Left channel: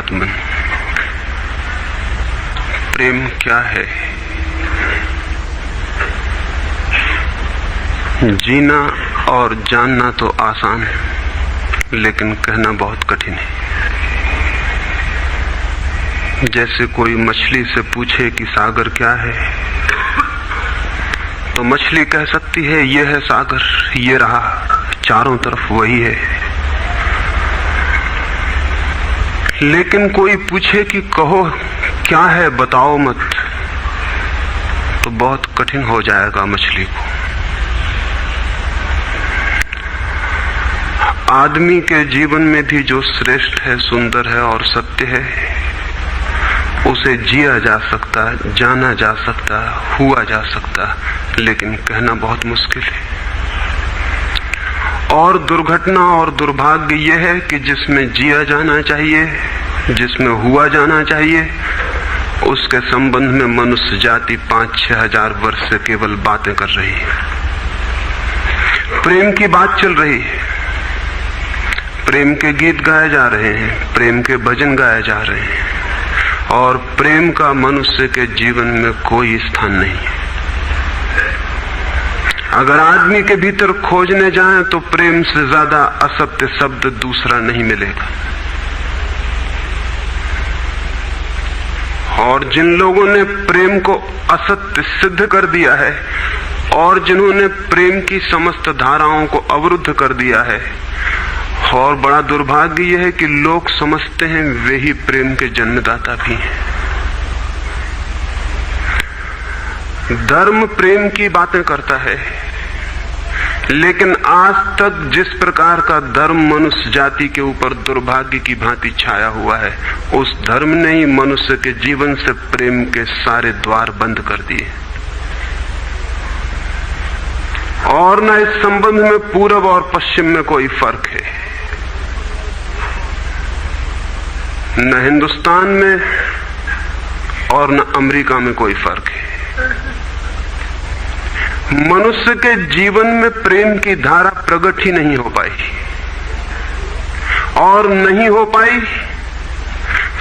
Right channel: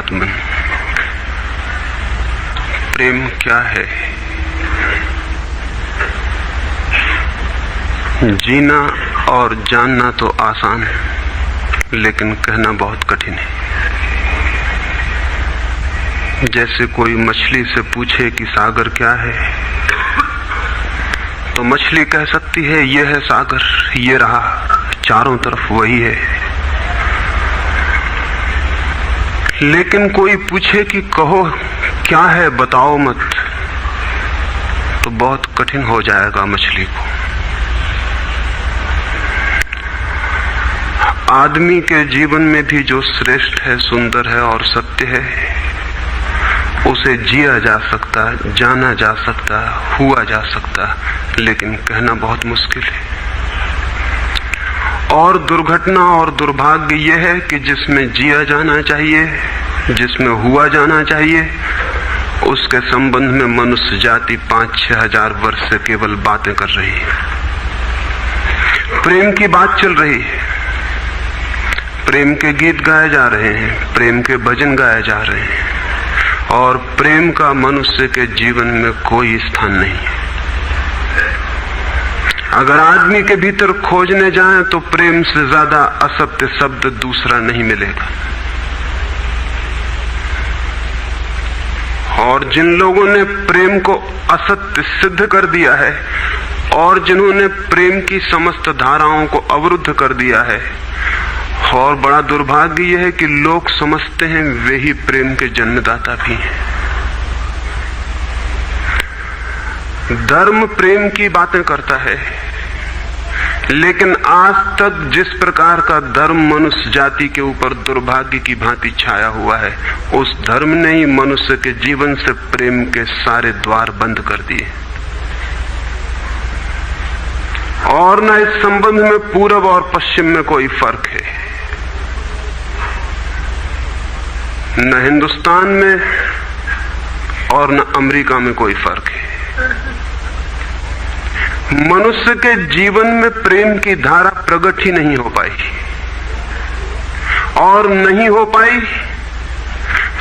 अंतरात्मन, प्रेम क्या है? जीना और जानना तो आसान है, लेकिन कहना बहुत कठिन है। जैसे कोई मछली से पूछे कि सागर क्या है, तो मछली कह सकती है ये है सागर, ये रहा, चारों तरफ वही है। लेकिन कोई पूछे कि कहो क्या है, बताओ मत, तो बहुत कठिन हो जाएगा मछली को। आदमी के जीवन में भी जो श्रेष्ठ है, सुंदर है और सत्य है, उसे जिया जा सकता, जाना जा सकता, हुआ जा सकता, लेकिन कहना बहुत मुश्किल है। और दुर्घटना और दुर्भाग्य यह है कि जिसमें जिया जाना चाहिए, जिसमें हुआ जाना चाहिए, उसके संबंध में मनुष्य जाति 5-6 हजार वर्ष से केवल बातें कर रही है। प्रेम की बात चल रही है, प्रेम के गीत गाए जा रहे हैं, प्रेम के भजन गाए जा रहे हैं, और प्रेम का मनुष्य के जीवन में कोई स्थान नहीं है। अगर आदमी के भीतर खोजने जाएं तो प्रेम से ज्यादा असत्य शब्द दूसरा नहीं मिलेगा। और जिन लोगों ने प्रेम को असत्य सिद्ध कर दिया है और जिन्होंने प्रेम की समस्त धाराओं को अवरुद्ध कर दिया है, और बड़ा दुर्भाग्य यह है कि लोग समझते हैं वे ही प्रेम के जन्मदाता भी हैं। धर्म प्रेम की बातें करता है, लेकिन आज तक जिस प्रकार का धर्म मनुष्य जाति के ऊपर दुर्भाग्य की भांति छाया हुआ है, उस धर्म ने ही मनुष्य के जीवन से प्रेम के सारे द्वार बंद कर दिए। और न इस संबंध में पूरब और पश्चिम में कोई फर्क है, न हिंदुस्तान में और न अमेरिका में कोई फर्क है। मनुष्य के जीवन में प्रेम की धारा प्रकट ही नहीं हो पाई, और नहीं हो पाई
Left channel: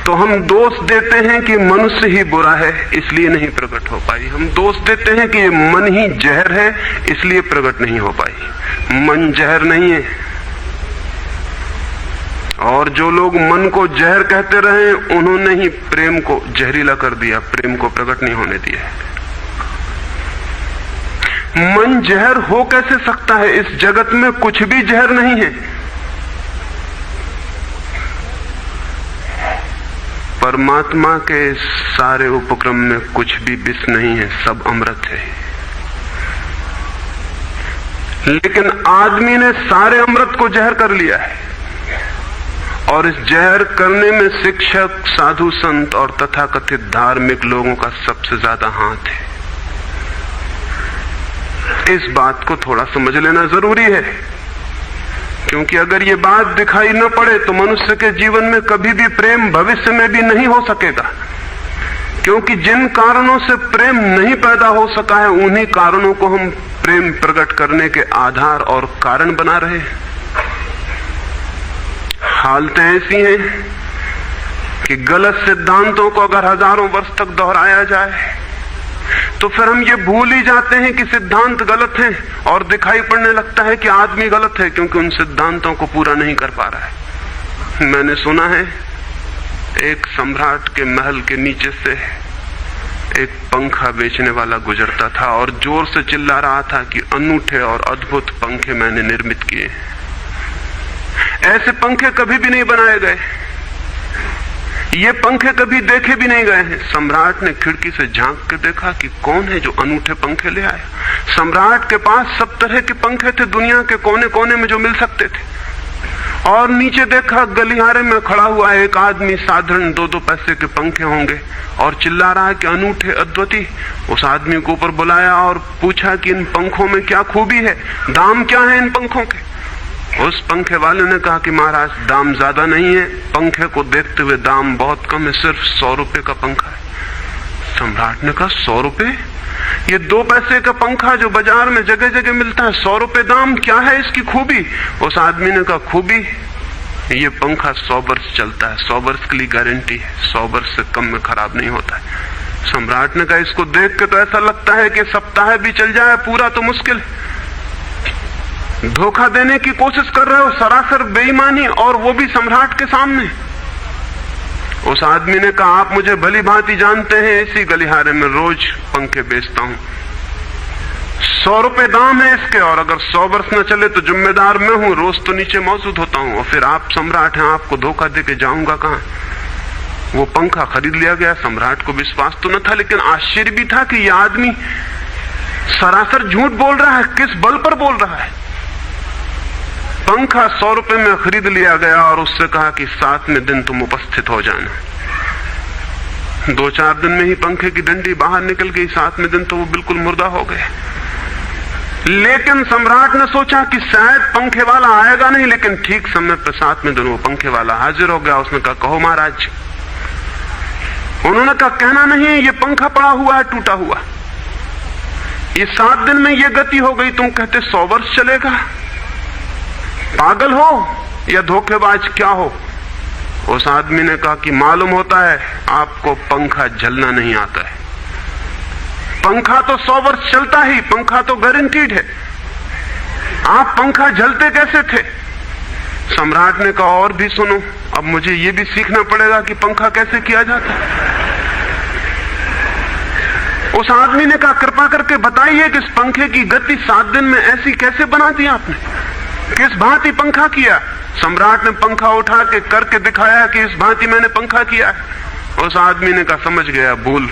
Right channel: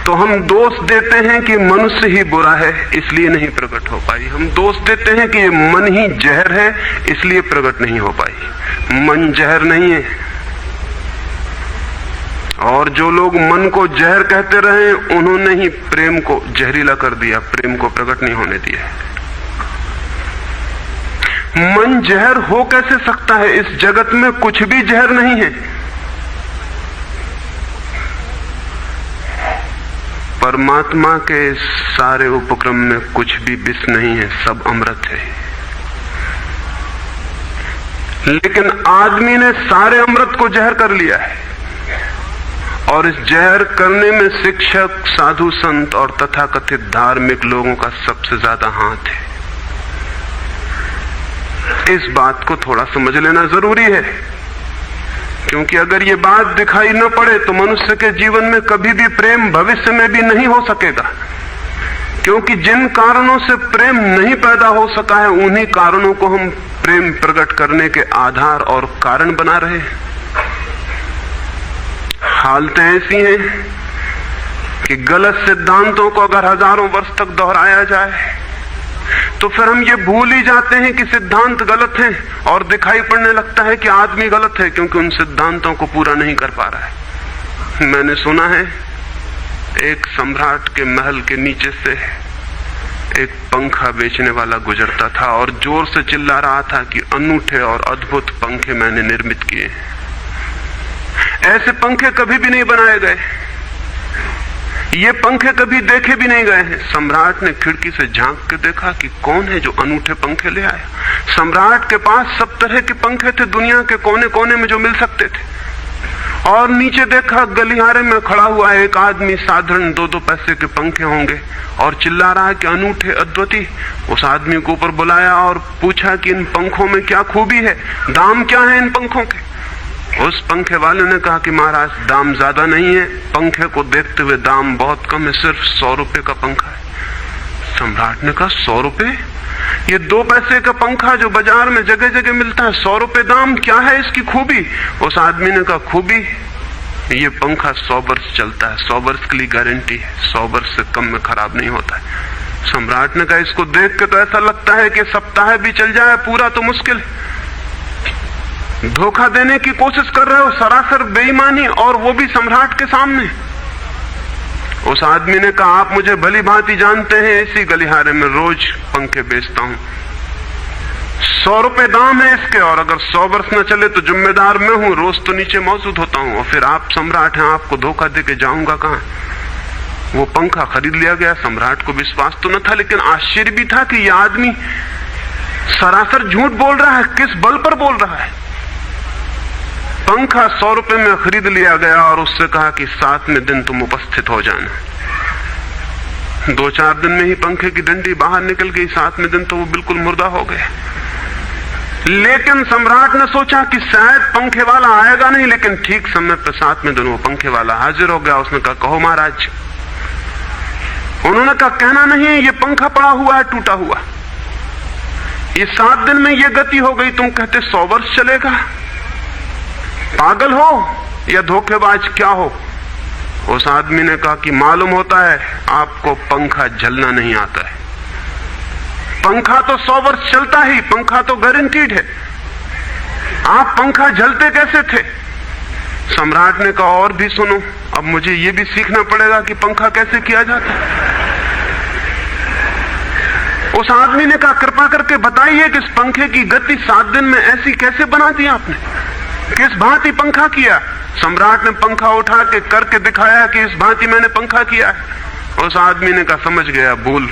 तो हम दोष देते हैं कि मनुष्य ही बुरा है इसलिए नहीं प्रकट हो पाई। हम दोष देते हैं कि मन ही जहर है इसलिए प्रकट नहीं हो पाई। मन जहर नहीं है, और जो लोग मन को जहर कहते रहे उन्होंने ही प्रेम को जहरीला कर दिया, प्रेम को प्रकट नहीं होने दिया। मन जहर हो कैसे सकता है? इस जगत में कुछ भी जहर नहीं है। परमात्मा के सारे उपक्रम में कुछ भी विष नहीं है, सब अमृत है। लेकिन आदमी ने सारे अमृत को जहर कर लिया है, और इस जहर करने में शिक्षक, साधु संत और तथाकथित धार्मिक लोगों का सबसे ज्यादा हाथ है। इस बात को थोड़ा समझ लेना जरूरी है, क्योंकि अगर ये बात दिखाई न पड़े तो मनुष्य के जीवन में कभी भी प्रेम भविष्य में भी नहीं हो सकेगा। क्योंकि जिन कारणों से प्रेम नहीं पैदा हो सका है, उन्हीं कारणों को हम प्रेम प्रकट करने के आधार और कारण बना रहे हैं। हालतें ऐसी हैं कि गलत सिद्धांतों को अगर हजारों वर्ष तक दोहराया जाए तो फिर हम ये भूल ही जाते हैं कि सिद्धांत गलत हैं, और दिखाई पड़ने लगता है कि आदमी गलत है क्योंकि उन सिद्धांतों को पूरा नहीं कर पा रहा है। मैंने सुना है एक सम्राट के महल के नीचे से एक पंखा बेचने वाला गुजरता था और जोर से चिल्ला रहा था कि अनूठे और अद्भुत पंखे मैंने निर्मित किए हैं। ऐसे पंखे कभी भी नहीं बनाए गए, ये पंखे कभी देखे भी नहीं गए हैं। सम्राट ने खिड़की से झांक के देखा कि कौन है जो अनूठे पंखे ले आया। सम्राट के पास सब तरह के पंखे थे, दुनिया के कोने कोने में जो मिल सकते थे। और नीचे देखा, गलियारे में खड़ा हुआ एक आदमी, साधारण 2-2 पैसे के पंखे होंगे, और चिल्ला रहा है कि अनूठे, अद्वितीय। उस आदमी को ऊपर बुलाया और पूछा कि इन पंखों में क्या खूबी है, दाम क्या है इन पंखों के? उस पंखे वाले ने कहा कि महाराज दाम ज्यादा नहीं है, पंखे को देखते हुए दाम बहुत कम है, सिर्फ 100 रुपए का पंखा है। सम्राट ने कहा 100 रुपए? ये 2 पैसे का पंखा जो बाजार में जगह जगह मिलता है, 100 रुपए दाम, क्या है इसकी खूबी? उस आदमी ने कहा खूबी ये पंखा 100 वर्ष चलता है, 100 वर्ष के लिए गारंटी है, 100 वर्ष से कम में खराब नहीं होता है। सम्राट ने कहा इसको देख के तो ऐसा लगता है कि सप्ताह भी चल जाए, पूरा तो मुश्किल है। धोखा देने की कोशिश कर रहे हो, सरासर बेईमानी, और वो भी सम्राट के सामने। उस आदमी ने कहा आप मुझे भली भांति जानते हैं, इसी गलिहारे में रोज पंखे बेचता हूं, 100 रुपए दाम है इसके, और अगर 100 वर्ष न चले तो जिम्मेदार मैं हूं, रोज तो नीचे मौजूद होता हूं, और फिर आप सम्राट हैं, आपको धोखा देके जाऊंगा कहां। वो पंखा खरीद लिया गया। सम्राट को विश्वास तो न था, लेकिन आश्चर्य भी था कि यह आदमी सरासर झूठ बोल रहा है, किस बल पर बोल रहा है। पंखा 100 रुपए में खरीद लिया गया और उससे कहा कि 7वें दिन तुम उपस्थित हो जाना। 2-4 दिन में ही पंखे की डंडी बाहर निकल गई, 7वें दिन तो वो बिल्कुल मुर्दा हो गए। लेकिन सम्राट ने सोचा कि शायद पंखे वाला आएगा नहीं, लेकिन ठीक समय पर 7वें दिन वो पंखे वाला हाजिर हो गया। उसने कहा कहो महाराज। उन्होंने कहा कहना नहीं है, ये पंखा पड़ा हुआ है टूटा हुआ, ये 7 दिन में ये गति हो गई, तुम कहते 100 वर्ष चलेगा। पागल हो या धोखेबाज क्या हो। उस आदमी ने कहा कि मालूम होता है आपको पंखा जलना नहीं आता है, पंखा तो 100 वर्ष चलता ही, पंखा तो गारंटीड है, आप पंखा जलते कैसे थे। सम्राट ने कहा और भी सुनो, अब मुझे ये भी सीखना पड़ेगा कि पंखा कैसे किया जाता है। उस आदमी ने कहा कृपा करके बताइए कि इस पंखे की गति 7 दिन में ऐसी कैसे बना दी आपने, किस भांति पंखा किया। सम्राट ने पंखा उठा के करके दिखाया कि इस भांति मैंने पंखा किया। उस आदमी ने कहा समझ गया, भूल,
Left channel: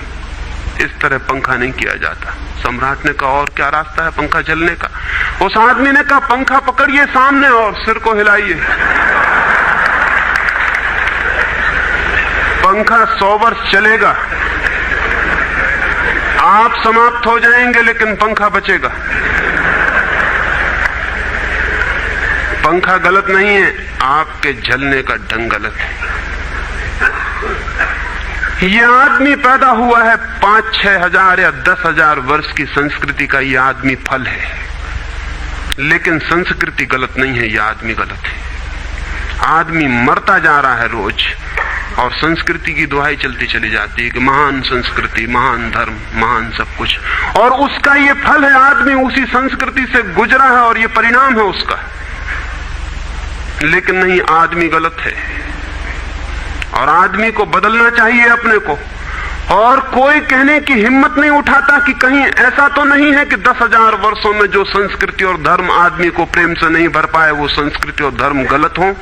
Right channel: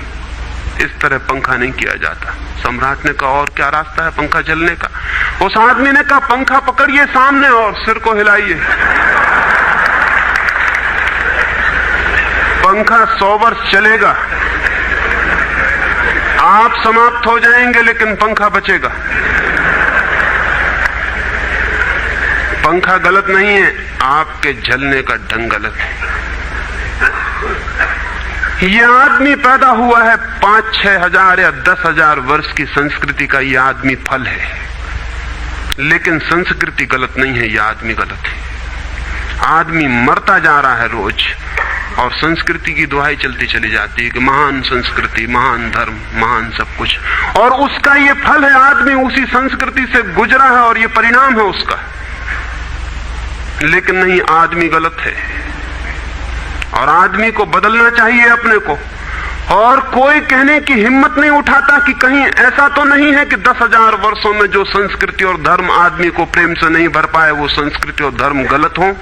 इस तरह पंखा नहीं किया जाता। सम्राट ने कहा और क्या रास्ता है पंखा जलने का। उस आदमी ने कहा पंखा पकड़िए सामने और सिर को हिलाइए, पंखा 100 वर्ष चलेगा, आप समाप्त हो जाएंगे लेकिन पंखा बचेगा। पंखा गलत नहीं है, आपके जलने का ढंग गलत है। यह आदमी पैदा हुआ है 5-6 हजार या 10,000 वर्ष की संस्कृति का, यह आदमी फल है, लेकिन संस्कृति गलत नहीं है, यह आदमी गलत है। आदमी मरता जा रहा है रोज, और संस्कृति की दुहाई चलती चली जाती है कि महान संस्कृति, महान धर्म, महान सब कुछ, और उसका ये फल है। आदमी उसी संस्कृति से गुजरा है और ये परिणाम है उसका। लेकिन नहीं, आदमी गलत है और आदमी को बदलना चाहिए अपने को। और कोई कहने की हिम्मत नहीं उठाता कि कहीं ऐसा तो नहीं है कि 10,000 वर्षों में जो संस्कृति और धर्म आदमी को प्रेम से नहीं भर पाए, वो संस्कृति और धर्म गलत हो।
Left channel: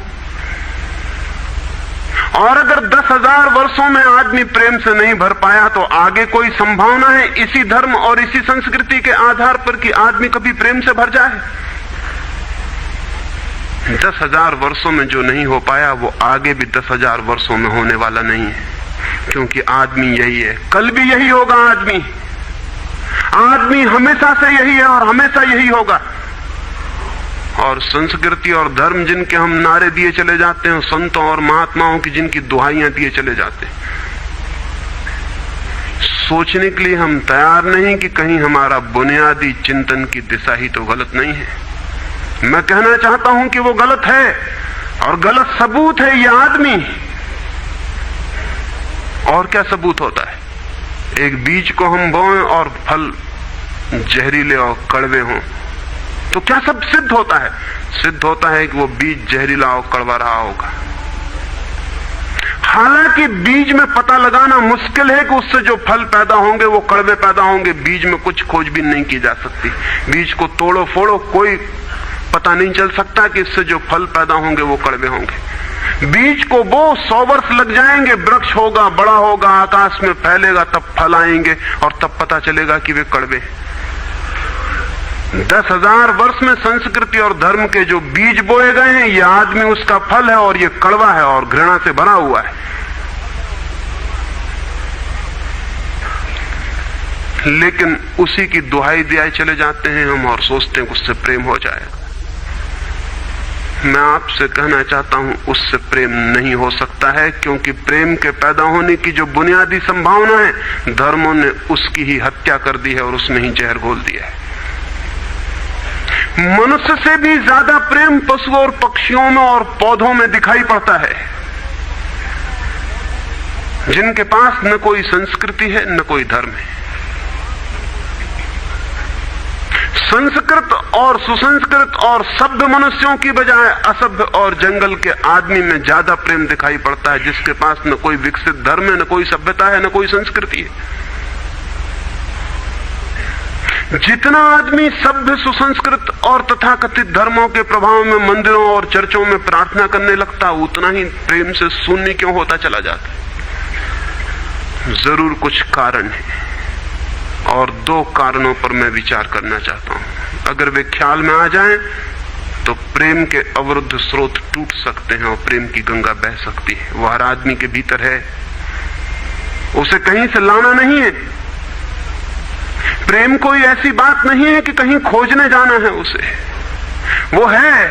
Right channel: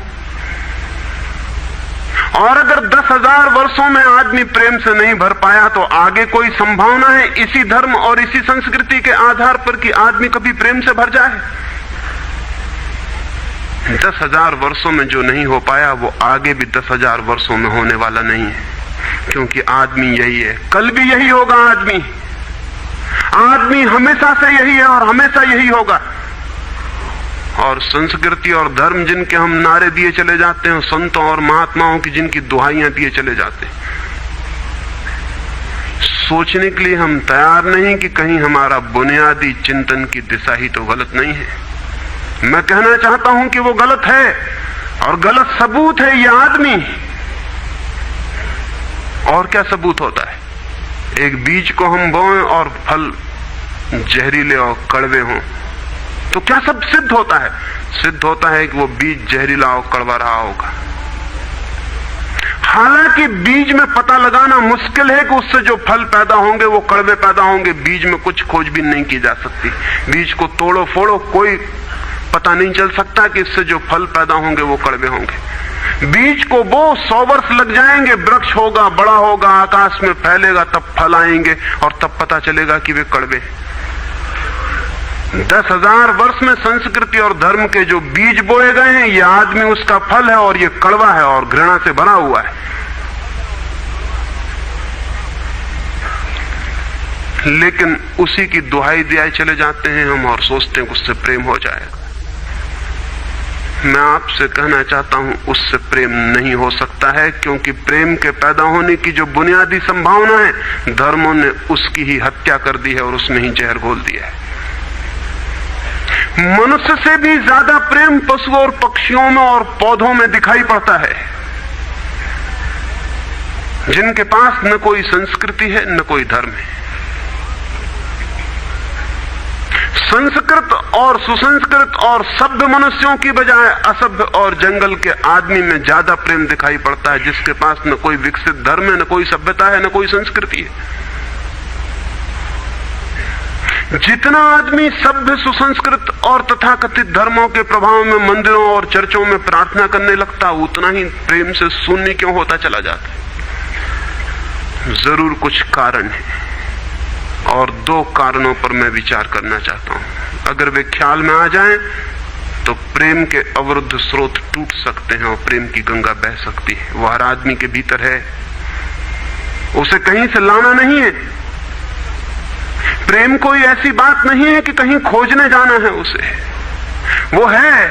और अगर 10,000 वर्षों में आदमी प्रेम से नहीं भर पाया, तो आगे कोई संभावना है इसी धर्म और इसी संस्कृति के आधार पर कि आदमी कभी प्रेम से भर जाए। 10,000 वर्षों में जो नहीं हो पाया, वो आगे भी 10,000 वर्षों में होने वाला नहीं है, क्योंकि आदमी यही है, कल भी यही होगा। आदमी हमेशा से यही है और हमेशा यही होगा। और संस्कृति और धर्म जिनके हम नारे दिए चले जाते हैं, संतों और महात्माओं की जिनकी दुहाइयां दिए चले जाते हैं, सोचने के लिए हम तैयार नहीं कि कहीं हमारा बुनियादी चिंतन की दिशा ही तो गलत नहीं है। मैं कहना चाहता हूं कि वो गलत है, और गलत सबूत है ये आदमी। और क्या सबूत होता है? एक बीज को हम बोएं और फल जहरीले और कड़वे हों, तो क्या सब सिद्ध होता है? सिद्ध होता है कि वो बीज जहरीला और कड़वा रहा होगा। हालांकि बीज में पता लगाना मुश्किल है कि उससे जो फल पैदा होंगे वो कड़वे पैदा होंगे। बीज में कुछ खोजबीन नहीं की जा सकती। बीज को तोड़ो फोड़ो, कोई पता नहीं चल सकता कि इससे जो फल पैदा होंगे वो कड़वे होंगे। बीज को बो 100 वर्ष लग जाएंगे, वृक्ष होगा, बड़ा होगा, आकाश में फैलेगा, तब फल आएंगे और तब पता चलेगा कि वे कड़वे। 10,000 वर्ष में संस्कृति और धर्म के जो बीज बोए गए हैं, ये आदमी उसका फल है और ये कड़वा है और घृणा से भरा हुआ है। लेकिन उसी की दुहाई दिए चले जाते हैं हम और सोचते हैं उससे प्रेम हो जाए। मैं आपसे कहना चाहता हूं उससे प्रेम नहीं हो सकता है, क्योंकि प्रेम के पैदा होने की जो बुनियादी संभावना है, धर्मों ने उसकी ही हत्या कर दी है और उसमें ही जहर घोल दिया है। मनुष्य से भी ज्यादा प्रेम पशुओं और पक्षियों में और पौधों में दिखाई पड़ता है, जिनके पास न कोई संस्कृति है न कोई धर्म है। संस्कृत और सुसंस्कृत और सभ्य मनुष्यों की बजाय असभ्य और जंगल के आदमी में ज्यादा प्रेम दिखाई पड़ता है, जिसके पास न कोई विकसित धर्म है, न कोई सभ्यता है, न कोई संस्कृति है। जितना आदमी सभ्य, सुसंस्कृत और तथाकथित धर्मों के प्रभाव में मंदिरों और चर्चों में प्रार्थना करने लगता, उतना ही प्रेम से शून्य क्यों होता चला जाता। जरूर कुछ कारण है, और दो कारणों पर मैं विचार करना चाहता हूं। अगर वे ख्याल में आ जाएं तो प्रेम के अवरुद्ध स्रोत टूट सकते हैं और प्रेम की गंगा बह सकती है। वो हर आदमी के भीतर है, उसे कहीं से लाना नहीं है। प्रेम कोई ऐसी बात नहीं है कि कहीं खोजने जाना है उसे, वो है,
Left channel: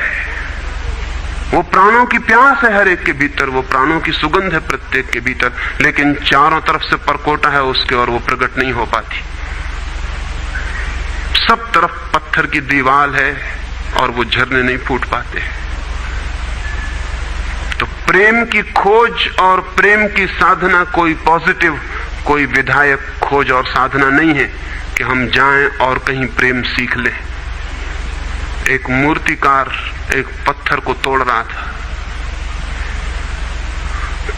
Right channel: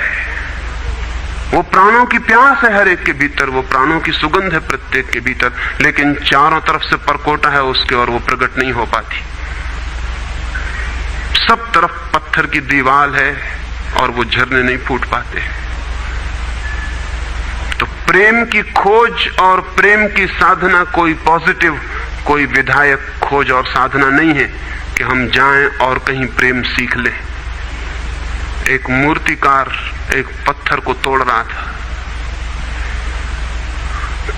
वो प्राणों की प्यास है हर एक के भीतर, वो प्राणों की सुगंध है प्रत्येक के भीतर, लेकिन चारों तरफ से परकोटा है उसके और वो प्रकट नहीं हो पाती। सब तरफ पत्थर की दीवार है और वो झरने नहीं फूट पाते। तो प्रेम की खोज और प्रेम की साधना कोई पॉजिटिव, कोई विधायक खोज और साधना नहीं है कि हम जाएं और कहीं प्रेम सीख लें। एक मूर्तिकार एक पत्थर को तोड़ रहा था,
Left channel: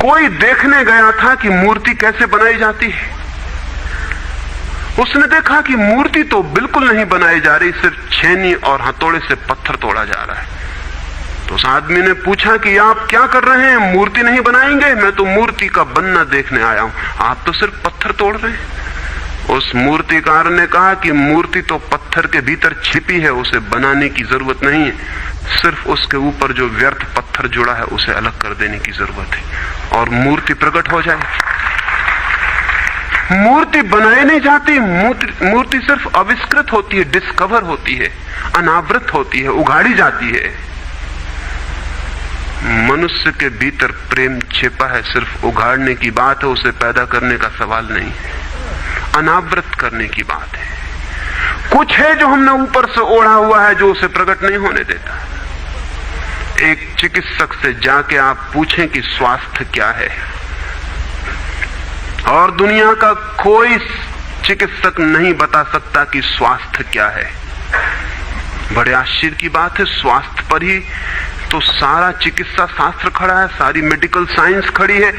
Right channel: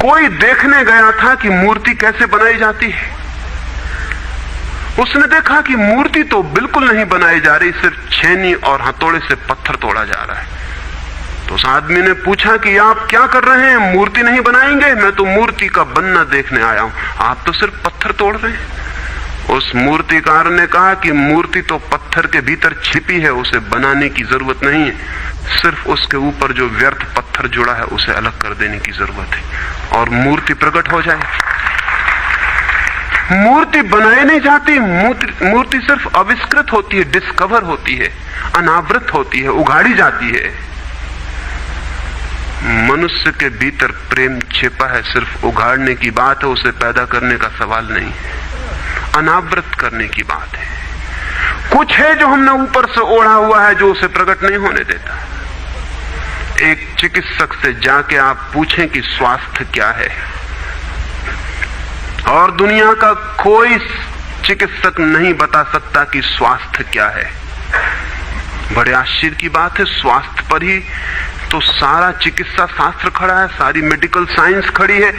कोई देखने गया था कि मूर्ति कैसे बनाई जाती है। उसने देखा कि मूर्ति तो बिल्कुल नहीं बनाई जा रही, सिर्फ छेनी और हथौड़े से पत्थर तोड़ा जा रहा है। तो उस आदमी ने पूछा कि आप क्या कर रहे हैं, मूर्ति नहीं बनाएंगे? मैं तो मूर्ति का बनना देखने आया हूं, आप तो सिर्फ पत्थर तोड़ रहे हैं। उस मूर्तिकार ने कहा कि मूर्ति तो पत्थर के भीतर छिपी है, उसे बनाने की जरूरत नहीं है, सिर्फ उसके ऊपर जो व्यर्थ पत्थर जुड़ा है उसे अलग कर देने की जरूरत है और मूर्ति प्रकट हो जाए। मूर्ति बनाई नहीं जाती, मूर्ति सिर्फ आविष्कृत होती है, डिस्कवर होती है, अनावृत होती है, उगाड़ी जाती है। मनुष्य के भीतर प्रेम छिपा है, सिर्फ उगाड़ने की बात है, उसे पैदा करने का सवाल नहीं है, अनावृत करने की बात है। कुछ है जो हमने ऊपर से ओढ़ा हुआ है जो उसे प्रकट नहीं होने देता। एक चिकित्सक से जाके आप पूछें कि स्वास्थ्य क्या है, और दुनिया का कोई चिकित्सक नहीं बता सकता कि स्वास्थ्य क्या है। बड़े आश्चर्य की बात है, स्वास्थ्य पर ही तो सारा चिकित्सा शास्त्र खड़ा है, सारी मेडिकल साइंस खड़ी है,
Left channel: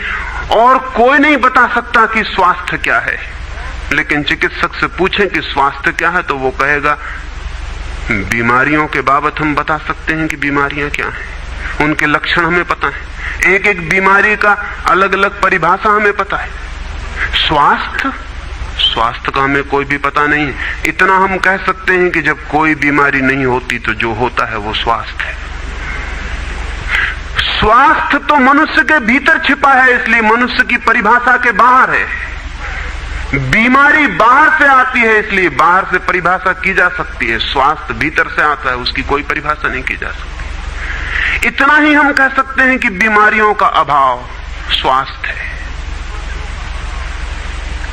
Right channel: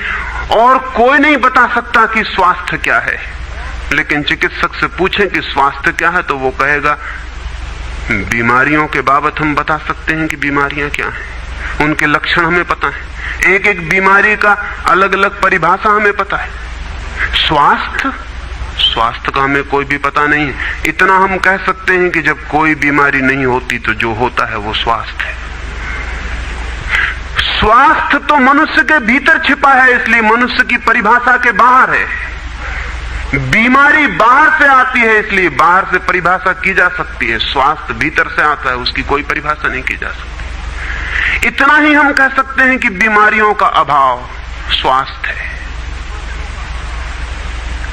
और कोई नहीं बता सकता कि स्वास्थ्य क्या है। लेकिन चिकित्सक से पूछें कि स्वास्थ्य क्या है, तो वो कहेगा बीमारियों के बाबत हम बता सकते हैं कि बीमारियां क्या हैं, उनके लक्षण हमें पता है, एक एक बीमारी का अलग अलग परिभाषा हमें पता है। स्वास्थ्य का हमें कोई भी पता नहीं है। इतना हम कह सकते हैं कि जब कोई बीमारी नहीं होती तो जो होता है वो स्वास्थ्य है। स्वास्थ्य तो मनुष्य के भीतर छिपा है, इसलिए मनुष्य की परिभाषा के बाहर है। बीमारी बाहर से आती है, इसलिए बाहर से परिभाषा की जा सकती है। स्वास्थ्य भीतर से आता है, उसकी कोई परिभाषा नहीं की जा सकती। इतना ही हम कह सकते हैं कि बीमारियों का अभाव स्वास्थ्य है।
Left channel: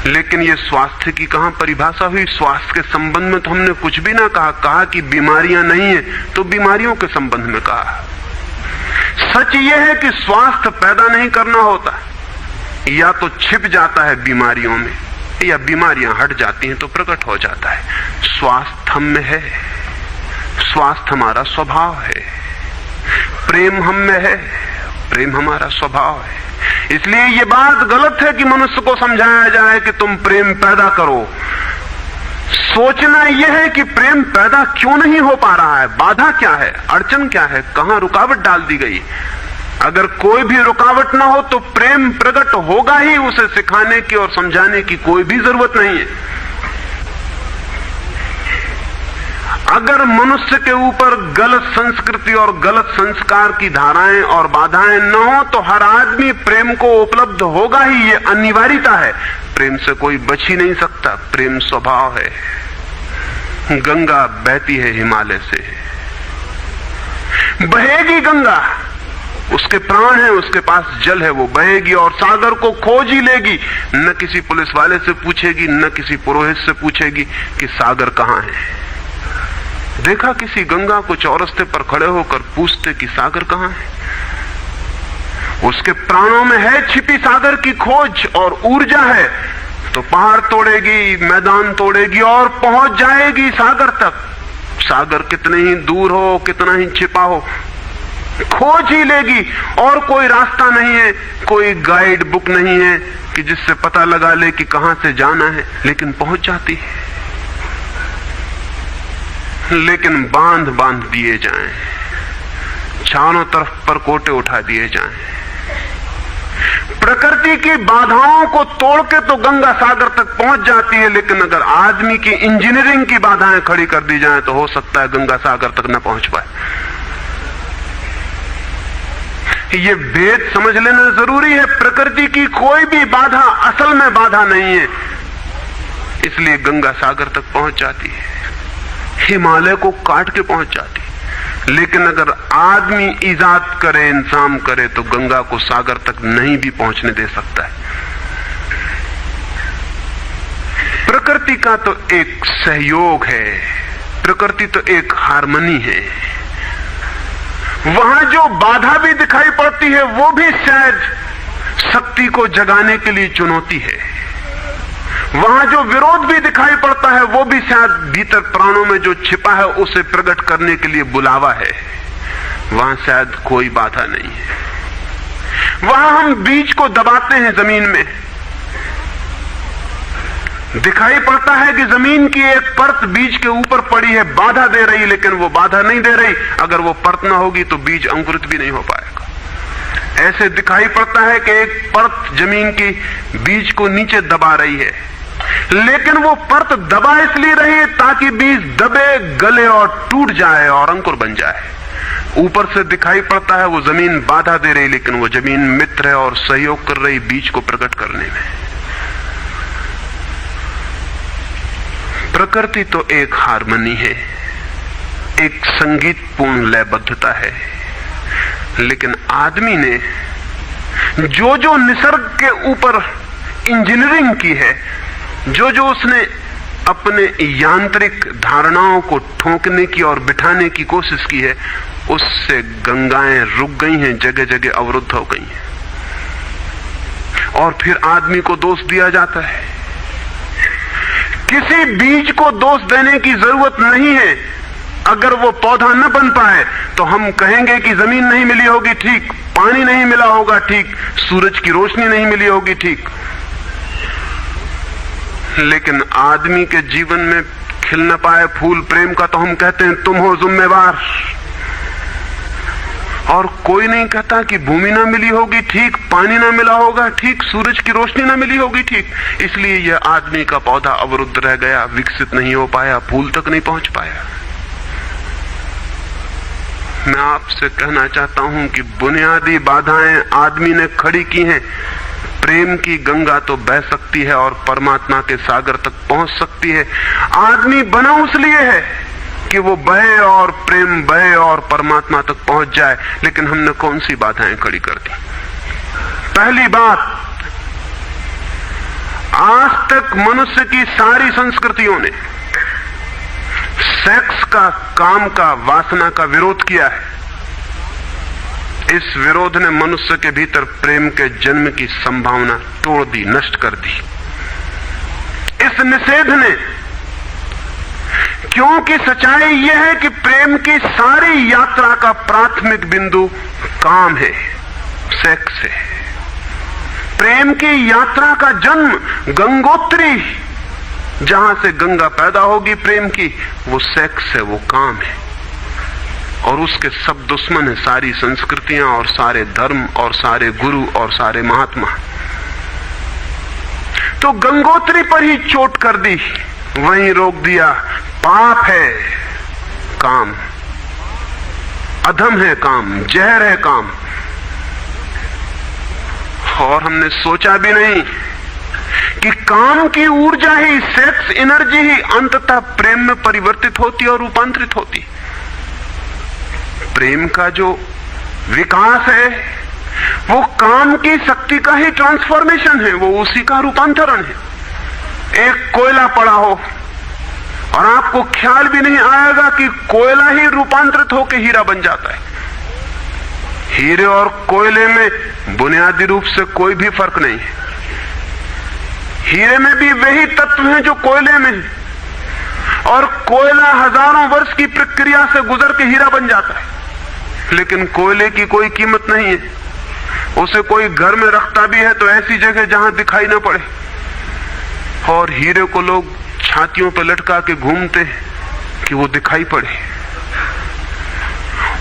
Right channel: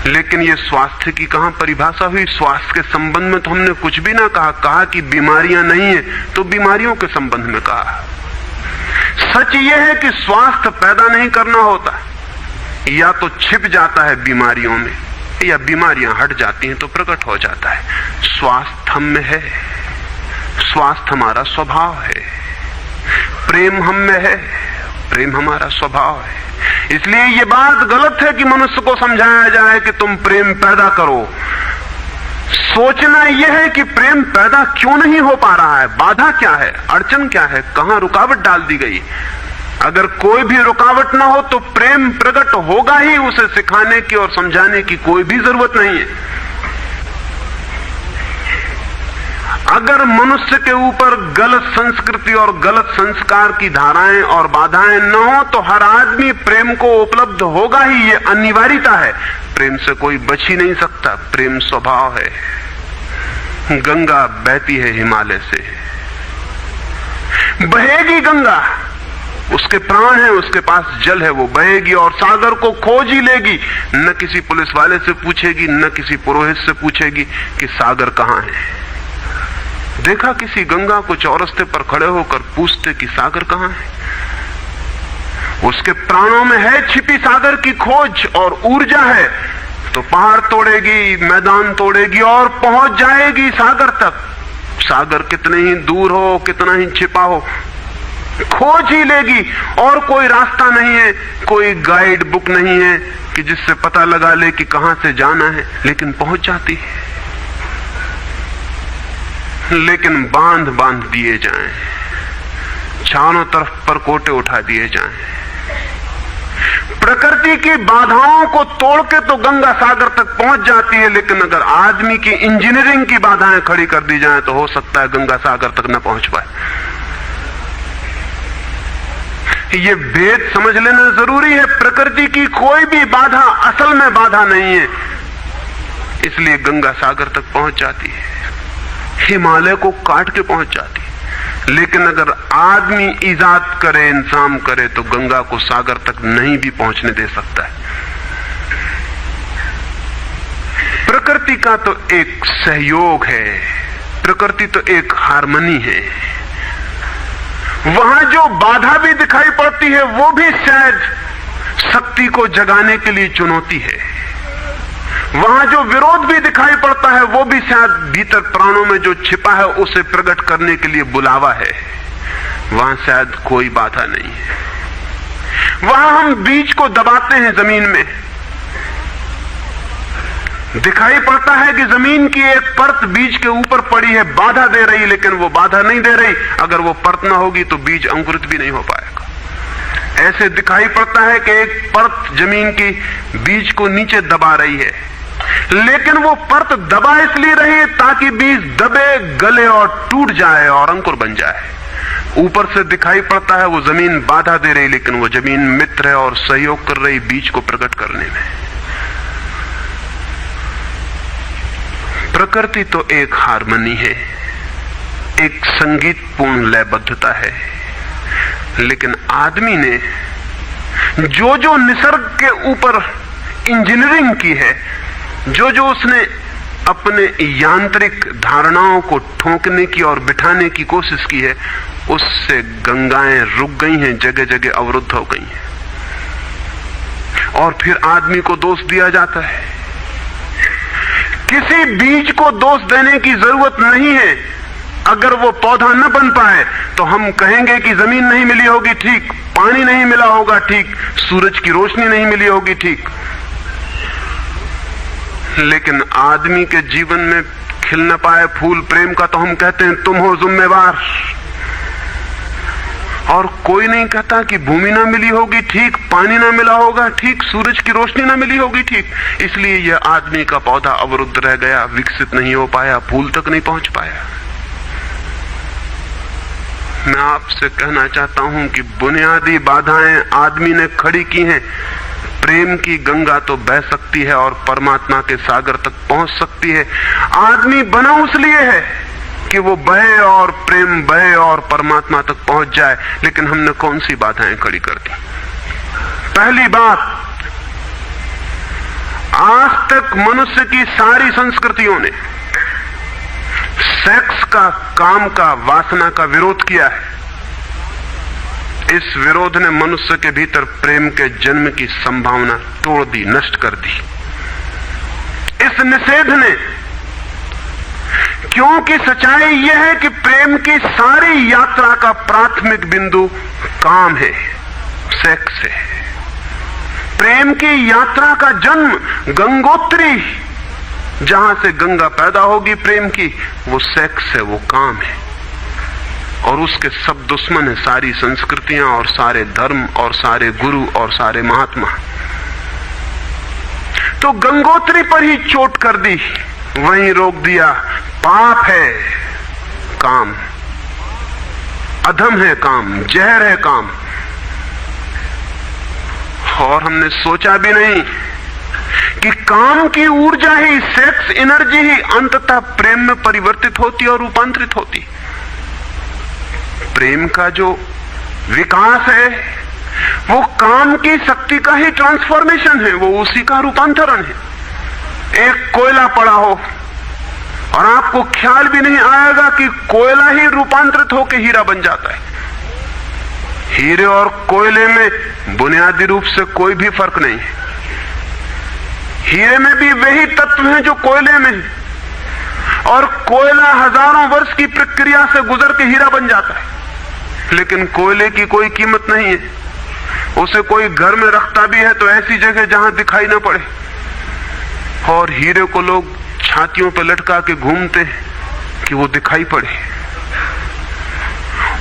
लेकिन ये स्वास्थ्य की कहां परिभाषा हुई? स्वास्थ्य के संबंध में तो हमने कुछ भी ना कहा कि बीमारियां नहीं है तो बीमारियों के संबंध में कहा। सच ये है कि स्वास्थ्य पैदा नहीं करना होता, या तो छिप जाता है बीमारियों में, या बीमारियां हट जाती हैं तो प्रकट हो जाता है। स्वास्थ्य हम में है, स्वास्थ्य हमारा स्वभाव है, प्रेम हम में है, प्रेम हमारा स्वभाव है। इसलिए ये बात गलत है कि मनुष्य को समझाया जाए कि तुम प्रेम पैदा करो। सोचना यह है कि प्रेम पैदा क्यों नहीं हो पा रहा है, बाधा क्या है, अड़चन क्या है, कहां रुकावट डाल दी गई। अगर कोई भी रुकावट ना हो तो प्रेम प्रकट होगा ही, उसे सिखाने की और समझाने की कोई भी जरूरत नहीं है। अगर मनुष्य के ऊपर गलत संस्कृति और गलत संस्कार की धाराएं और बाधाएं न हो तो हर आदमी प्रेम को उपलब्ध होगा ही, ये अनिवार्यता है। प्रेम से कोई बच ही नहीं सकता, प्रेम स्वभाव है। गंगा बहती है हिमालय से, बहेगी गंगा, उसके प्राण है, उसके पास जल है, वो बहेगी और सागर को खोज ही लेगी। न किसी पुलिस वाले से पूछेगी, न किसी पुरोहित से पूछेगी कि सागर कहां है। देखा किसी गंगा को चौरस्ते पर खड़े होकर पूछते कि सागर कहां है? उसके प्राणों में है छिपी सागर की खोज और ऊर्जा है, तो पहाड़ तोड़ेगी, मैदान तोड़ेगी और पहुंच जाएगी सागर तक। सागर कितने ही दूर हो, कितना ही छिपा हो, खोज ही लेगी। और कोई रास्ता नहीं है, कोई गाइड बुक नहीं है कि जिससे पता लगा ले कि कहां से जाना है, लेकिन पहुंच जाती है। लेकिन बांध बांध दिए जाएं, चारों तरफ परकोटे उठा दिए जाएं, प्रकृति की बाधाओं को तोड़ के तो गंगा सागर तक पहुंच जाती है, लेकिन अगर आदमी की इंजीनियरिंग की बाधाएं खड़ी कर दी जाएं तो हो सकता है गंगा सागर तक न पहुंच पाए। ये भेद समझ लेना जरूरी है। प्रकृति की कोई भी बाधा असल में बाधा नहीं है, इसलिए गंगा सागर तक पहुंच जाती है, हिमालय को काट के पहुंच जाती है। लेकिन अगर आदमी इजाद करे, इंतजाम करे, तो गंगा को सागर तक नहीं भी पहुंचने दे सकता है। प्रकृति का तो एक सहयोग है, प्रकृति तो एक हार्मनी है। वहां जो बाधा भी दिखाई पड़ती है वो भी शायद शक्ति को जगाने के लिए चुनौती है। वहां जो विरोध भी दिखाई पड़ता है वो भी शायद भीतर प्राणों में जो छिपा है उसे प्रकट करने के लिए बुलावा है। वहां शायद कोई बाधा नहीं है। वहां हम बीज को दबाते हैं जमीन में, दिखाई पड़ता है कि जमीन की एक परत बीज के ऊपर पड़ी है, बाधा दे रही, लेकिन वो बाधा नहीं दे रही। अगर वो परत ना होगी तो बीज अंकुरित भी नहीं हो पाएगा। ऐसे दिखाई पड़ता है कि एक परत जमीन की बीज को नीचे दबा रही है, लेकिन वो परत दबा इसलिए रही है ताकि बीज दबे, गले और टूट जाए और अंकुर बन जाए। ऊपर से दिखाई पड़ता है वो जमीन बाधा दे रही, लेकिन वो जमीन मित्र है और सहयोग कर रही बीज को प्रकट करने में। प्रकृति तो एक हार्मनी है, एक संगीतपूर्ण लयबद्धता है, लेकिन आदमी ने जो जो निसर्ग के ऊपर इंजीनियरिंग की है, जो जो उसने अपने यांत्रिक धारणाओं को ठोकने की और बिठाने की कोशिश की है, उससे गंगाएं रुक गई हैं, जगह जगह अवरुद्ध हो गई हैं। और फिर आदमी को दोष दिया जाता है। किसी बीज को दोष देने की जरूरत नहीं है। अगर वो पौधा न बन पाए तो हम कहेंगे कि जमीन नहीं मिली होगी, ठीक, पानी नहीं मिला होगा, ठीक, सूरज की रोशनी नहीं मिली होगी, ठीक। लेकिन आदमी के जीवन में खिल न पाए फूल प्रेम का तो हम कहते हैं तुम हो जिम्मेवार। और कोई नहीं कहता कि भूमि ना मिली होगी, ठीक, पानी ना मिला होगा, ठीक, सूरज की रोशनी ना मिली होगी, ठीक, इसलिए यह आदमी का पौधा अवरुद्ध रह गया, विकसित नहीं हो पाया, फूल तक नहीं पहुंच पाया। मैं आपसे कहना चाहता हूं कि बुनियादी बाधाएं आदमी ने खड़ी की हैं। प्रेम की गंगा तो बह सकती है और परमात्मा के सागर तक पहुंच सकती है। आदमी बना उस लिए है कि वो बहे और प्रेम बहे और परमात्मा तक पहुंच जाए, लेकिन हमने कौन सी बाधाएं खड़ी कर दी? पहली बात, आज तक मनुष्य की सारी संस्कृतियों ने सेक्स का, काम का, वासना का विरोध किया है। इस विरोध ने मनुष्य के भीतर प्रेम के जन्म की संभावना तोड़ दी, नष्ट कर दी। इस निषेध ने, क्योंकि सच्चाई यह है कि प्रेम की सारी यात्रा का प्राथमिक बिंदु काम है, सेक्स है। प्रेम की यात्रा का जन्म गंगोत्री, जहां से गंगा पैदा होगी प्रेम की, वो सेक्स है, वो काम है। और उसके सब दुश्मन है, सारी संस्कृतियां और सारे धर्म और सारे गुरु और सारे महात्मा। तो गंगोत्री पर ही चोट कर दी, वहीं रोक दिया। पाप है काम, अधम है काम, जहर है काम। और हमने सोचा भी नहीं कि काम की ऊर्जा ही, सेक्स एनर्जी ही अंततः प्रेम में परिवर्तित होती और रूपांतरित होती। प्रेम का जो विकास है वो काम की शक्ति का ही ट्रांसफॉर्मेशन है, वो उसी का रूपांतरण है। एक कोयला पड़ा हो और आपको ख्याल भी नहीं आएगा कि कोयला ही रूपांतरित होकर हीरा बन जाता है। हीरे और कोयले में बुनियादी रूप से कोई भी फर्क नहीं है। हीरे में भी वही तत्व हैं जो कोयले में, और कोयला हजारों वर्ष की प्रक्रिया से गुजर के हीरा बन जाता है। लेकिन कोयले की कोई कीमत नहीं है। उसे कोई घर में रखता भी है तो ऐसी जगह जहां दिखाई न पड़े, और हीरे को लोग छातियों पर लटका के घूमते हैं कि वो दिखाई पड़े।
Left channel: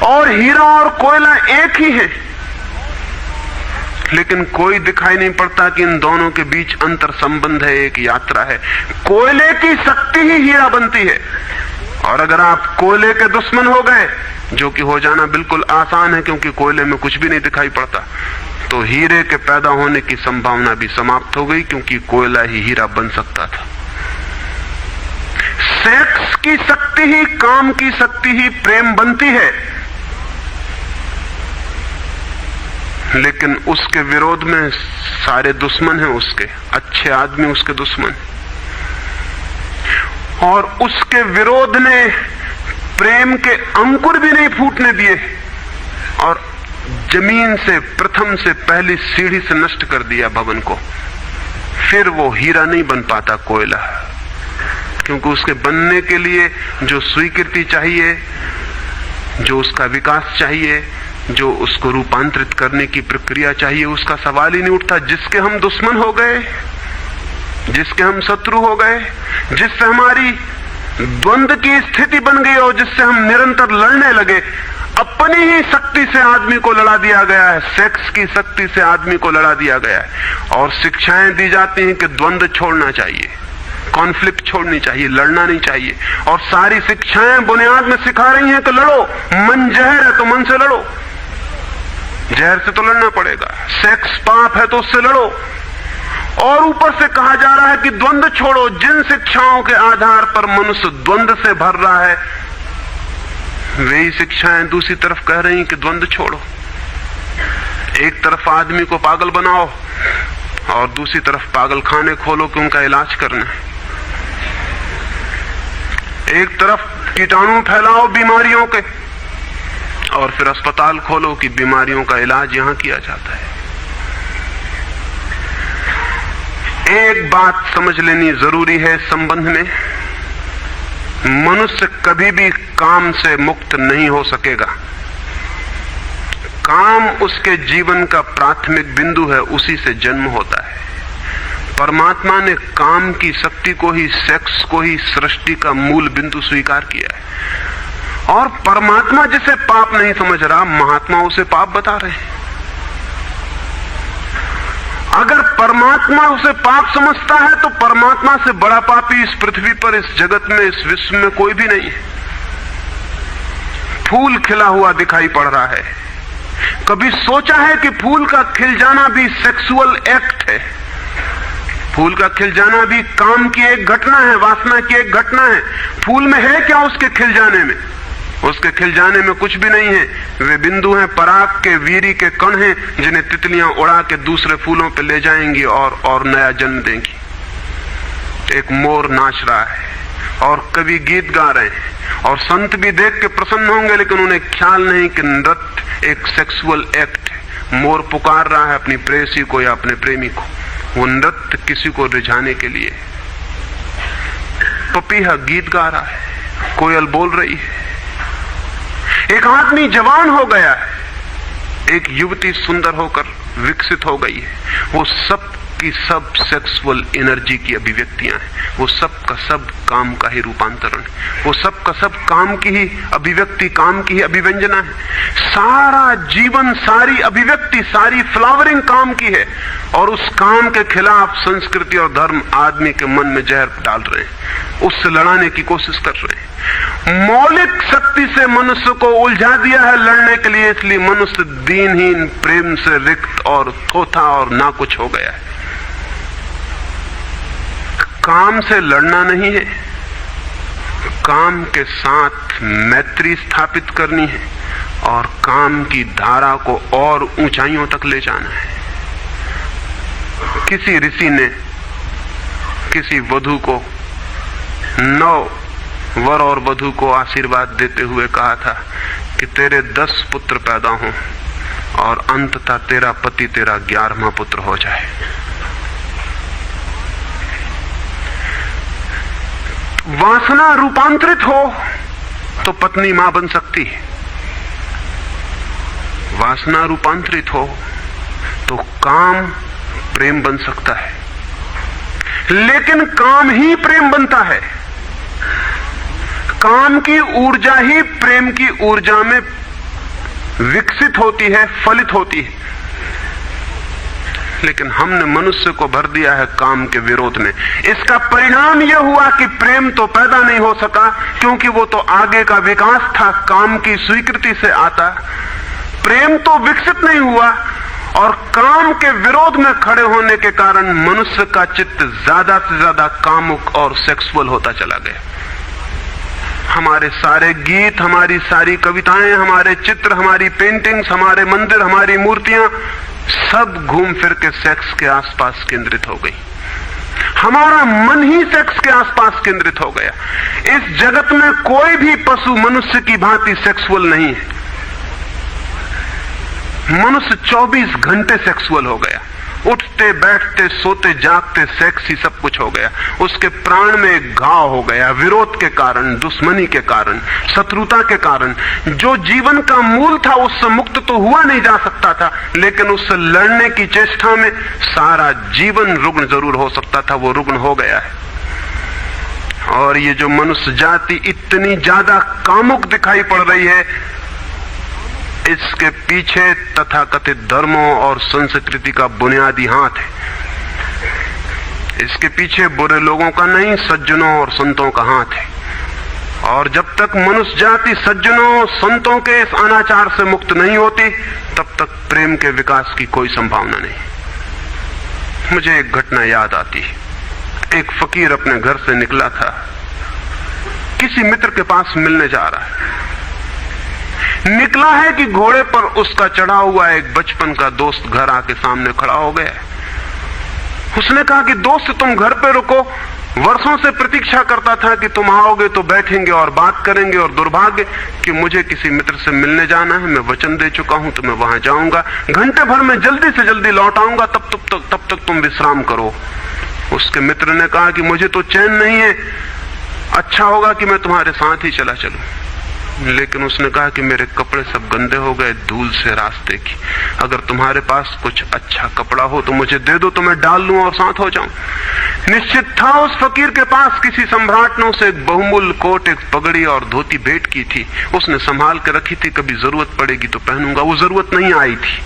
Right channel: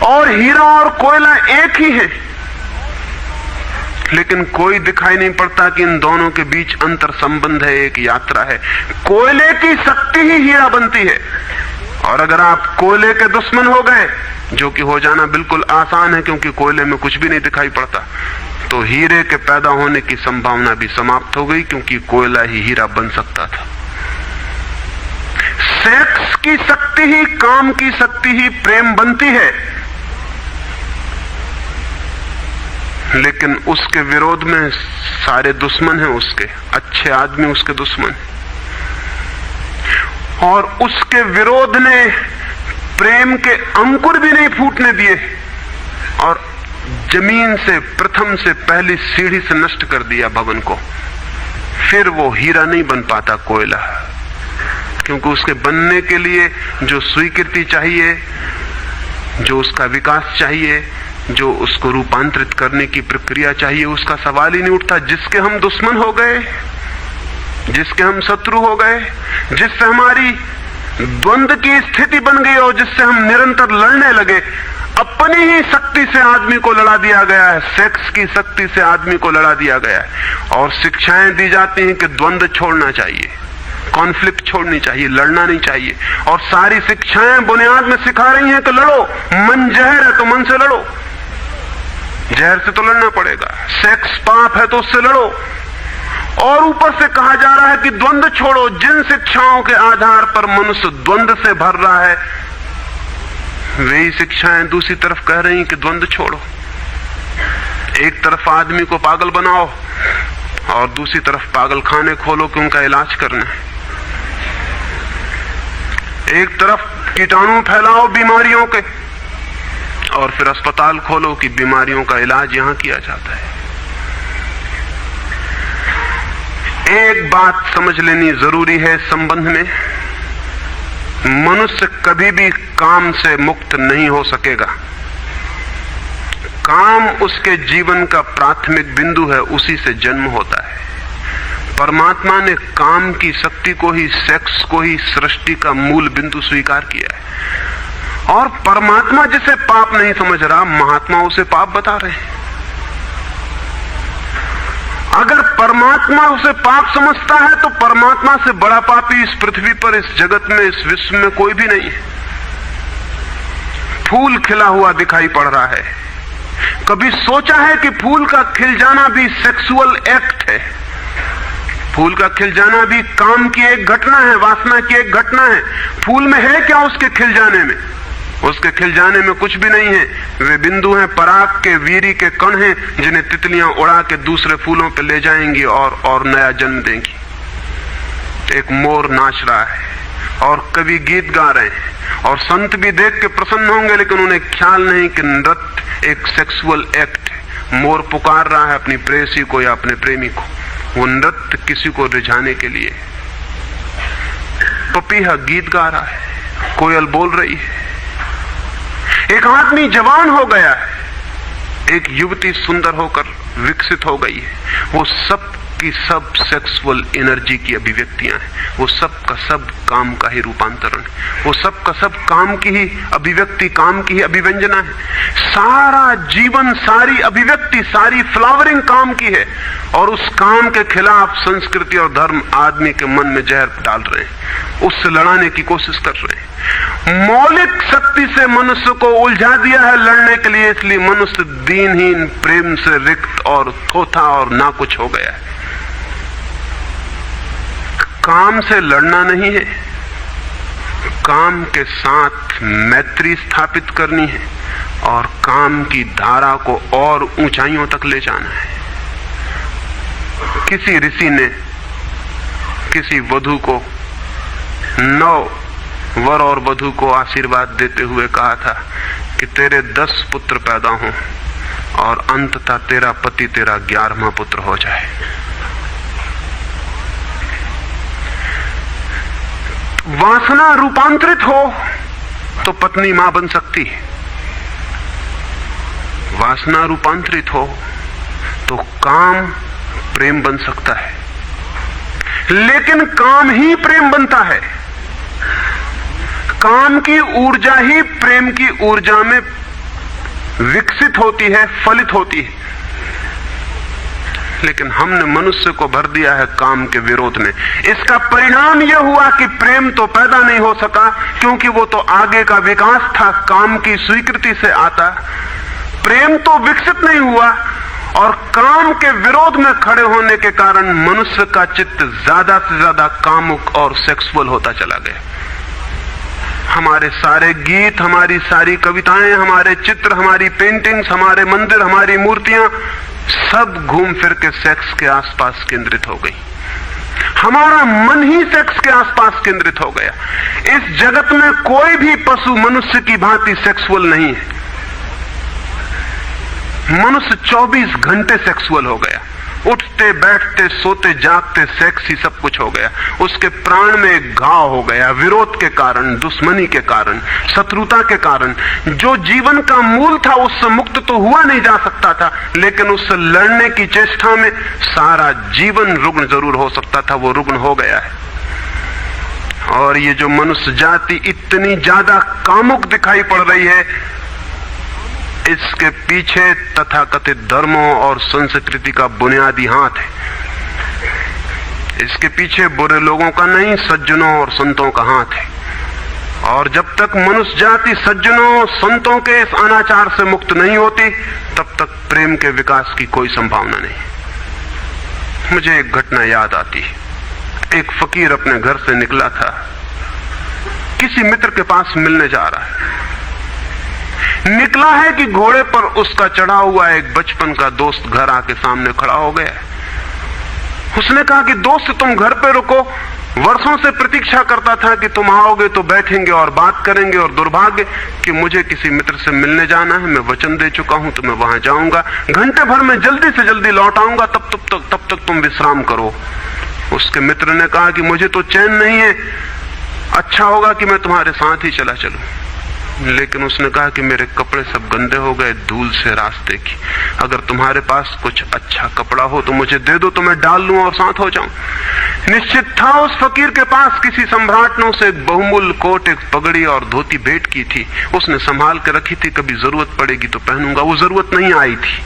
और हीरा और कोयला एक ही है, लेकिन कोई दिखाई नहीं पड़ता कि इन दोनों के बीच अंतर संबंध है, एक यात्रा है। कोयले की शक्ति ही हीरा बनती है, और अगर आप कोयले के दुश्मन हो गए, जो कि हो जाना बिल्कुल आसान है क्योंकि कोयले में कुछ भी नहीं दिखाई पड़ता, तो हीरे के पैदा होने की संभावना भी समाप्त हो गई, क्योंकि कोयला ही हीरा बन सकता था। सेक्स की शक्ति ही, काम की शक्ति ही प्रेम बनती है, लेकिन उसके विरोध में सारे दुश्मन हैं उसके, अच्छे आदमी उसके दुश्मन, और उसके विरोध ने प्रेम के अंकुर भी नहीं फूटने दिए, और जमीन से प्रथम से पहली सीढ़ी से नष्ट कर दिया भवन को। फिर वो हीरा नहीं बन पाता कोयला, क्योंकि उसके बनने के लिए जो स्वीकृति चाहिए, जो उसका विकास चाहिए, जो उसको रूपांतरित करने की प्रक्रिया चाहिए, उसका सवाल ही नहीं उठता। जिसके हम दुश्मन हो गए, जिसके हम शत्रु हो गए, जिससे हमारी द्वंद्व की स्थिति बन गई और जिससे हम निरंतर लड़ने लगे, अपनी ही शक्ति से आदमी को लड़ा दिया गया है, सेक्स की शक्ति से आदमी को लड़ा दिया गया है। और शिक्षाएं दी जाती हैं कि द्वंद्व छोड़ना चाहिए, कॉन्फ्लिक्ट छोड़नी चाहिए, लड़ना नहीं चाहिए। और सारी शिक्षाएं बुनियाद में सिखा रही हैं कि लड़ो, मन जहर है तो मन से लड़ो, जहर से तो लड़ना पड़ेगा। सेक्स पाप है तो उससे लड़ो। और ऊपर से कहा जा रहा है कि द्वंद्व छोड़ो। जिन शिक्षाओं के आधार पर मनुष्य द्वंद्व से भर रहा है, वही शिक्षाएं दूसरी तरफ कह रही हैं कि द्वंद्व छोड़ो। एक तरफ आदमी को पागल बनाओ और दूसरी तरफ पागल खाने खोलो कि उनका इलाज करना है। एक तरफ कीटाणु फैलाओ बीमारियों के, और फिर अस्पताल खोलो कि बीमारियों का इलाज यहां किया जाता है। एक बात समझ लेनी जरूरी है संबंध में, मनुष्य कभी भी काम से मुक्त नहीं हो सकेगा। काम उसके जीवन का प्राथमिक बिंदु है, उसी से जन्म होता है। परमात्मा ने काम की शक्ति को ही, सेक्स को ही सृष्टि का मूल बिंदु स्वीकार किया है। और परमात्मा जिसे पाप नहीं समझ रहा, महात्मा उसे पाप बता रहे हैं। अगर परमात्मा उसे पाप समझता है तो परमात्मा से बड़ा पापी इस पृथ्वी पर, इस जगत में, इस विश्व में कोई भी नहीं है। फूल खिला हुआ दिखाई पड़ रहा है, कभी सोचा है कि फूल का खिल जाना भी सेक्सुअल एक्ट है? फूल का खिल जाना भी काम की एक घटना है, वासना की एक घटना है। फूल में है क्या उसके खिल जाने में? उसके खिल जाने में कुछ भी नहीं है। वे बिंदु हैं, पराग के, वीरी के कण हैं, जिन्हें तितलियां उड़ा के दूसरे फूलों पे ले जाएंगी और नया जन्म देंगी। एक मोर नाच रहा है और कवि गीत गा रहे हैं, और संत भी देख के प्रसन्न होंगे, लेकिन उन्हें ख्याल नहीं कि नृत्य एक सेक्सुअल एक्ट है। मोर पुकार रहा है अपनी प्रेयसी को या अपने प्रेमी को, वो नृत्य किसी को रिझाने के लिए। पपीहा गीत गा रहा है, कोयल बोल रही है। एक आदमी जवान हो गया है, एक युवती सुंदर होकर विकसित हो गई है। वो सब की सब सेक्सुअल एनर्जी की अभिव्यक्तियां हैं, वो सब का सब काम का ही रूपांतरण, वो सब का सब काम की ही अभिव्यक्ति, काम की ही अभिव्यंजना है। सारा जीवन, सारी अभिव्यक्ति, सारी फ्लावरिंग काम की है, और उस काम के खिलाफ संस्कृति और धर्म आदमी के मन में जहर डाल रहे हैं, उससे लड़ाने की कोशिश कर रहे हैं। मौलिक शक्ति से मनुष्य को उलझा दिया है लड़ने के लिए, इसलिए मनुष्य दीनहीन, प्रेम से रिक्त और थोथा और नाकुछ हो गया है। काम से लड़ना नहीं है, काम के साथ मैत्री स्थापित करनी है और काम की धारा को और ऊंचाइयों तक ले जाना है। किसी ऋषि ने किसी वधू को 9 वर और वधू को आशीर्वाद देते हुए कहा था कि तेरे 10 पुत्र पैदा हों और अंततः तेरा पति तेरा 11वां पुत्र हो जाए। वासना रूपांतरित हो तो पत्नी मां बन सकती है, वासना रूपांतरित हो तो काम प्रेम बन सकता है, लेकिन काम ही प्रेम बनता है। काम की ऊर्जा ही प्रेम की ऊर्जा में विकसित होती है, फलित होती है। लेकिन हमने मनुष्य को भर दिया है काम के विरोध में। इसका परिणाम यह हुआ कि प्रेम तो पैदा नहीं हो सका, क्योंकि वो तो आगे का विकास था, काम की स्वीकृति से आता। प्रेम तो विकसित नहीं हुआ और काम के विरोध में खड़े होने के कारण मनुष्य का चित्त ज्यादा से ज्यादा कामुक और सेक्सुअल होता चला गया। हमारे सारे गीत, हमारी सारी कविताएं, हमारे चित्र, हमारी पेंटिंग्स, हमारे मंदिर, हमारी मूर्तियां सब घूम फिर के सेक्स के आसपास केंद्रित हो गई। हमारा मन ही सेक्स के आसपास केंद्रित हो गया। इस जगत में कोई भी पशु मनुष्य की भांति सेक्सुअल नहीं है। मनुष्य 24 घंटे सेक्सुअल हो गया। उठते बैठते सोते जागते सेक्स ही सब कुछ हो गया। उसके प्राण में एक घाव हो गया, विरोध के कारण, दुश्मनी के कारण, शत्रुता के कारण। जो जीवन का मूल था उससे मुक्त तो हुआ नहीं जा सकता था, लेकिन उससे लड़ने की चेष्टा में सारा जीवन रुग्ण जरूर हो सकता था, वो रुग्ण हो गया है। और ये जो मनुष्य जाति इतनी ज्यादा कामुक दिखाई पड़ रही है, इसके पीछे तथाकथित धर्मों और संस्कृति का बुनियादी हाथ है। इसके पीछे बुरे लोगों का नहीं, सज्जनों और संतों का हाथ है। और जब तक मनुष्य जाति सज्जनों और संतों के इस अनाचार से मुक्त नहीं होती, तब तक प्रेम के विकास की कोई संभावना नहीं। मुझे एक घटना याद आती है। एक फकीर अपने घर से निकला था, किसी मित्र के पास मिलने जा रहा है। निकला है कि घोड़े पर उसका चढ़ा हुआ एक बचपन का दोस्त घर आके सामने खड़ा हो गया। उसने कहा कि दोस्त तुम घर पे रुको, वर्षों से प्रतीक्षा करता था कि तुम आओगे तो बैठेंगे और बात करेंगे, और दुर्भाग्य कि मुझे किसी मित्र से मिलने जाना है। मैं वचन दे चुका हूं तो मैं वहां जाऊंगा, घंटे भर में जल्दी से जल्दी लौट आऊंगा, तब तक तुम विश्राम करो। उसके मित्र ने कहा कि मुझे तो चैन नहीं है, अच्छा होगा कि मैं तुम्हारे साथ ही चला चलूं। लेकिन उसने कहा कि मेरे कपड़े सब गंदे हो गए धूल से रास्ते की, अगर तुम्हारे पास कुछ अच्छा कपड़ा हो तो मुझे दे दो, तो मैं डाल लूं और साथ हो जाऊं। निश्चित था उस फकीर के पास किसी सम्राट ने उसे एक बहुमूल्य कोट, एक पगड़ी और धोती भेंट की थी। उसने संभाल के रखी थी, कभी जरूरत पड़ेगी तो पहनूंगा। वो जरूरत नहीं आई थी,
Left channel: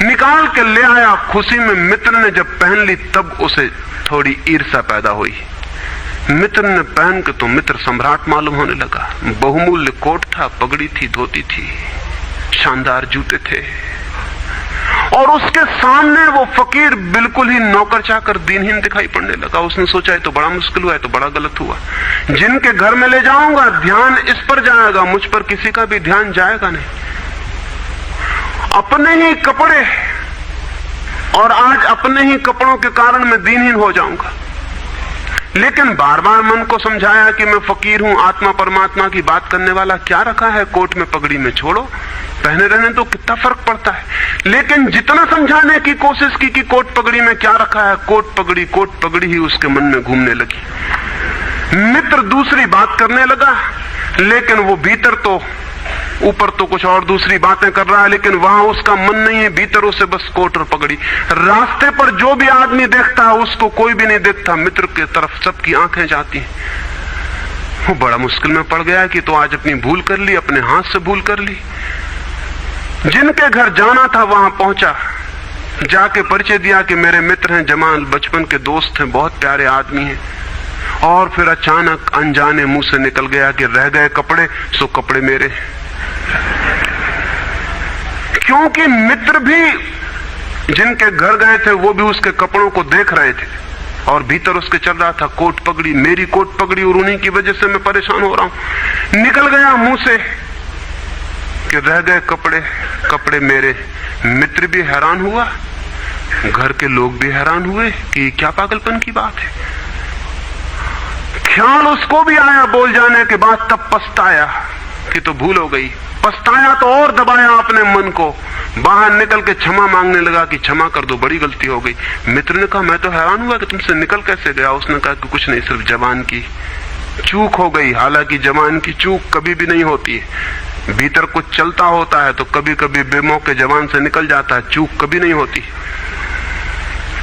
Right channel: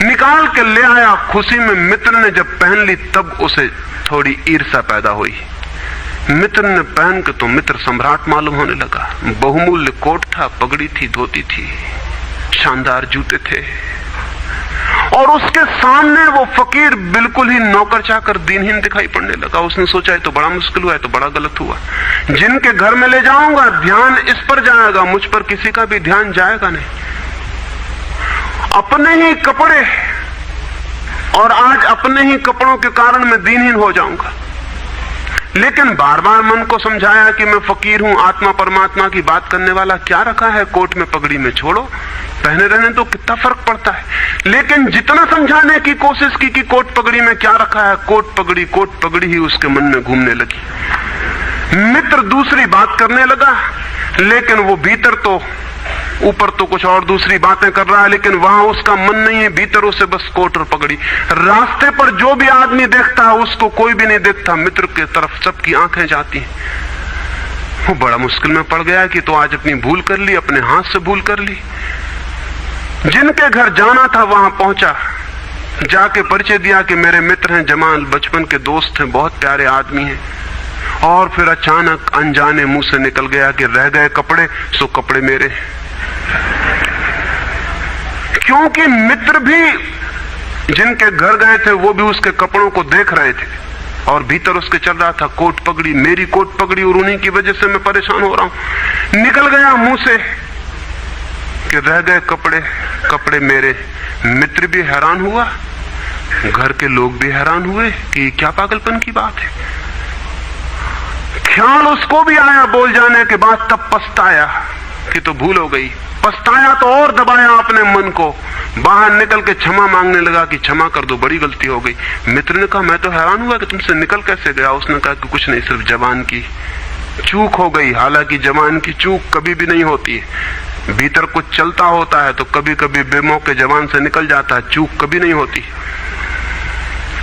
निकाल के ले आया। खुशी में मित्र ने जब पहन ली तब उसे थोड़ी ईर्ष्या पैदा हुई। मित्र ने पहन के तो मित्र सम्राट मालूम होने लगा। बहुमूल्य कोट था, पगड़ी थी, धोती थी, शानदार जूते थे, और उसके सामने वो फकीर बिल्कुल ही नौकर चाकर दीनहीन दिखाई पड़ने लगा। उसने सोचा है तो बड़ा मुश्किल हुआ है, तो बड़ा गलत हुआ। जिनके घर में ले जाऊंगा ध्यान इस पर जाएगा, मुझ पर किसी का भी ध्यान जाएगा नहीं। अपने ही कपड़े, और आज अपने ही कपड़ों के कारण मैं दीनहीन हो जाऊंगा। लेकिन बार बार मन को समझाया कि मैं फकीर हूं, आत्मा परमात्मा की बात करने वाला, क्या रखा है कोट में पगड़ी में, छोड़ो, पहने रहने तो कितना फर्क पड़ता है। लेकिन जितना समझाने की कोशिश की कि कोट पगड़ी में क्या रखा है, कोट पगड़ी ही उसके मन में घूमने लगी। मित्र दूसरी बात करने लगा, लेकिन वो भीतर तो, ऊपर तो कुछ और दूसरी बातें कर रहा है, लेकिन वहां उसका मन नहीं है, भीतर उसे बस कोट और पगड़ी। रास्ते पर जो भी आदमी देखता है उसको कोई भी नहीं देखता, मित्र की तरफ सबकी आंखें जाती हैं। वो बड़ा मुश्किल में पड़ गया कि तो आज अपनी भूल कर ली, अपने हाथ से भूल कर ली। जिनके घर जाना था वहां पहुंचा, जाके परिचय दिया कि मेरे मित्र हैं, जमाल, बचपन के दोस्त हैं, बहुत प्यारे आदमी हैं। और फिर अचानक अनजाने मुंह से निकल गया कि रह गए कपड़े सो कपड़े मेरे। क्योंकि मित्र भी जिनके घर गए थे वो भी उसके कपड़ों को देख रहे थे, और भीतर उसके चल रहा था कोट पगड़ी, मेरी कोट पगड़ी, और उन्हीं की वजह से मैं परेशान हो रहा हूं। निकल गया मुंह से कि रह गए कपड़े मेरे। मित्र भी हैरान हुआ, घर के लोग भी हैरान हुए कि क्या पागलपन की बात है। ख्याल उसको भी आया बोल जाने के बाद, तब पछताया कि तो भूल हो गई। पछताया तो और दबाया अपने मन को, बाहर निकल के क्षमा मांगने लगा कि क्षमा कर दो, बड़ी गलती हो गई। मित्र ने कहा मैं तो हैरान हुआ कि तुमसे निकल कैसे गया। उसने कहा कि कुछ नहीं, सिर्फ जबान की चूक हो गई। हालांकि जबान की चूक कभी भी नहीं होती है, भीतर कुछ चलता होता है तो कभी कभी बेमौके जबान से निकल जाता है, चूक कभी नहीं होती।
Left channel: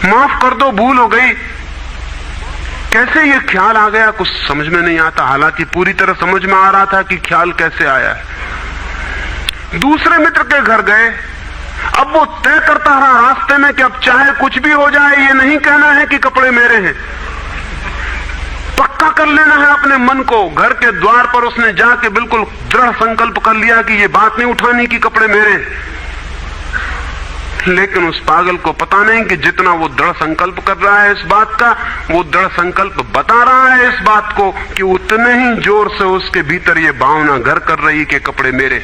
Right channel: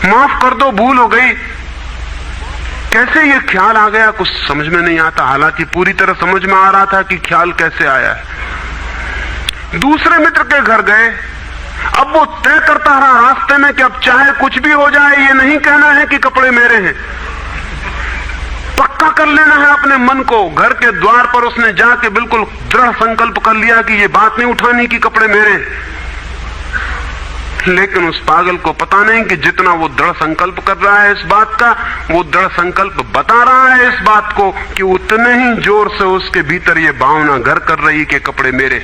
माफ कर दो, भूल हो गई। कैसे ये ख्याल आ गया कुछ समझ में नहीं आता, हालांकि पूरी तरह समझ में आ रहा था कि ख्याल कैसे आया है। दूसरे मित्र के घर गए। अब वो तय करता रहा रास्ते में कि अब चाहे कुछ भी हो जाए, ये नहीं कहना है कि कपड़े मेरे हैं, पक्का कर लेना है अपने मन को। घर के द्वार पर उसने जाके बिल्कुल दृढ़ संकल्प कर लिया कि ये बात नहीं उठानी कि कपड़े मेरे। लेकिन उस पागल को पता नहीं कि जितना वो दृढ़ संकल्प कर रहा है इस बात का, वो दृढ़ संकल्प बता रहा है इस बात को कि उतने ही जोर से उसके भीतर ये भावना घर कर रही कि कपड़े मेरे।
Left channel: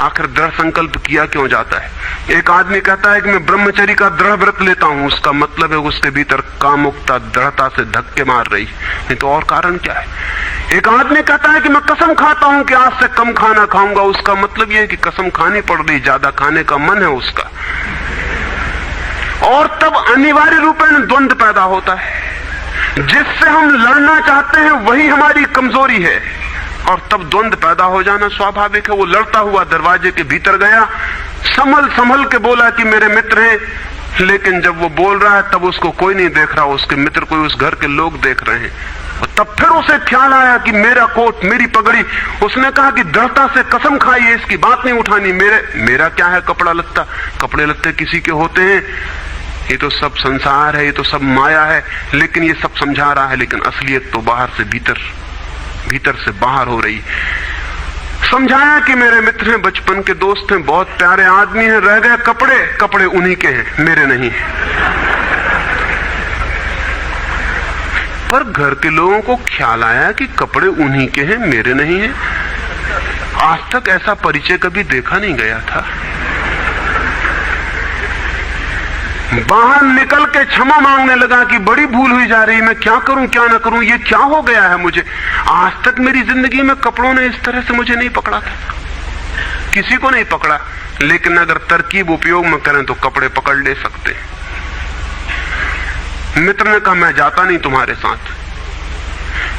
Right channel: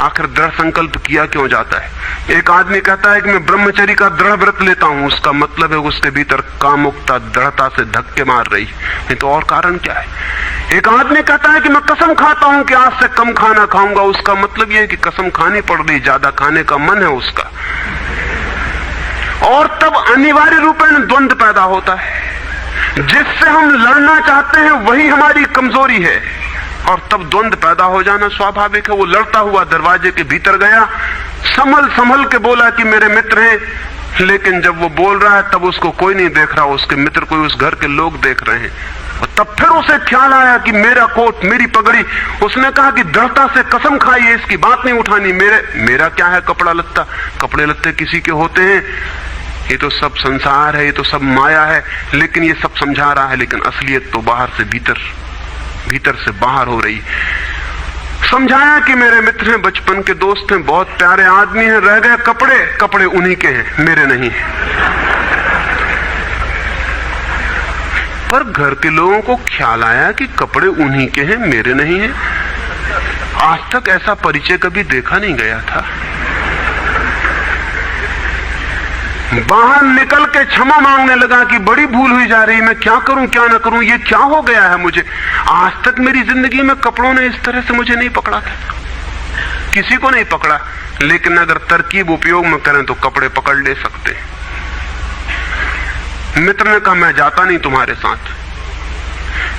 आखिर दृढ़ संकल्प किया क्यों जाता है? एक आदमी कहता है कि मैं ब्रह्मचर्य का दृढ़ व्रत लेता हूं, उसका मतलब है उसके भीतर कामुकता दृढ़ता से धक्के मार रही, नहीं तो और कारण क्या है? एक आदमी कहता है कि मैं कसम खाता हूं कि आज से कम खाना खाऊंगा, उसका मतलब यह है कि कसम खानी पड़ रही, ज्यादा खाने का मन है उसका। और तब अनिवार्य रूप में द्वंद्व पैदा होता है। जिससे हम लड़ना चाहते हैं वही हमारी कमजोरी है, और तब द्वंद्व पैदा हो जाना स्वाभाविक है। वो लड़ता हुआ दरवाजे के भीतर गया, संभल संभल के बोला कि मेरे मित्र हैं, लेकिन जब वो बोल रहा है तब उसको कोई नहीं देख रहा, उसके मित्र कोई उस घर के लोग देख रहे हैं। तब फिर उसे ख्याल आया कि मेरा कोट, मेरी पगड़ी। उसने कहा कि दृढ़ता से कसम खाई है, इसकी बात नहीं उठानी। मेरा क्या है कपड़ा लत्ता, कपड़े लत्ते किसी के होते हैं, ये तो सब संसार है, ये तो सब माया है। लेकिन ये सब समझा रहा है, लेकिन असलियत तो बाहर से भीतर, भीतर से बाहर हो रही। समझाया कि मेरे मित्र हैं, बचपन के दोस्त हैं, बहुत प्यारे आदमी हैं, रह गए कपड़े, कपड़े उन्हीं के हैं, मेरे नहीं है। पर घर के लोगों को ख्याल आया कि कपड़े उन्हीं के हैं, मेरे नहीं है। आज तक ऐसा परिचय कभी देखा नहीं गया था। बाहर निकल के क्षमा मांगने लगा कि बड़ी भूल हुई जा रही, मैं क्या करूं क्या न करूं, ये क्या हो गया है मुझे। आज तक मेरी जिंदगी में कपड़ों ने इस तरह से मुझे नहीं पकड़ा था, किसी को नहीं पकड़ा। लेकिन अगर तरकीब उपयोग में करें तो कपड़े पकड़ ले सकते हैं। मित्र ने कहा मैं जाता नहीं तुम्हारे साथ,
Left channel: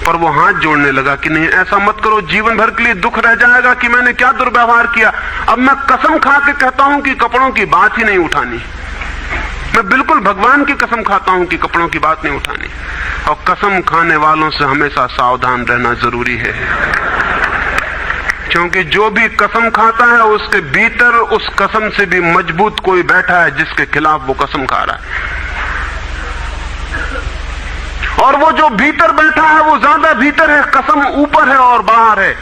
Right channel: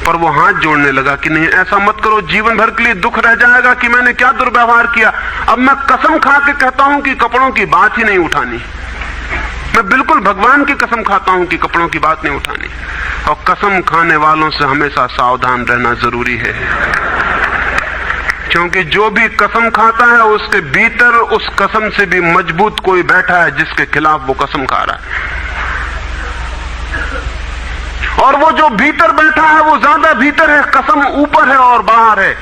पर वो हाथ जोड़ने लगा कि नहीं ऐसा मत करो, जीवन भर के लिए दुख रह जाएगा कि मैंने क्या दुर्व्यवहार किया। अब मैं कसम खा के कहता हूं कि कपड़ों की बात ही नहीं उठानी। मैं बिल्कुल भगवान की कसम खाता हूं कि कपड़ों की बात नहीं उठानी। और कसम खाने वालों से हमेशा सावधान रहना जरूरी है, क्योंकि जो भी कसम खाता है उसके भीतर उस कसम से भी मजबूत कोई बैठा है जिसके खिलाफ वो कसम खा रहा है। और वो जो भीतर बैठा है वो ज्यादा भीतर है, कसम ऊपर है और बाहर है।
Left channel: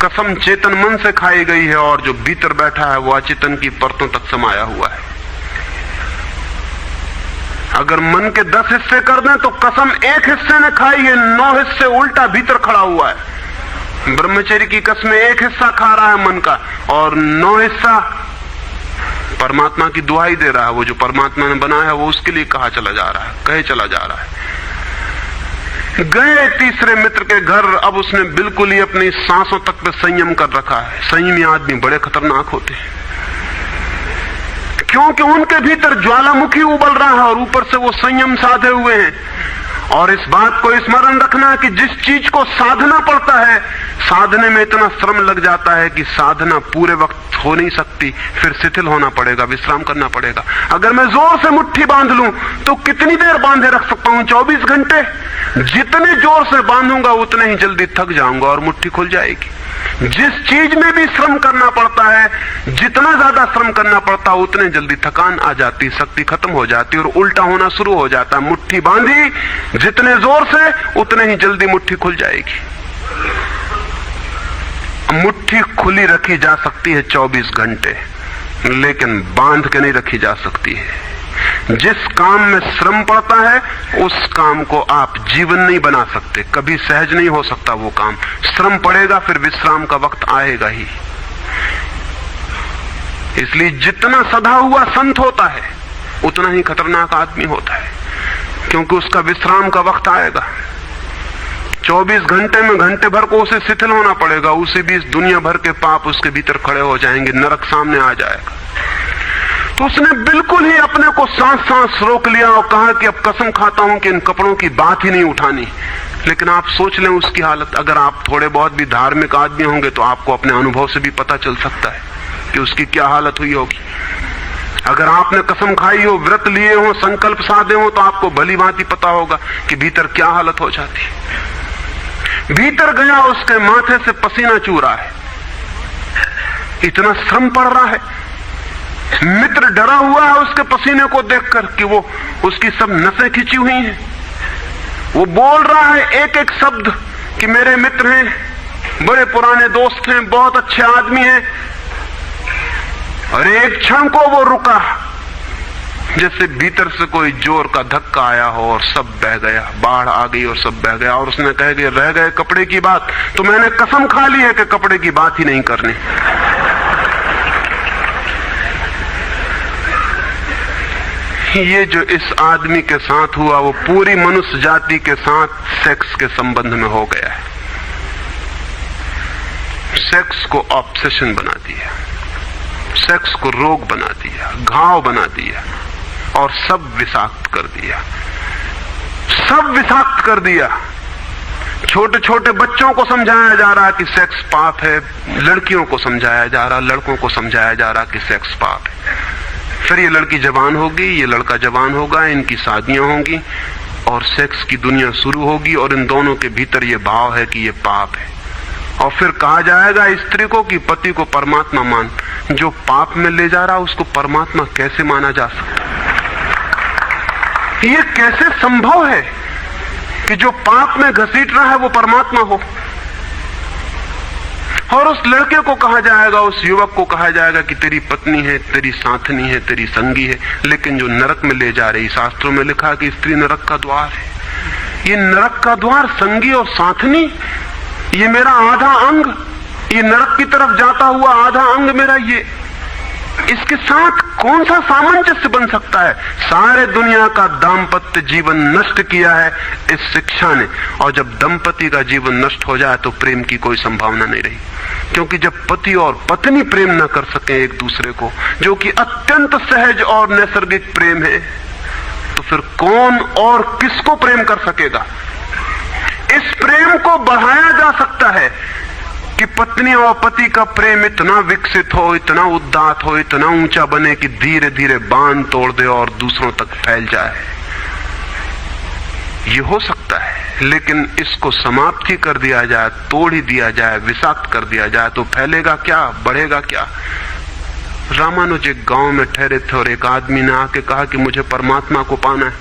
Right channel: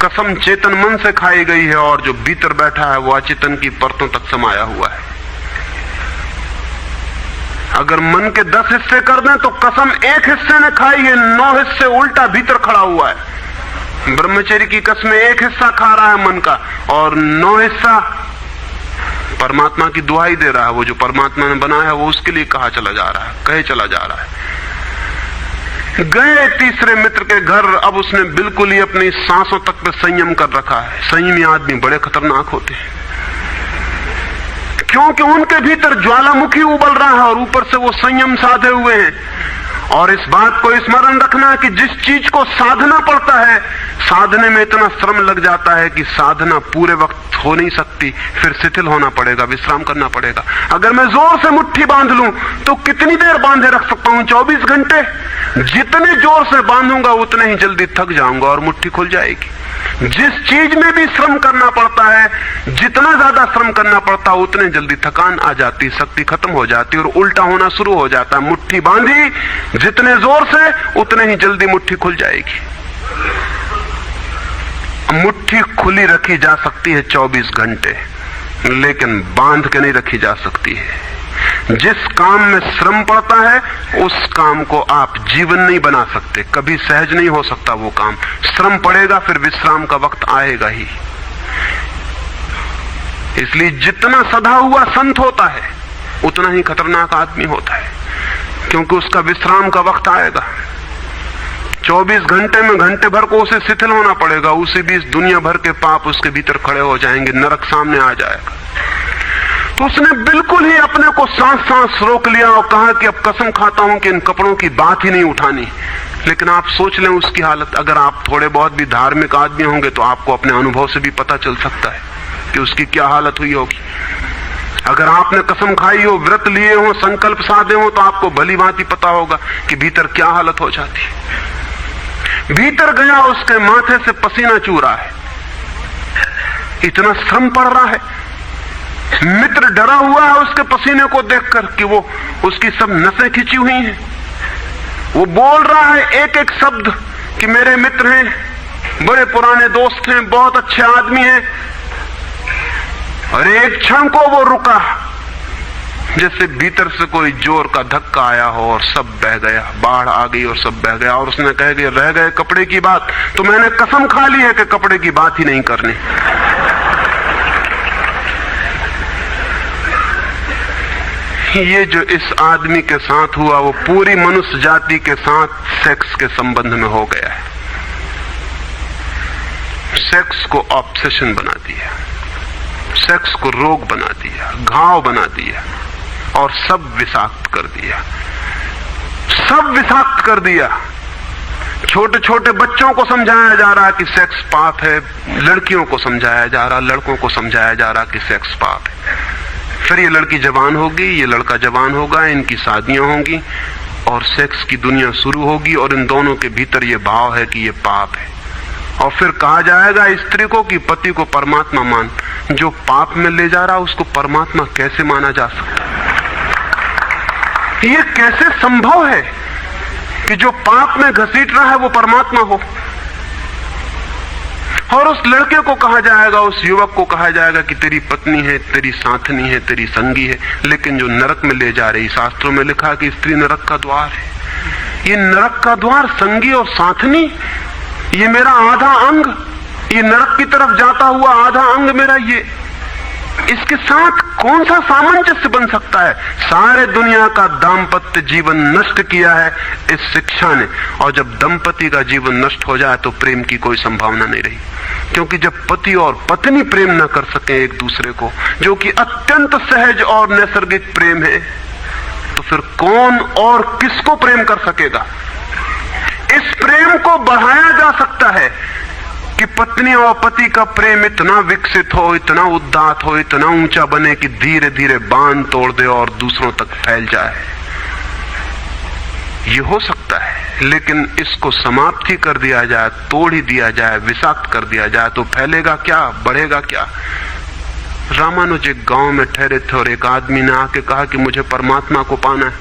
कसम चेतन मन से खाई गई है और जो भीतर बैठा है वो अचेतन की परतों तक समाया हुआ है। अगर मन के 10 हिस्से कर दें तो कसम एक हिस्से ने खाई है, 9 हिस्से उल्टा भीतर खड़ा हुआ है। ब्रह्मचर्य की कसम एक हिस्सा खा रहा है मन का, और 9 हिस्सा परमात्मा की दुहाई दे रहा है। वो जो परमात्मा ने बनाया है वो उसके लिए कहा चला जा रहा है, कहे चला जा रहा है। गए तीसरे मित्र के घर। अब उसने बिल्कुल ही अपनी सांसों तक पे संयम कर रखा है। संयमी आदमी बड़े खतरनाक होते हैं, क्योंकि उनके भीतर ज्वालामुखी उबल रहा है और ऊपर से वो संयम साधे हुए हैं। और इस बात को स्मरण रखना कि जिस चीज को साधना पड़ता है, साधने में इतना श्रम लग जाता है कि साधना पूरे वक्त हो नहीं सकती, फिर शिथिल होना पड़ेगा, विश्राम करना पड़ेगा। अगर मैं जोर से मुट्ठी बांध लूं तो कितनी देर बांधे रख सकता हूं? 24 घंटे। जितने जोर से बांधूंगा उतने ही जल्दी थक जाऊंगा और मुट्ठी खुल जाएगी। जिस चीज में भी श्रम करना पड़ता है, जितना ज्यादा श्रम करना पड़ता है उतने जल्दी थकान आ जाती, शक्ति खत्म हो जाती और उल्टा होना शुरू हो जाता। मुट्ठी बांधी जितने जोर से उतने ही जल्दी मुट्ठी खुल जाएगी। मुट्ठी खुली रखी जा सकती है 24 घंटे, लेकिन बांध के नहीं रखी जा सकती है। जिस काम में श्रम पड़ता है उस काम को आप जीवन नहीं बना सकते, कभी सहज नहीं हो सकता वो काम। श्रम पड़ेगा, फिर विश्राम का वक्त आएगा ही। इसलिए जितना सधा हुआ संत होता है उतना ही खतरनाक आदमी होता है, क्योंकि उसका विश्राम का वक्त आएगा। 24 घंटे में घंटे भर को उसे शिथिल होना पड़ेगा, उसे भी इस दुनिया भर के पाप उसके भीतर खड़े हो जाएंगे, नरक सामने आ जाएगा। तो उसने बिल्कुल ही अपने को सांस रोक लिया और कहा कि अब कसम खाता हूं कि इन कपड़ों की बात ही नहीं उठानी। लेकिन आप सोच लें उसकी हालत, अगर आप थोड़े बहुत भी धार्मिक आदमी होंगे तो आपको अपने अनुभव से भी पता चल सकता है कि उसकी क्या हालत हुई होगी। अगर आपने कसम खाई हो, व्रत लिए हो, संकल्प साधे हो, तो आपको भली भांति पता होगा कि भीतर क्या हालत हो जाती है। भीतर गया, उसके माथे से पसीना चू रहा है, इतना श्रम पड़ रहा है। मित्र डरा हुआ है उसके पसीने को देखकर कि वो उसकी सब नसें खिंची हुई हैं। वो बोल रहा है एक एक शब्द कि मेरे मित्र हैं, बड़े पुराने दोस्त हैं, बहुत अच्छे आदमी हैं। और एक क्षण को वो रुका, जैसे भीतर से कोई जोर का धक्का आया हो और सब बह गया, बाढ़ आ गई और सब बह गया। और उसने कह दिया, रह गए कपड़े की बात, तो मैंने कसम खा ली है कि कपड़े की बात ही नहीं करनी। ये जो इस आदमी के साथ हुआ वो पूरी मनुष्य जाति के साथ सेक्स के संबंध में हो गया है। सेक्स को ऑब्सेशन बना दिया, सेक्स को रोग बना दिया, घाव बना दिया और सब विषाक्त कर दिया, सब विषाक्त कर दिया। छोटे छोटे बच्चों को समझाया जा रहा है कि सेक्स पाप है, लड़कियों को समझाया जा रहा, लड़कों को समझाया जा रहा कि सेक्स पाप है। फिर ये लड़की जवान होगी, ये लड़का जवान होगा, इनकी शादियां होंगी और सेक्स की दुनिया शुरू होगी और इन दोनों के भीतर ये भाव है कि ये पाप है। और फिर कहा जाएगा स्त्री को कि पति को परमात्मा मान। जो पाप में ले जा रहा उसको परमात्मा कैसे माना जा सकता? ये कैसे संभव है कि जो पाप में घसीट रहा है वो परमात्मा हो? और उस लड़के को कहा जाएगा, उस युवक को कहा जाएगा कि तेरी पत्नी है, तेरी साथनी है, तेरी संगी है। लेकिन जो नरक में ले जा रही, शास्त्रों में लिखा कि स्त्री नरक का द्वार है। ये नरक का द्वार, संगी और साथनी, ये मेरा आधा अंग, ये नरक की तरफ जाता हुआ आधा अंग मेरा, ये इसके साथ कौन सा सामंजस्य बन सकता है? सारे दुनिया का दाम्पत्य जीवन नष्ट किया है इस शिक्षा ने। और जब दंपति का जीवन नष्ट हो जाए तो प्रेम की कोई संभावना नहीं रही, क्योंकि जब पति और पत्नी प्रेम न कर सके एक दूसरे को, जो कि अत्यंत सहज और नैसर्गिक प्रेम है, तो फिर कौन और किसको प्रेम कर सकेगा? इस प्रेम को बढ़ाया जा सकता है कि पत्नी और पति का प्रेम इतना विकसित हो, इतना उदात्त हो, इतना ऊंचा बने कि धीरे धीरे बांध तोड़ दे और दूसरों तक फैल जाए। ये हो सकता है, लेकिन इसको समाप्त ही कर दिया जाए, तोड़ ही दिया जाए, विषाक्त कर दिया जाए, तो फैलेगा क्या, बढ़ेगा क्या? रामानुज एक गांव में ठहरे थे और एक आदमी ने आके कहा कि मुझे परमात्मा को पाना है।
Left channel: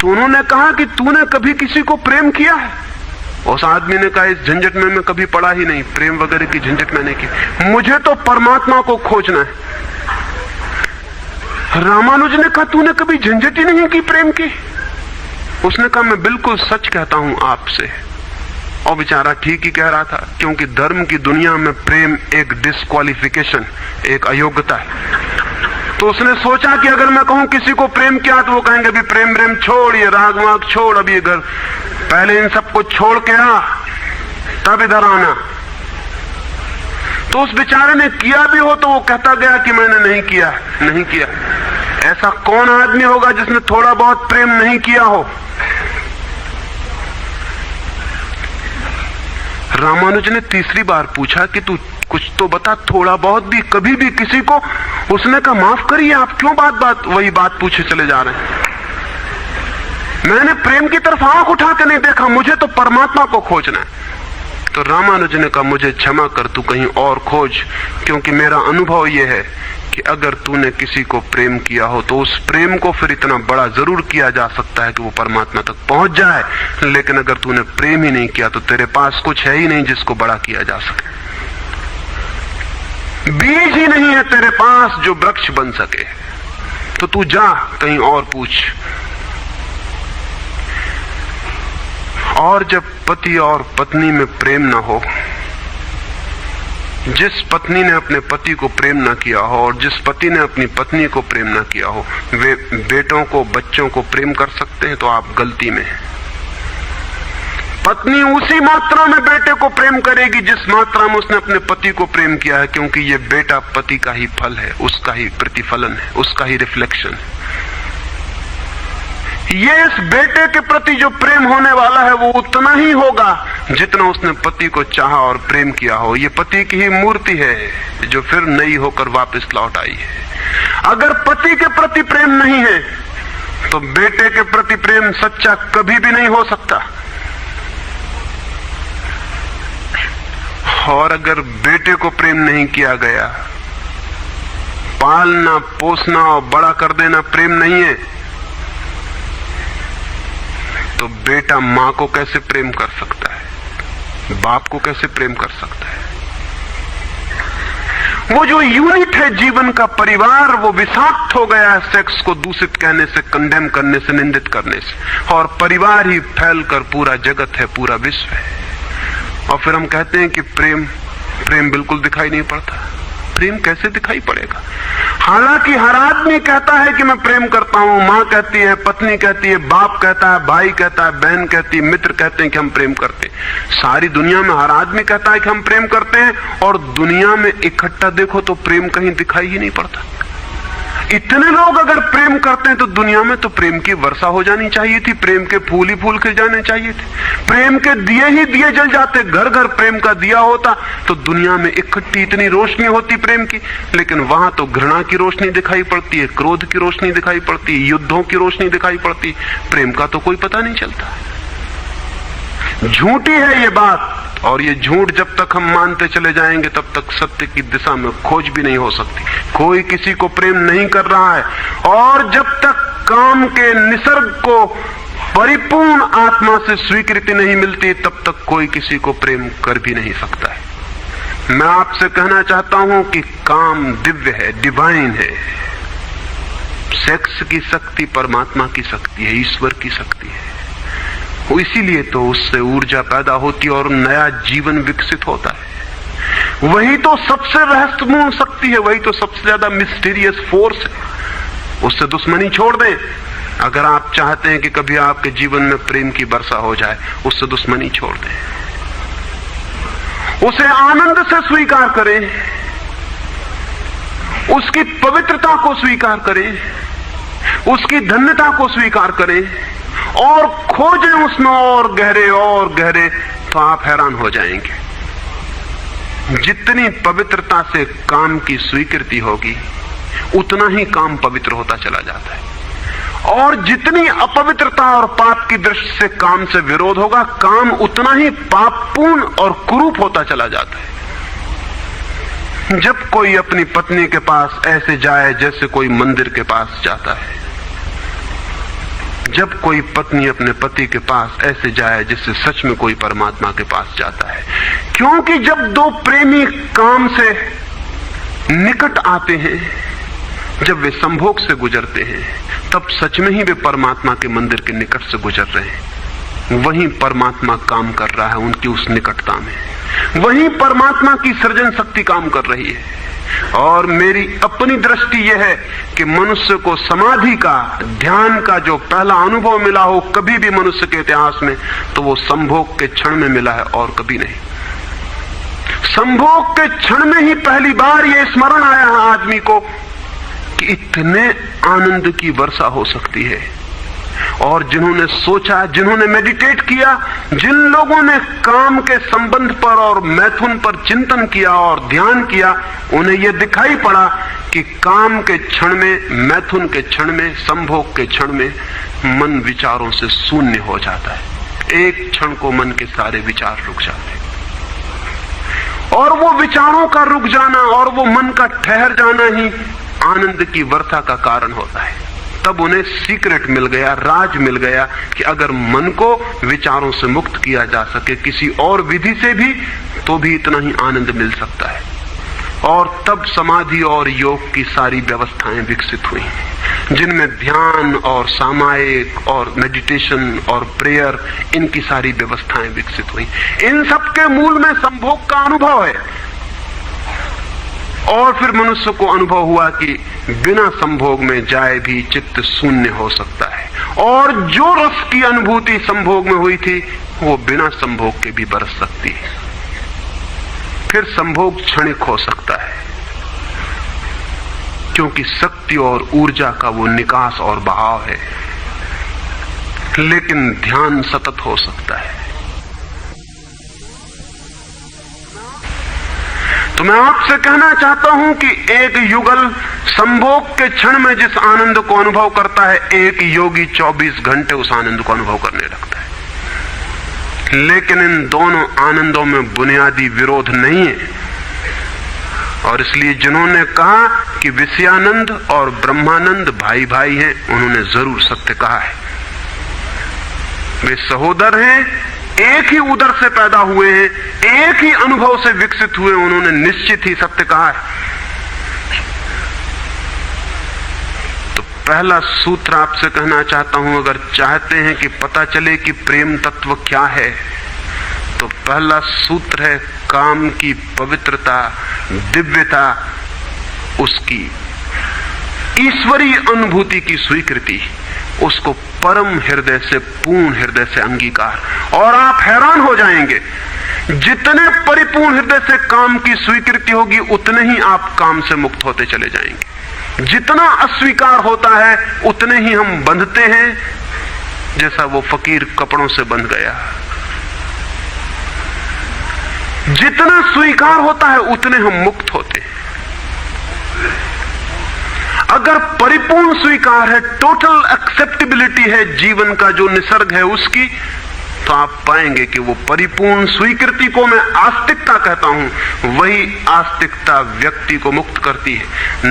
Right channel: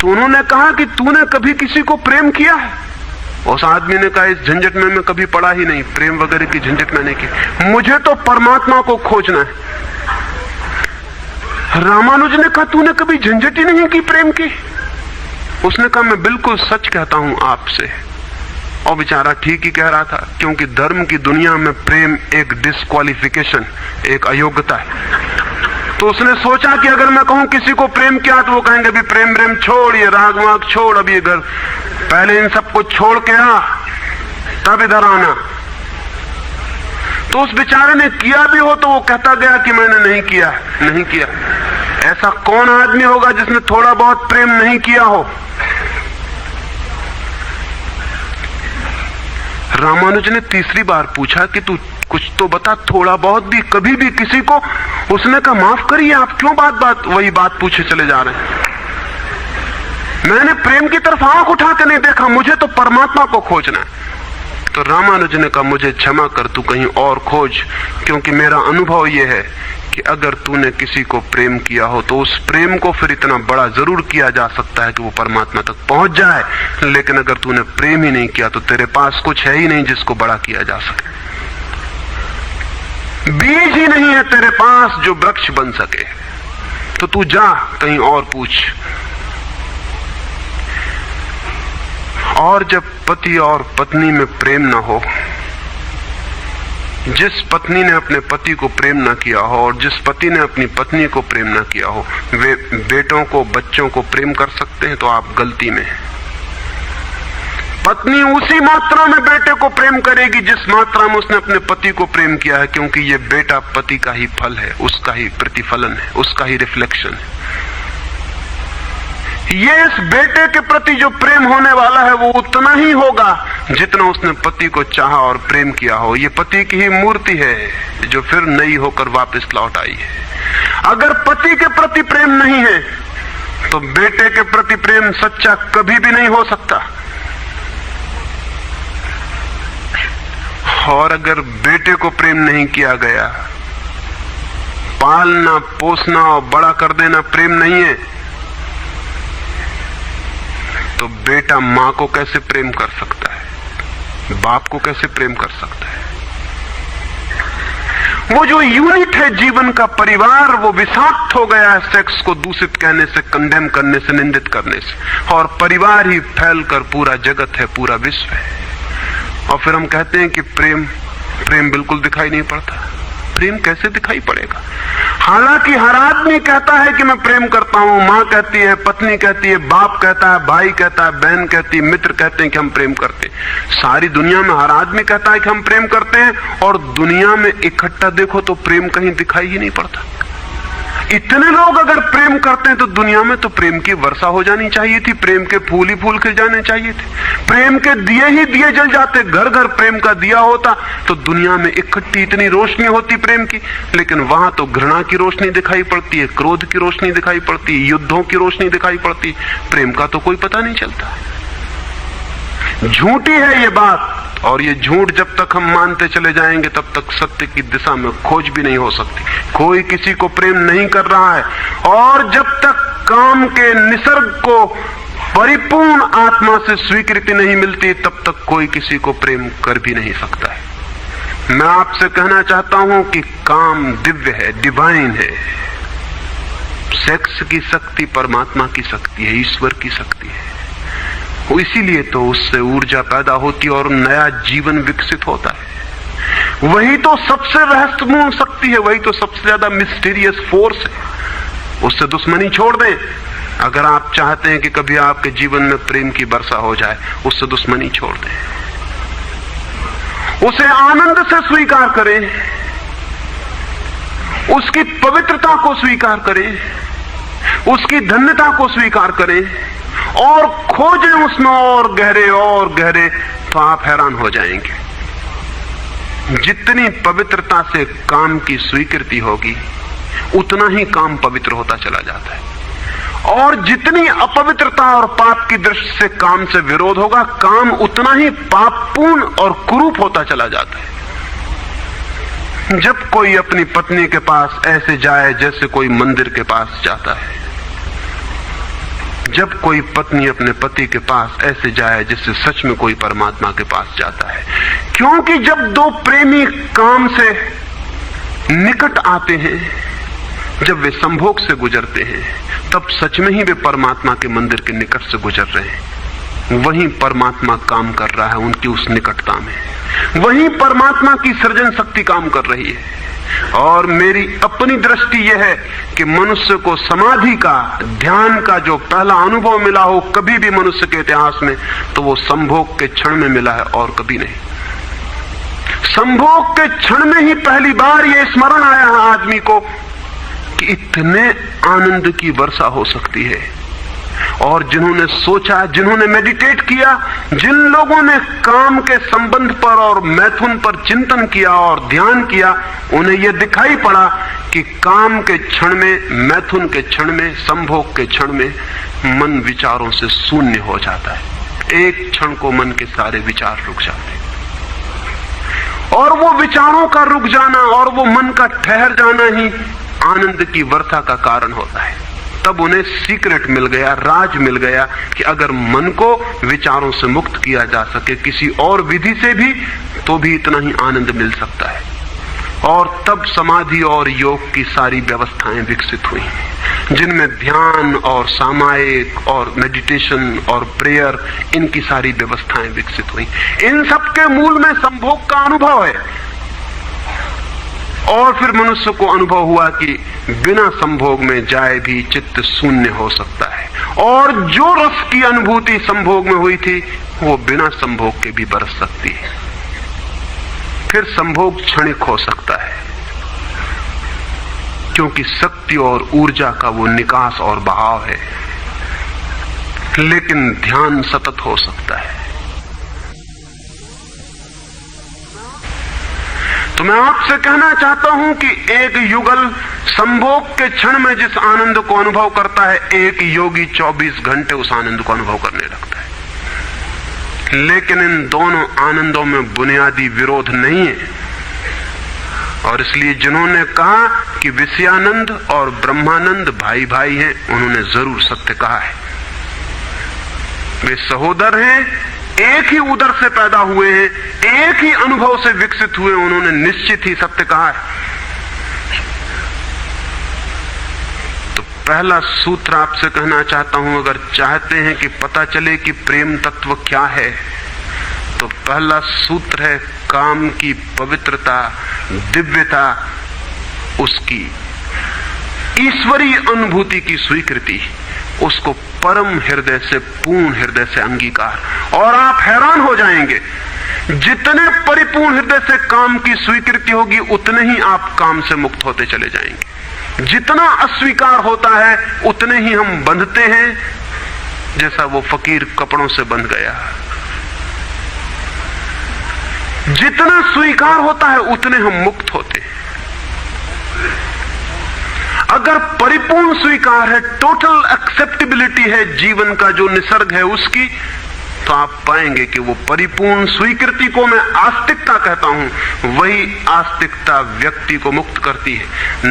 तो उन्होंने कहा कि तूने कभी किसी को प्रेम किया है? उस आदमी ने कहा, इस झंझट में मैं कभी पड़ा ही नहीं, प्रेम वगैरह की झंझट मैंने की, मुझे तो परमात्मा को खोजना है। रामानुज ने कहा, तूने कभी झंझट ही नहीं की प्रेम की? उसने कहा, मैं बिल्कुल सच कहता हूं आपसे। और बेचारा ठीक ही कह रहा था, क्योंकि धर्म की दुनिया में प्रेम एक डिस्क्वालिफिकेशन, एक अयोग्यता है। तो उसने सोचा कि अगर मैं कहूं किसी को प्रेम किया तो वो कहेंगे भी प्रेम प्रेम छोड़, ये राग वाग छोड़, अब ये घर पहले इन सबको छोड़ के आ, तब इधर आना। तो उस बेचारे ने किया भी हो तो वो कहता गया कि मैंने नहीं किया, नहीं किया। ऐसा कौन आदमी होगा जिसने थोड़ा बहुत प्रेम नहीं किया हो? रामानुज ने तीसरी बार पूछा कि तू कुछ तो बता, थोड़ा बहुत भी, कभी भी किसी को? उसने कहा, माफ करिए, आप क्यों बात बात वही बात पूछे चले जा रहे हैं? मैंने प्रेम की तरफ आंख उठा के नहीं देखा, मुझे तो परमात्मा को खोजना है। तो रामानुज ने कहा, मुझे क्षमा कर, तू कहीं और खोज, क्योंकि मेरा अनुभव यह है कि अगर तूने किसी को प्रेम किया हो तो उस प्रेम को फिर इतना बड़ा जरूर किया जा सकता है कि वो परमात्मा तक पहुंच जाए। लेकिन अगर तूने प्रेम ही नहीं किया तो तेरे पास कुछ है ही नहीं जिसको बड़ा किया जा सके। बीज ही नहीं है तेरे पास जो वृक्ष बन सके। तो तू जा कहीं और पूछ। और जब पति और पत्नी में प्रेम न हो, जिस पत्नी ने अपने पति को प्रेम न किया हो और जिस पति ने अपनी पत्नी को प्रेम न किया हो, वे बेटों को, बच्चों को प्रेम कर सकते हैं तो आप गलती में हैं। पत्नी उसी मात्रा में बेटे को प्रेम करेगी जिस मात्रा में उसने अपने पति को प्रेम किया है, क्योंकि ये बेटा पति का ही फल है, उसका ही प्रतिफलन है, उसका ही रिफ्लेक्शन है। ये इस बेटे के प्रति जो प्रेम होने वाला है वो उतना ही होगा जितना उसने पति को चाहा और प्रेम किया हो। ये पति की ही मूर्ति है जो फिर नई होकर वापस लौट आई है। अगर पति के प्रति प्रेम नहीं है तो बेटे के प्रति प्रेम सच्चा कभी भी नहीं हो सकता। और अगर बेटे को प्रेम नहीं किया गया, पालना पोसना और बड़ा कर देना प्रेम नहीं है, तो बेटा मां को कैसे प्रेम कर सकता है, बाप को कैसे प्रेम कर सकता है? वो जो यूनिट है जीवन का परिवार, वो विषाक्त हो गया है सेक्स को दूषित कहने से, कंडेम करने से, निंदित करने से। और परिवार ही फैलकर पूरा जगत है, पूरा विश्व है। और फिर हम कहते हैं कि प्रेम बिल्कुल दिखाई नहीं पड़ता। प्रेम कैसे दिखाई पड़ेगा? हालांकि हर आदमी कहता है कि मैं प्रेम करता हूं, मां कहती है, पत्नी कहती है, बाप कहता है, भाई कहता है, बहन कहती है, मित्र कहते हैं कि हम प्रेम करते हैं। सारी दुनिया में हर आदमी कहता है कि हम प्रेम करते हैं, और दुनिया में इकट्ठा देखो तो प्रेम कहीं दिखाई ही नहीं पड़ता। इतने लोग अगर प्रेम करते हैं तो दुनिया में तो प्रेम की वर्षा हो जानी चाहिए थी, प्रेम के फूल ही फूल खिल जाने चाहिए थे, प्रेम के दिए ही दिए जल जाते, घर घर प्रेम का दिया होता तो दुनिया में इकट्ठी इतनी रोशनी होती प्रेम की। लेकिन वहां तो घृणा की रोशनी दिखाई पड़ती है, क्रोध की रोशनी दिखाई पड़ती है, युद्धों की रोशनी दिखाई पड़ती है, प्रेम का तो कोई पता नहीं चलता। झूठी है ये बात, और ये झूठ जब तक हम मानते चले जाएंगे तब तक सत्य की दिशा में खोज भी नहीं हो सकती। कोई किसी को प्रेम नहीं कर रहा है, और जब तक काम के निसर्ग को परिपूर्ण आत्मा से स्वीकृति नहीं मिलती तब तक कोई किसी को प्रेम कर भी नहीं सकता है। मैं आपसे कहना चाहता हूं कि काम दिव्य है, डिवाइन है। सेक्स की शक्ति परमात्मा की शक्ति है, ईश्वर की शक्ति है। इसीलिए तो उससे ऊर्जा पैदा होती है और नया जीवन विकसित होता है। वही तो सबसे रहस्यपूर्ण शक्ति है, वही तो सबसे ज्यादा मिस्टीरियस फोर्स है। उससे दुश्मनी छोड़ दें। अगर आप चाहते हैं कि कभी आपके जीवन में प्रेम की वर्षा हो जाए, उससे दुश्मनी छोड़ दें, उसे आनंद से स्वीकार करें, उसकी पवित्रता को स्वीकार करें, उसकी धन्यता को स्वीकार करें और खोजें उसमें और गहरे, तो आप हैरान हो जाएंगे। जितनी पवित्रता से काम की स्वीकृति होगी उतना ही काम पवित्र होता चला जाता है, और जितनी अपवित्रता और पाप की दृष्टि से काम से विरोध होगा, काम उतना ही पापपूर्ण और कुरूप होता चला जाता है। जब कोई अपनी पत्नी के पास ऐसे जाए जैसे कोई मंदिर के पास जाता है, जब कोई पत्नी अपने पति के पास ऐसे जाए जैसे सच में कोई परमात्मा के पास जाता है, क्योंकि जब दो प्रेमी काम से निकट आते हैं, जब वे संभोग से गुजरते हैं, तब सच में ही वे परमात्मा के मंदिर के निकट से गुजर रहे हैं। वहीं परमात्मा काम कर रहा है उनकी उस निकटता में, वहीं परमात्मा की सृजन शक्ति काम कर रही है। और मेरी अपनी दृष्टि यह है कि मनुष्य को समाधि का, ध्यान का जो पहला अनुभव मिला हो कभी भी मनुष्य के इतिहास में, तो वो संभोग के क्षण में मिला है और कभी नहीं। संभोग के क्षण में ही पहली बार ये स्मरण आया है आदमी को कि इतने आनंद की वर्षा हो सकती है। और जिन्होंने सोचा, जिन्होंने मेडिटेट किया, जिन लोगों ने काम के संबंध पर और मैथुन पर चिंतन किया और ध्यान किया, उन्हें यह दिखाई पड़ा कि काम के क्षण में, मैथुन के क्षण में, संभोग के क्षण में मन विचारों से शून्य हो जाता है। एक क्षण को मन के सारे विचार रुक जाते हैं, और वो विचारों का रुक जाना और वो मन का ठहर जाना ही आनंद की वर्षा का कारण होता है। तब उन्हें सीक्रेट मिल गया, राज मिल गया कि अगर मन को विचारों से मुक्त किया जा सके किसी और विधि से भी, तो भी इतना ही आनंद मिल सकता है। और तब समाधि और योग की सारी व्यवस्थाएं विकसित हुई, जिनमें ध्यान और सामायिक और मेडिटेशन और प्रेयर, इनकी सारी व्यवस्थाएं विकसित हुई। इन सब के मूल में संभोग का अनुभव है। और फिर मनुष्य को अनुभव हुआ कि बिना संभोग में जाए भी चित्त शून्य हो सकता है, और जो रस की अनुभूति संभोग में हुई थी वो बिना संभोग के भी बरस सकती है। फिर संभोग क्षणिक हो सकता है, क्योंकि शक्ति और ऊर्जा का वो निकास और बहाव है, लेकिन ध्यान सतत हो सकता है। तो मैं आपसे कहना चाहता हूं कि एक युगल संभोग के क्षण में जिस आनंद को अनुभव करता है, एक योगी 24 घंटे उस आनंद को अनुभव करने लगता है। लेकिन इन दोनों आनंदों में बुनियादी विरोध नहीं है, और इसलिए जिन्होंने कहा कि विषयानंद और ब्रह्मानंद भाई भाई हैं, उन्होंने जरूर सत्य कहा है। वे सहोदर हैं, एक ही उदर से पैदा हुए हैं, एक ही अनुभव से विकसित हुए, उन्होंने निश्चित ही सत्य कहा है। तो पहला सूत्र आपसे कहना चाहता हूं, अगर चाहते हैं कि पता चले कि प्रेम तत्व क्या है, तो पहला सूत्र है काम की पवित्रता, दिव्यता, उसकी ईश्वरीय अनुभूति की स्वीकृति, उसको परम हृदय से, पूर्ण हृदय से अंगीकार। और आप हैरान हो जाएंगे, जितने परिपूर्ण हृदय से काम की स्वीकृति होगी, उतने ही आप काम से मुक्त होते चले जाएंगे। जितना अस्वीकार होता है, उतने ही हम बंधते हैं, जैसा वो फकीर कपड़ों से बंध गया। जितना स्वीकार होता है, उतने हम मुक्त होते हैं। अगर परिपूर्ण स्वीकार है, टोटल एक्सेप्टेबिलिटी है जीवन का जो निसर्ग है उसकी, तो आप पाएंगे कि वो परिपूर्ण स्वीकृति को मैं आस्तिकता कहता हूं। वही आस्तिकता व्यक्ति को मुक्त करती है।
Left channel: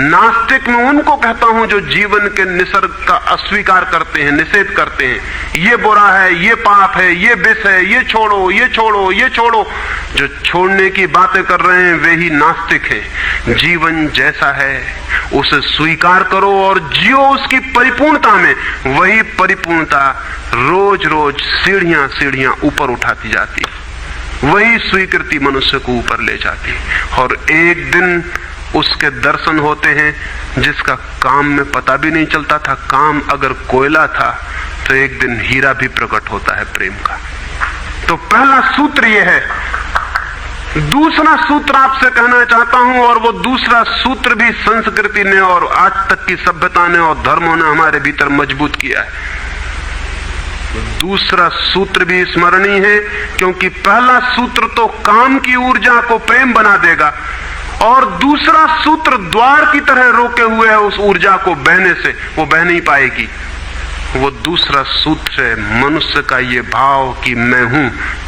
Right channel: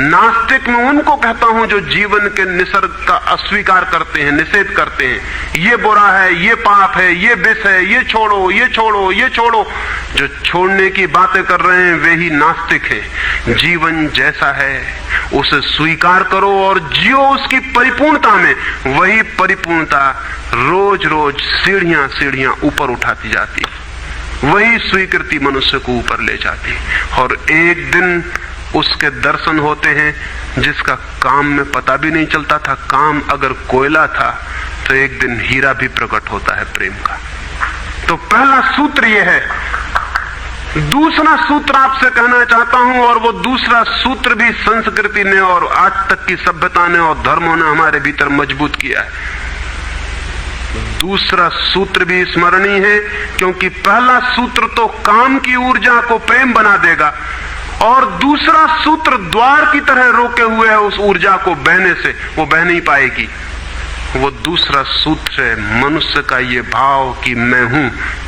नास्तिक में उनको कहता हूं जो जीवन के निसर्ग का अस्वीकार करते हैं, निषेध करते हैं। ये बुरा है, ये पाप है, ये विष है, ये छोड़ो, ये छोड़ो, ये छोड़ो। जो छोड़ने की बातें कर रहे हैं वे ही नास्तिक हैं। जीवन जैसा है उसे स्वीकार करो और जियो उसकी परिपूर्णता में। वही परिपूर्णता रोज रोज सीढ़ियां सीढ़ियां ऊपर उठाती जाती, वही स्वीकृति मनुष्य को ऊपर ले जाती। और एक दिन उसके दर्शन होते हैं जिसका काम में पता भी नहीं चलता था। काम अगर कोयला था तो एक दिन हीरा भी प्रकट होता है प्रेम का। तो पहला सूत्र यह है। दूसरा सूत्र आपसे कहना चाहता हूं, और वो दूसरा सूत्र भी संस्कृति ने और आज तक की सभ्यता ने और धर्मों ने हमारे भीतर मजबूत किया है। दूसरा सूत्र भी स्मरणीय है, क्योंकि पहला सूत्र तो काम की ऊर्जा को प्रेम बना देगा, और दूसरा सूत्र द्वार की तरह रोके हुए है उस ऊर्जा को बहने से, वो बह नहीं पाएगी। वो दूसरा सूत्र है मनुष्य का ये भाव कि मैं हूं,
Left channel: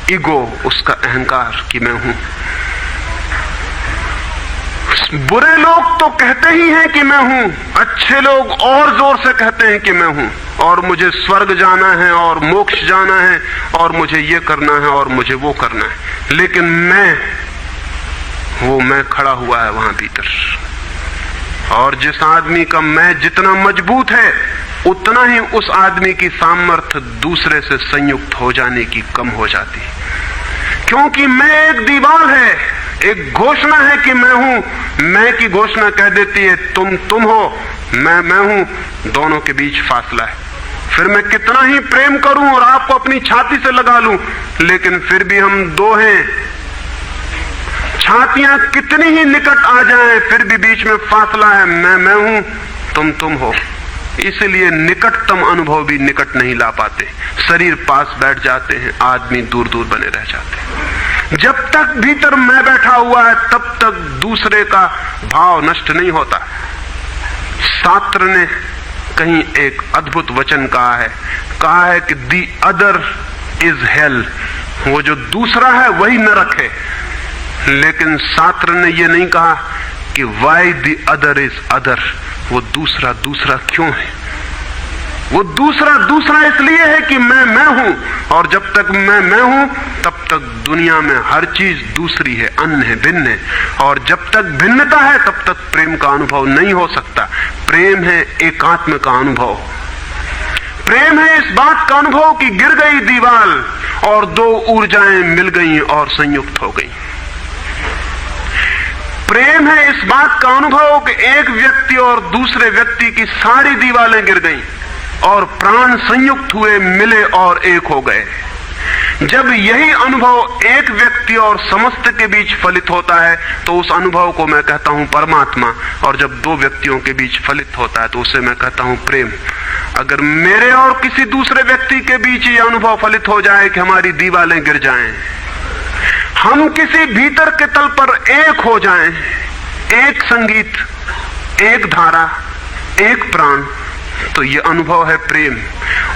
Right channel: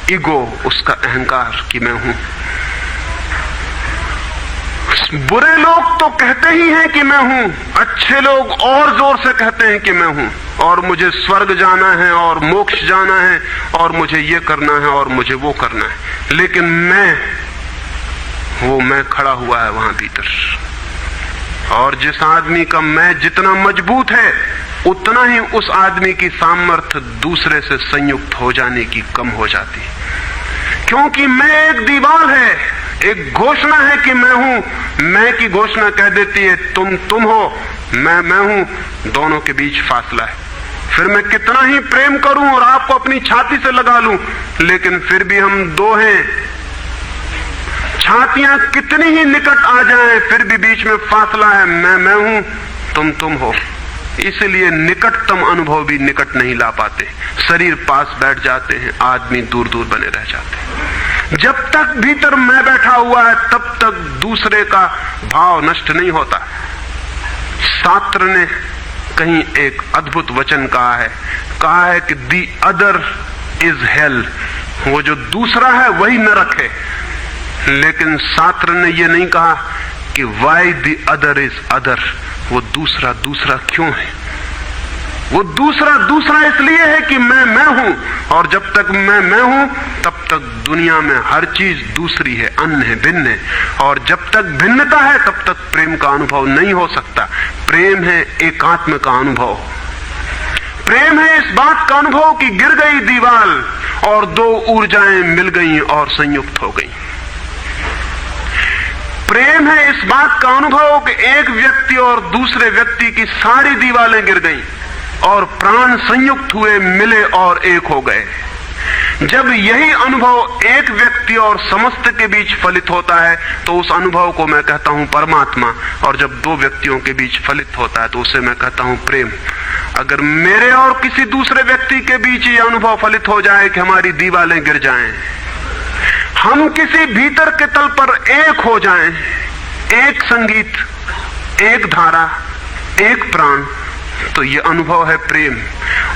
ईगो, उसका अहंकार कि मैं हूं। बुरे लोग तो कहते ही हैं कि मैं हूं, अच्छे लोग और जोर से कहते हैं कि मैं हूं, और मुझे स्वर्ग जाना है और मोक्ष जाना है और मुझे ये करना है और मुझे वो करना है। लेकिन मैं खड़ा हुआ है वहां भीतर। और जिस आदमी का मैं जितना मजबूत है, उतना ही उस आदमी की सामर्थ्य दूसरे से संयुक्त हो जाने की कम हो जाती, क्योंकि मैं एक दीवार है, एक घोषणा है कि मैं हूं। मैं की घोषणा कह देती है तुम हो, मैं हूं, दोनों के बीच फासला है। फिर मैं कितना ही प्रेम करूं और आपको अपनी छाती से लगा लूं, लेकिन फिर भी हम दो हैं। छातियां कितनी ही निकट आ जाएं, फिर भी बीच में फासला है। मैं हूं, तुम हो। इसलिए निकटतम अनुभव भी निकट नहीं ला पाते। शरीर पास बैठ जाते हैं, आदमी दूर दूर बने रह जाते हैं। जब तक भीतर मैं बैठा हुआ है, तब तक दूसरे का भाव नष्ट नहीं होता। शास्त्र ने कहीं एक अद्भुत वचन कहा है कि दी अदर इज हेल, वो जो दूसरा है वही नरक है। लेकिन शास्त्र ने ये नहीं कहा कि why the other is other, वो दूसरा क्यों है। वो दूसरा इसलिए है कि मैं हूं, और जब तक मैं हूं तब तक दुनिया में हर चीज दूसरी है, अन्य है, भिन्न है। और जब तक भिन्नता है तब तक प्रेम का अनुभव नहीं हो सकता। प्रेम है एकात्म का अनुभव। प्रेम है इस बात का अनुभव कि गिर गई दीवार और दो ऊर्जाएं मिल गई और संयुक्त हो गई। प्रेम है इस बात का अनुभव कि एक व्यक्ति और दूसरे व्यक्ति की सारी दीवारें गिर गईं और प्राण संयुक्त हुए, मिले और एक हो गए। जब यही अनुभव एक व्यक्ति और समस्त के बीच फलित होता है तो उस अनुभव को मैं कहता हूं परमात्मा, और जब दो व्यक्तियों के बीच फलित होता है तो उसे मैं कहता हूं प्रेम। अगर मेरे और किसी दूसरे व्यक्ति के बीच ये अनुभव फलित हो जाए कि हमारी दीवारें गिर जाएं, हम किसी भीतर के तल पर एक हो जाएं, एक संगीत, एक धारा, एक प्राण, तो ये अनुभव है प्रेम।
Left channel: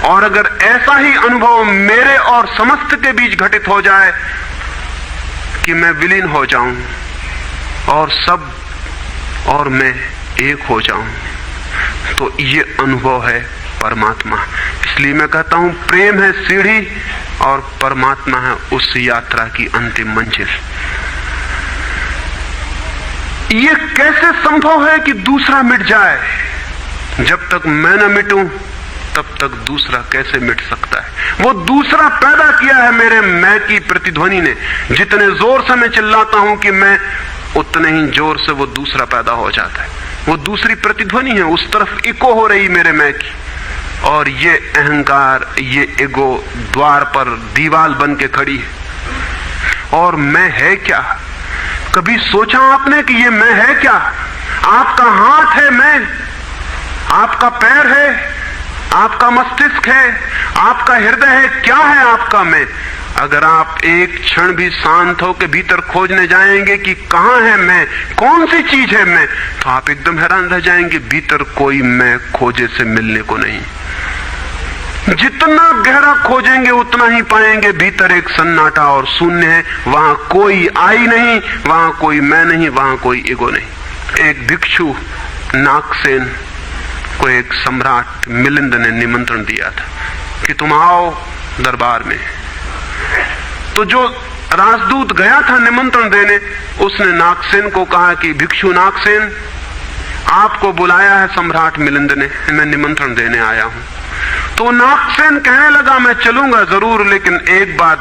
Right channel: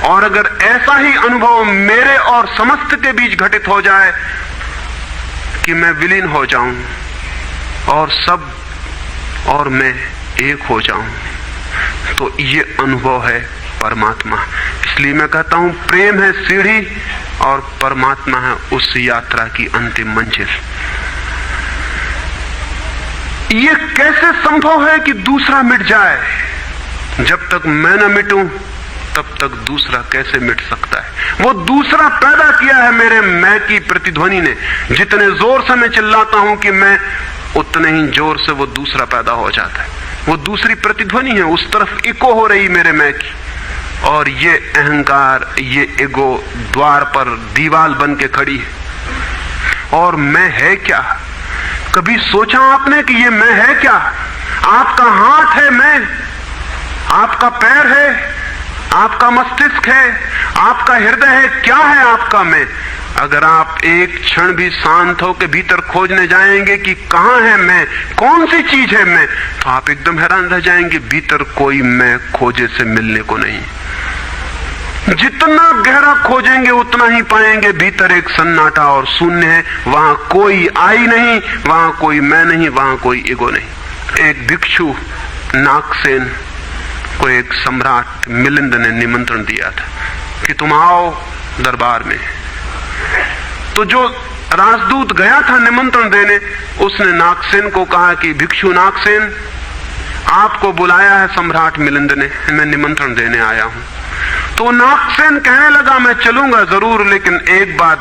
और अगर ऐसा ही अनुभव मेरे और समस्त के बीच घटित हो जाए कि मैं विलीन हो जाऊं और सब और मैं एक हो जाऊं, तो ये अनुभव है परमात्मा। इसलिए मैं कहता हूं प्रेम है सीढ़ी और परमात्मा है उस यात्रा की अंतिम मंजिल। ये कैसे संभव है कि दूसरा मिट जाए? जब तक मैं न मिटूं तब तक दूसरा कैसे मिट सकता है? वो दूसरा पैदा किया है मेरे मैं की प्रतिध्वनि ने। जितने जोर से मैं चिल्लाता हूं कि मैं, उतने ही जोर से वो दूसरा पैदा हो जाता है। वो दूसरी प्रतिध्वनि है, उस तरफ इको हो रही मेरे मैं की। और ये अहंकार, ये ईगो द्वार पर दीवार बन के खड़ी है। और मैं है क्या? कभी सोचा आपने कि ये मैं है क्या? आपका हाथ है मैं, आपका पैर है, आपका मस्तिष्क है, आपका हृदय है, क्या है आपका मैं? अगर आप एक क्षण भी शांत हो के भीतर खोजने जाएंगे कि कहां है मैं, कौन सी चीज है मैं, तो आप एकदम हैरान रह जाएंगे। भीतर कोई मैं खोजे से मिलने को नहीं। जितना गहरा खोजेंगे उतना ही पाएंगे भीतर एक सन्नाटा और शून्य है। वहां कोई आई नहीं, वहां कोई मैं नहीं, वहां कोई ईगो नहीं। एक भिक्षु नागसेन को एक सम्राट मिलिंद ने निमंत्रण दिया था कि तुम आओ दरबार में। तो जो राजदूत गया था निमंत्रण देने, उसने नागसेन को कहा कि भिक्षु नागसेन, आपको बुलाया है सम्राट मिलिंद ने, मैं निमंत्रण देने आया हूं। तो नागसेन कहने लगा मैं चलूंगा जरूर, लेकिन एक बात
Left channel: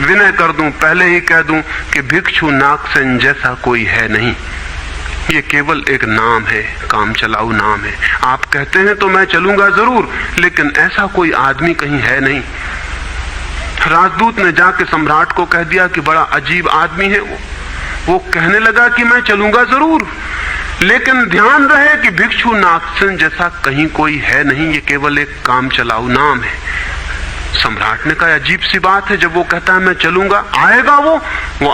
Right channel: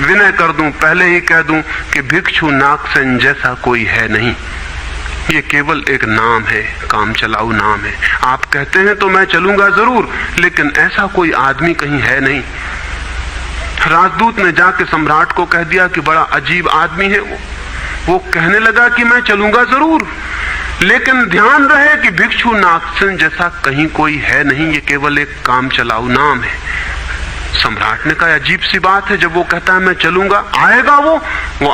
विनय कर दूं, पहले ही कह दूं कि भिक्षु नागसेन जैसा कोई है नहीं। ये केवल एक नाम है, काम चलाऊ नाम है। आप कहते हैं तो मैं चलूंगा जरूर, लेकिन ऐसा कोई आदमी कहीं है नहीं। राजदूत ने जाके सम्राट को कह दिया कि बड़ा अजीब आदमी है वो कहने लगा कि मैं चलूंगा जरूर, लेकिन ध्यान रहे कि भिक्षु नागसेन जैसा कहीं कोई है नहीं, ये केवल एक काम चलाऊ नाम है। सम्राट ने कहा अजीब सी बात है, जब वो कहता है मैं चलूंगा, आएगा वो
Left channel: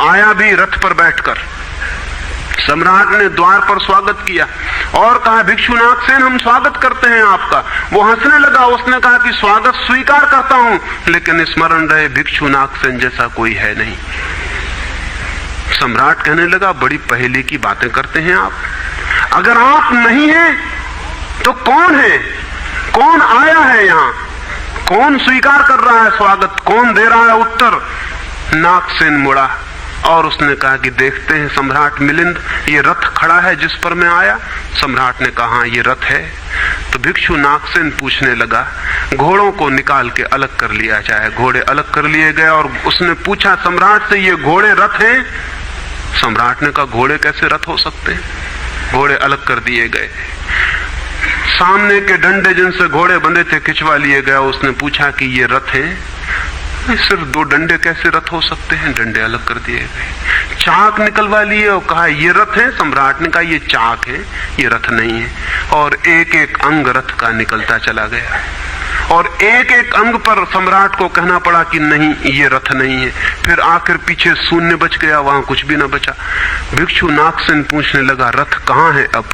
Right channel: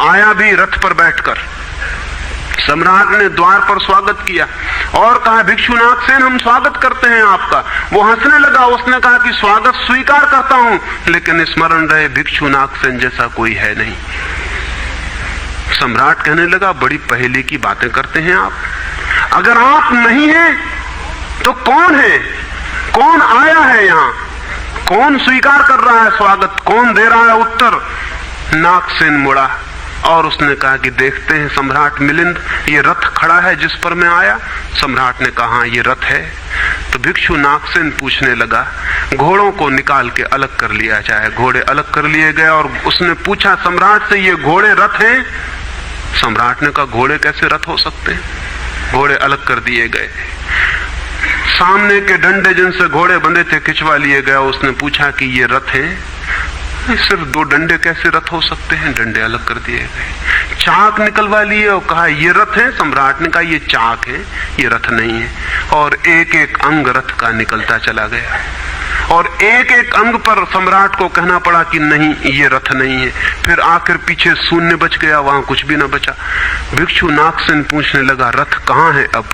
आया भी रथ पर बैठकर। सम्राट ने द्वार पर स्वागत किया और कहा भिक्षु नागसेन हम स्वागत करते हैं आपका। वो हंसने लगा, उसने कहा कि स्वागत स्वीकार करता हूं, लेकिन स्मरण रहे भिक्षु नागसेन जैसा कोई है नहीं। सम्राट कहने लगा बड़ी पहेली की बातें करते हैं आप। अगर आप नहीं हैं तो कौन है? कौन आया है यहाँ? कौन स्वीकार कर रहा है स्वागत? कौन दे रहा है उत्तर? नागसेन मुड़ा और उसने कहा कि देखते हैं सम्राट मिलिंद, ये रथ खड़ा है जिस पर मैं आया। सम्राट ने कहा ये रथ है। तो भिक्षु नागसेन पूछने लगा, घोड़ों को निकाल के अलग कर लिया जाए। घोड़े अलग कर लिए गए और उसने पूछा सम्राट से, ये घोड़े रथ हैं? सम्राट ने कहा घोड़े कैसे रथ हो सकते हैं? घोड़े अलग कर दिए गए। सामने के डंडे जिनसे घोड़े बंधे थे खिंचवा लिए गए। उसने पूछा कि ये रथ हैं? सिर्फ दो डंडे कैसे रथ हो सकते हैं? डंडे अलग कर दिए गए। चाक निकलवा लिए और कहा ये रथ है। सम्राट ने कहा ये चाक है, ये रथ नहीं है। और एक एक अंग रथ का निकलता चला गया और एक एक अंग पर सम्राट को कहना पड़ा कि नहीं ये रथ नहीं है। फिर आकर पीछे शून्य बच गया, वहां कुछ भी न बचा। भिक्षु नागसेन पूछने लगा रथ कहां है अब?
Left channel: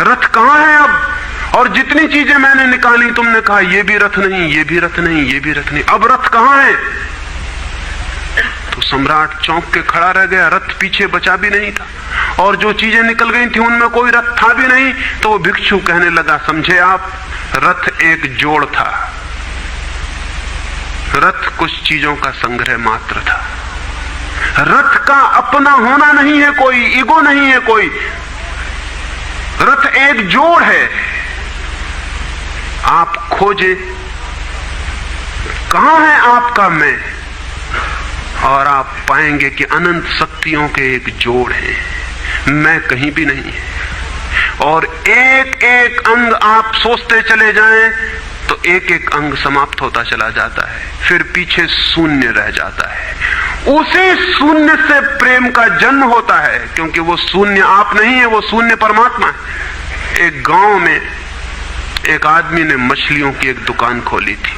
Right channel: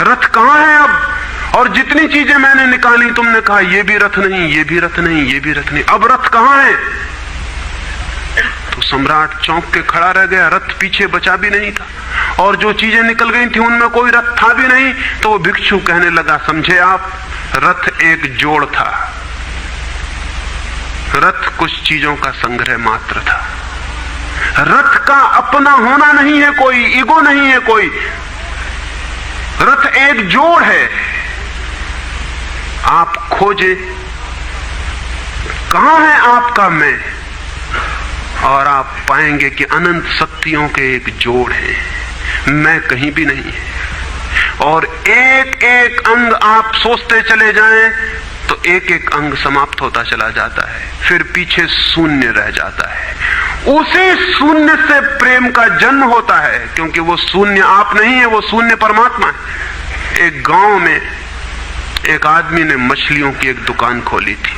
रथ कहां है अब? और जितनी चीजें मैंने निकाली तुमने कहा ये भी रथ नहीं, ये भी रथ नहीं, ये भी रथ नहीं, अब रथ कहां है? तो सम्राट चौंक के खड़ा रह गया। रथ पीछे बचा भी नहीं था और जो चीजें निकल गई थी उनमें कोई रथ था भी नहीं। तो भिक्षु कहने लगा समझे आप, रथ एक जोड़ था, रथ कुछ चीजों का संग्रह मात्र था। रथ का अपना होना नहीं है कोई, ईगो नहीं है कोई। रथ एक जोड़ है। आप खोजे कहां है आपका मैं, और आप पाएंगे कि अनंत शक्तियों के एक जोड़ है, मैं कहीं भी नहीं है। और एक एक अंग आप सोचते चले जाएं तो एक एक अंग समाप्त होता चला जाता है, फिर पीछे शून्य रह जाता है। उसी शून्य से प्रेम का जन्म होता है, क्योंकि वो शून्य आप नहीं है, वो शून्य परमात्मा है। एक गांव में एक आदमी ने मछलियों की एक दुकान खोली थी,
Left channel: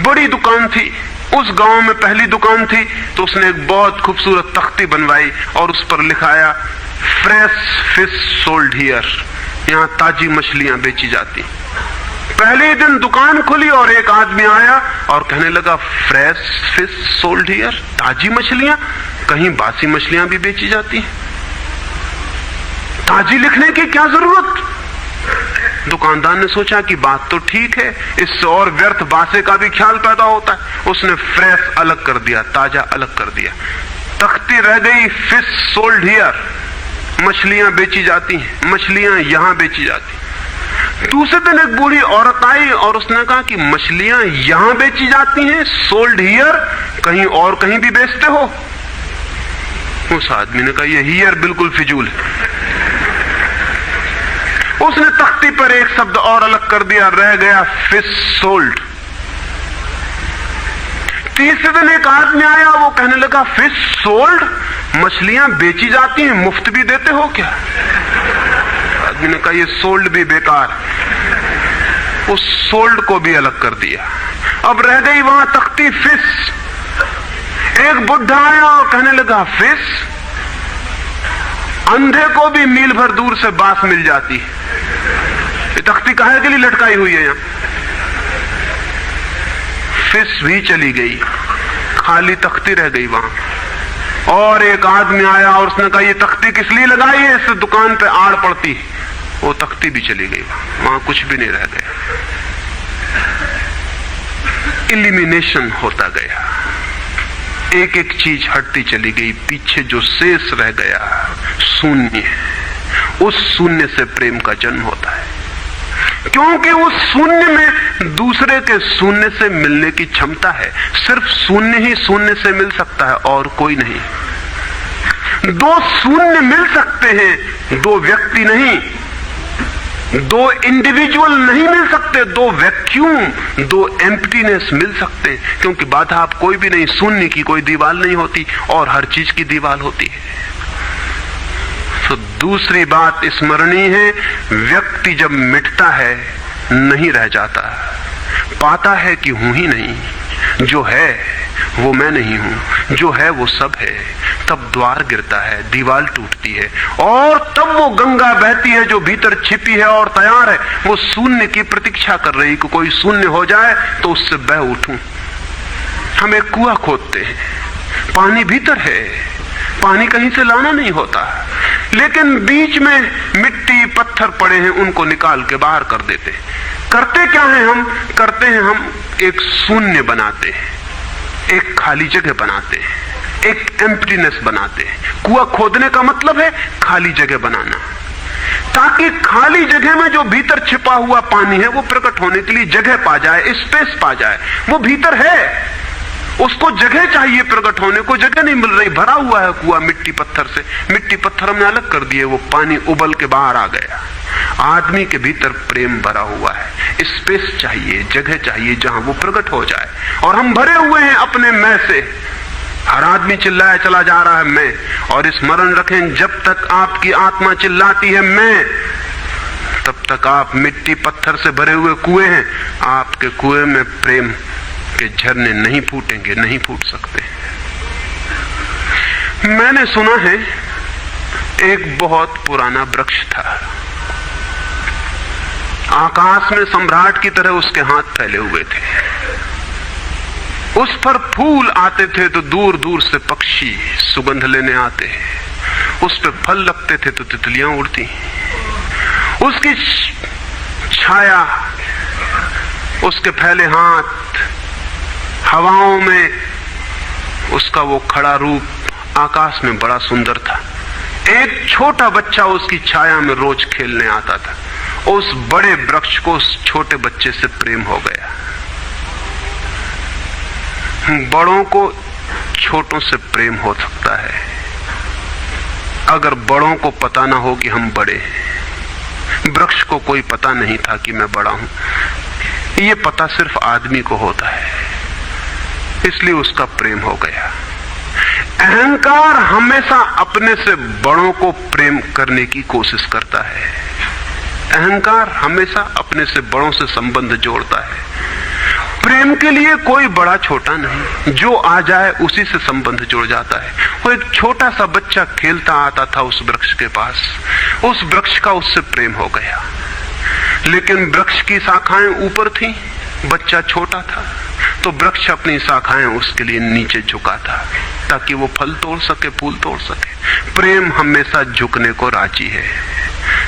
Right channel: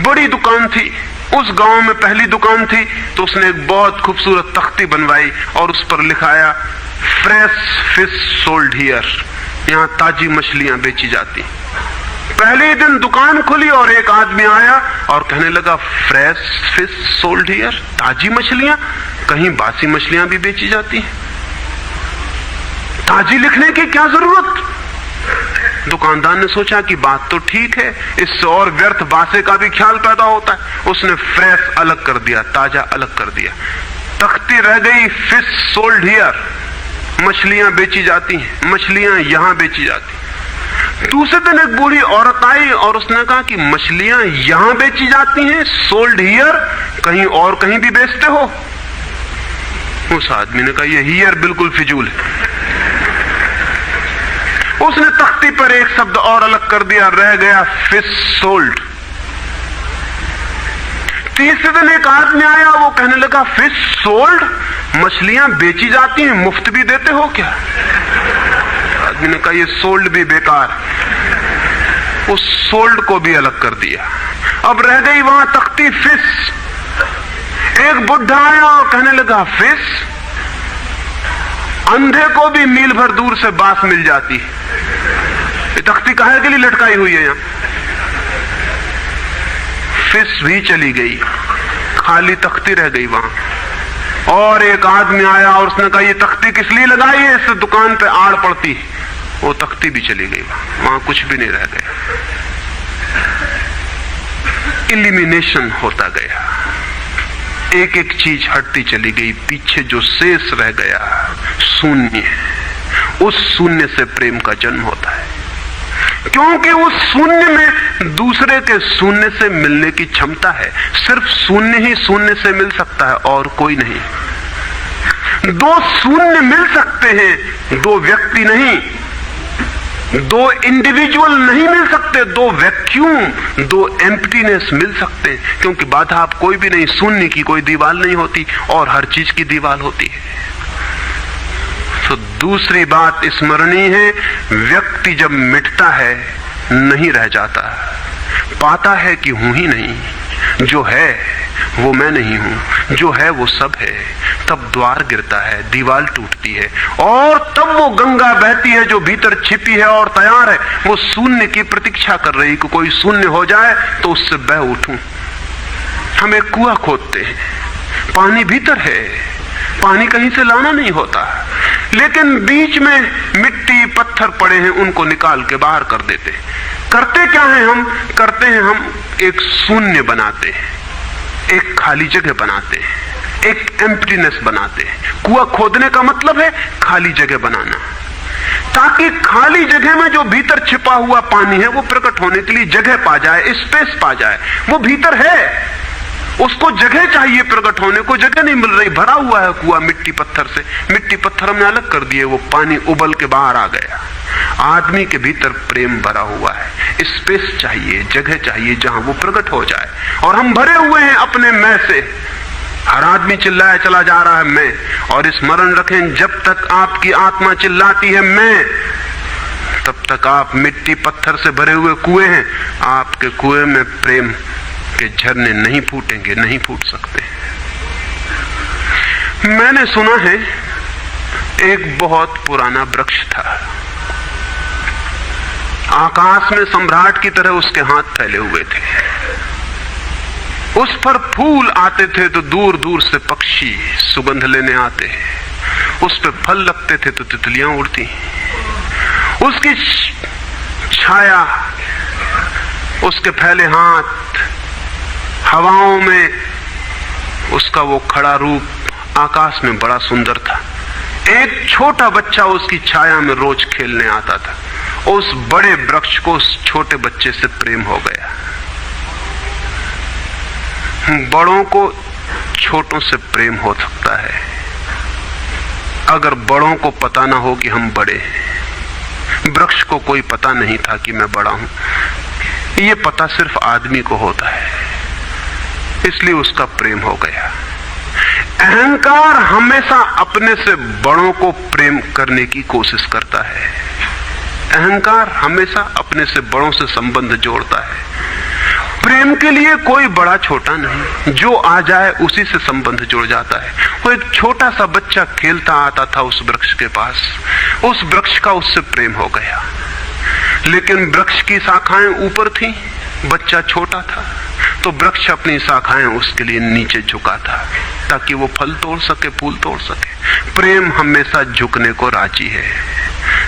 बड़ी दुकान थी। उस गांव में पहली दुकान थी, तो उसने एक बहुत खूबसूरत तख्ती बनवाई और उस पर लिखाया फ्रेश फिश सोल्ड हियर, यहां ताजी मछलियां बेची जाती। पहले दिन दुकान खुली और एक आदमी आया और कहने लगा फ्रेश फिश सोल्ड हियर, ताजी मछलियां, कहीं बासी मछलियां भी बेची जाती हैं? ताजी लिखने की क्या जरूरत? दुकानदार ने सोचा कि बात तो ठीक है, इससे और व्यर्थ बासे का भी ख्याल पैदा होता है। उसने फ्रेश अलग कर दिया, ताजा अलग कर दिया, तख्ती रह गई फिश सोल्ड हियर, मछलियां बेची जाती हैं, मछलियां यहां बेची जाती। दूसरे दिन एक बूढ़ी औरत आई और उसने कहा कि मछलियां यहां बेची जाती हैं, सोल्ड हियर, कहीं और कहीं भी बेचते हो? उस आदमी ने कहा ये हियर बिल्कुल फिजूल है। उसने तख्ती पर एक शब्द और अलग कर दिया, रह गया फिश सोल्ड। तीसरे दिन एक आदमी आया, वो कहने लगा फिश सोल्ड, मछलियां बेची जाती हैं, मुफ्त भी देते हो क्या? आदमी ने कहा ये सोल्ड भी बेकार, उस सोल्ड को भी अलग कर दिया। अब रह गई वहां तख्ती फिश। एक बुढ़ा आया और कहने लगा फिश, अंधे को भी मील भर दूर से बांस मिल जाती है, ये तख्ती काहे के लिए लटकाई हुई है? यहां फिश भी चली गई, खाली तख्ती रह गई वहां। और एक आदमी आया और उसने कहा ये तख्ती किस लिए लगाई है, इससे दुकान पे आड़ पड़ती। वो तख्ती भी चली गई, वहां कुछ भी नहीं रह गया। इलिमिनेशन होता गया, एक एक चीज हटती चली गई, पीछे जो शेष रह गया शून्य। उस शून्य से प्रेम का जन्म होता है, क्योंकि उस शून्य में दूसरे के शून्य से मिलने की क्षमता है। सिर्फ शून्य ही शून्य से मिल सकता है और कोई नहीं। दो शून्य मिल सकते हैं, दो व्यक्ति नहीं, दो इंडिविजुअल नहीं मिल सकते, दो वैक्यूम, दो एम्प्टीनेस मिल सकते हैं, क्योंकि बाधा आप कोई भी नहीं, शून्य की कोई दीवार नहीं होती और हर चीज की दीवार होती है। तो दूसरी बात स्मरणीय है, व्यक्ति जब मिटता है नहीं रह जाता, पाता है कि हूं ही नहीं, जो है वो मैं नहीं हूं, जो है वो सब है। तब द्वार गिरता है, दीवार टूटती है और तब वो गंगा बहती है जो भीतर छिपी है और तैयार है। वो शून्य की प्रतीक्षा कर रही कि कोई शून्य हो जाए तो उससे बह उठूं। हम एक कुआं खोदते हैं, पानी भीतर है, पानी कहीं से लाना नहीं होता, लेकिन बीच में मिट्टी पत्थर पड़े हैं, उनको निकाल के बाहर कर देते हैं। करते क्या है हम? करते हैं हम एक शून्य बनाते हैं, एक खाली जगह बनाते हैं, एक एम्प्टीनेस बनाते हैं। कुआं खोदने का मतलब है खाली जगह बनाना, ताकि खाली जगह में जो भीतर छिपा हुआ पानी है वो प्रकट होने के लिए जगह पा जाए, स्पेस पा जाए। वो भीतर है, उसको जगह चाहिए प्रकट होने को, जगह नहीं मिल रही, भरा हुआ है कुआं मिट्टी पत्थर से। मिट्टी पत्थर हमने अलग कर दिए, वो पानी उबल के बाहर आ गया। आदमी के भीतर प्रेम भरा हुआ है, स्पेस चाहिए, जगह चाहिए जहां वो प्रकट हो जाए। और हम भरे हुए हैं अपने मैं से। हर आदमी चिल्लाया चला जा रहा है मैं, और स्मरण रखें जब तक आपकी आत्मा चिल्लाती है मैं, तब तक आप मिट्टी पत्थर से भरे हुए कुएं हैं। आपके कुएं में प्रेम के झरने नहीं फूटेंगे, नहीं फूट सकते। मैंने सुना है एक बहुत पुराना वृक्ष था, आकाश में सम्राट की तरह उसके हाथ फैले हुए थे। उस पर फूल आते थे तो दूर दूर से पक्षी सुगंध लेने आते, उस पर फल लगते थे तो तितलियां उड़ती। उसकी छाया, उसके फैले हाथ, हवाओं में उसका वो खड़ा रूप आकाश में बड़ा सुंदर था। एक छोटा बच्चा उसकी छाया में रोज खेलने आता था। उस बड़े वृक्ष को उस छोटे बच्चे से प्रेम हो गया। बड़ों को छोटों से प्रेम हो सकता है अगर बड़ों को पता ना हो कि हम बड़े हैं। वृक्ष को कोई पता नहीं था कि मैं बड़ा हूं। ये पता सिर्फ आदमी को होता है, इसलिए उसका प्रेम हो गया। अहंकार हमेशा अपने से बड़ों को प्रेम करने की कोशिश करता है। अहंकार हमेशा अपने से बड़ों से संबंध जोड़ता है। प्रेम के लिए कोई बड़ा छोटा नहीं, जो आ जाए उसी से संबंध जुड़ जाता है। वो एक छोटा सा बच्चा खेलता आता था उस वृक्ष के पास, उस वृक्ष का उससे प्रेम हो गया, लेकिन वृक्ष की शाखाएं ऊपर थी, बच्चा छोटा था, तो वृक्ष अपनी शाखाएं उसके लिए नीचे झुका था ताकि वो फल तोड़ सके, फूल तोड़ सके। प्रेम हमेशा झुकने को राजी है,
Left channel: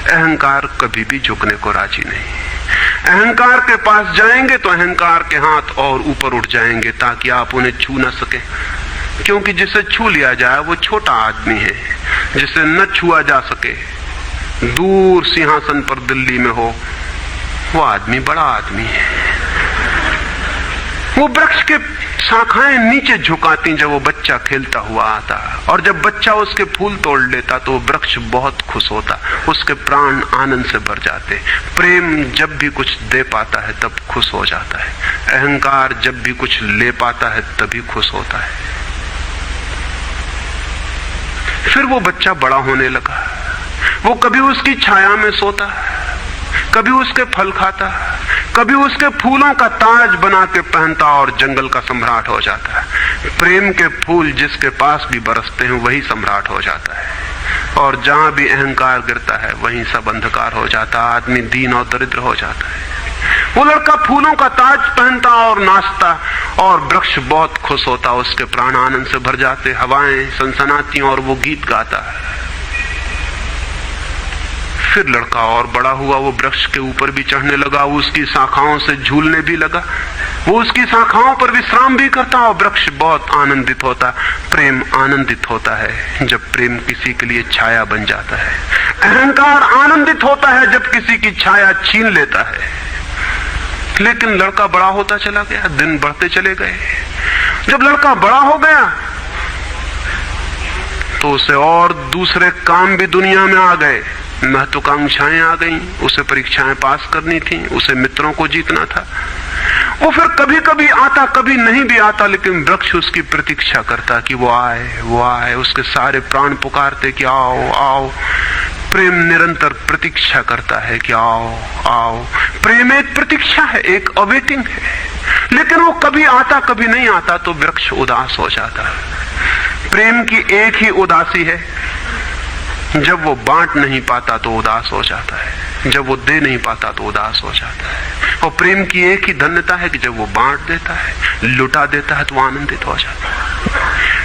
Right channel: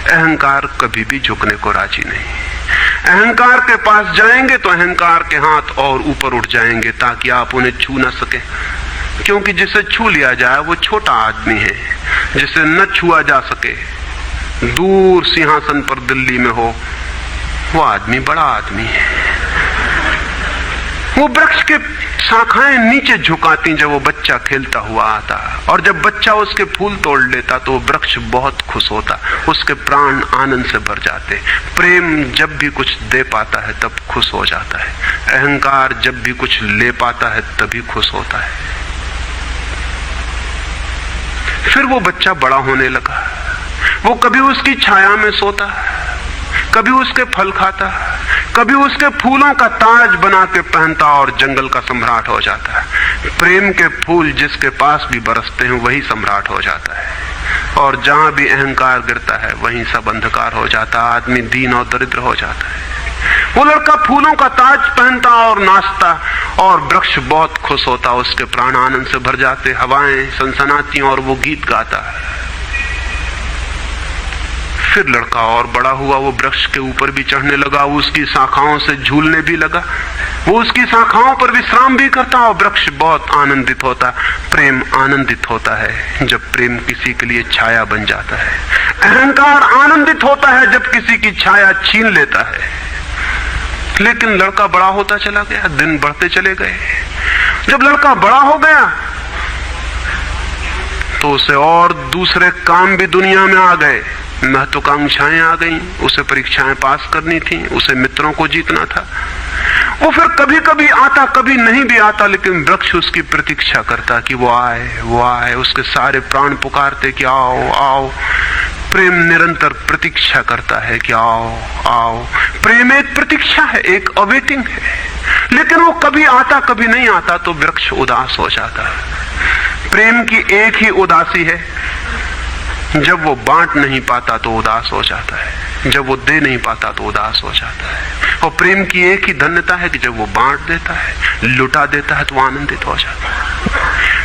अहंकार कभी भी झुकने को राजी नहीं। अहंकार के पास जाएंगे तो अहंकार के हाथ और ऊपर उठ जाएंगे ताकि आप उन्हें छू न सके, क्योंकि जिसे छू लिया जाए वो छोटा आदमी है, जिसे न छुआ जा सके, दूर सिंहासन पर दिल्ली में हो, वो आदमी बड़ा आदमी है। वो वृक्ष के शाखाएं नीचे झुकाती जब वो बच्चा खेलता हुआ आता, और जब बच्चा उसके फूल तोड़ लेता तो वृक्ष बहुत खुश होता, उसके प्राण आनंद से भर जाते। प्रेम जब भी कुछ दे पाता है तब खुश हो जाता है, अहंकार जब भी कुछ ले पाता है तभी खुश होता है। फिर वो बच्चा बड़ा होने लगा, वो कभी उसकी छाया में सोता, कभी उसके फल खाता, कभी उसके फूलों का ताज बना के पहनता और जंगल का सम्राट हो जाता है। प्रेम के फूल जिसके पास भी बरसते हैं वही सम्राट हो जाता है, और जहां भी अहंकार गिरता है वहीं सब अंधकार हो जाता है, आदमी दीन और दरिद्र हो जाता है। वो लड़का फूलों का ताज पहनता और नाचता, और वृक्ष बहुत खुश होता, उसके प्राण आनंद से भर जाते, हवाएं सनसनाती और वो गीत गाता। फिर लड़का और बड़ा हुआ, वो वृक्ष के ऊपर भी चढ़ने लगा, उसकी शाखाओं से झूलने भी लगा, वो उसकी शाखाओं पर विश्राम भी करता, और वृक्ष बहुत आनंदित होता। प्रेम आनंदित होता है जब प्रेम किसी के लिए छाया बन जाता है, अहंकार आनंदित होता है जब किसी की छाया छीन लेता है। लेकिन लड़का बड़ा होता चला गया, दिन बढ़ते चले गए। जब लड़का बड़ा हो गया तो उसे और दूसरे काम भी दुनिया में आ गए, महत्वाकांक्षाएं आ गई, उसे परीक्षाएं पास करनी थी, उसे मित्रों को जीतना था। वो फिर कभी कभी आता, कभी नहीं भी आता, लेकिन वृक्ष उसकी प्रतीक्षा करता कि वो आए, वो आए। उसके सारे प्राण पुकारते कि आओ आओ। प्रेम निरंतर प्रतीक्षा करता है कि आओ आओ। प्रेम एक प्रतीक्षा है, एक अवेटिंग है, लेकिन वो कभी आता कभी नहीं आता तो वृक्ष उदास हो जाता है। प्रेम की एक ही उदासी है, जब वो बांट नहीं पाता तो उदास हो जाता है, जब वो दे नहीं पाता तो उदास हो जाता है। और प्रेम की एक ही धन्यता है कि जब वो बांट देता है, लुटा देता है तो आनंदित हो जाता है।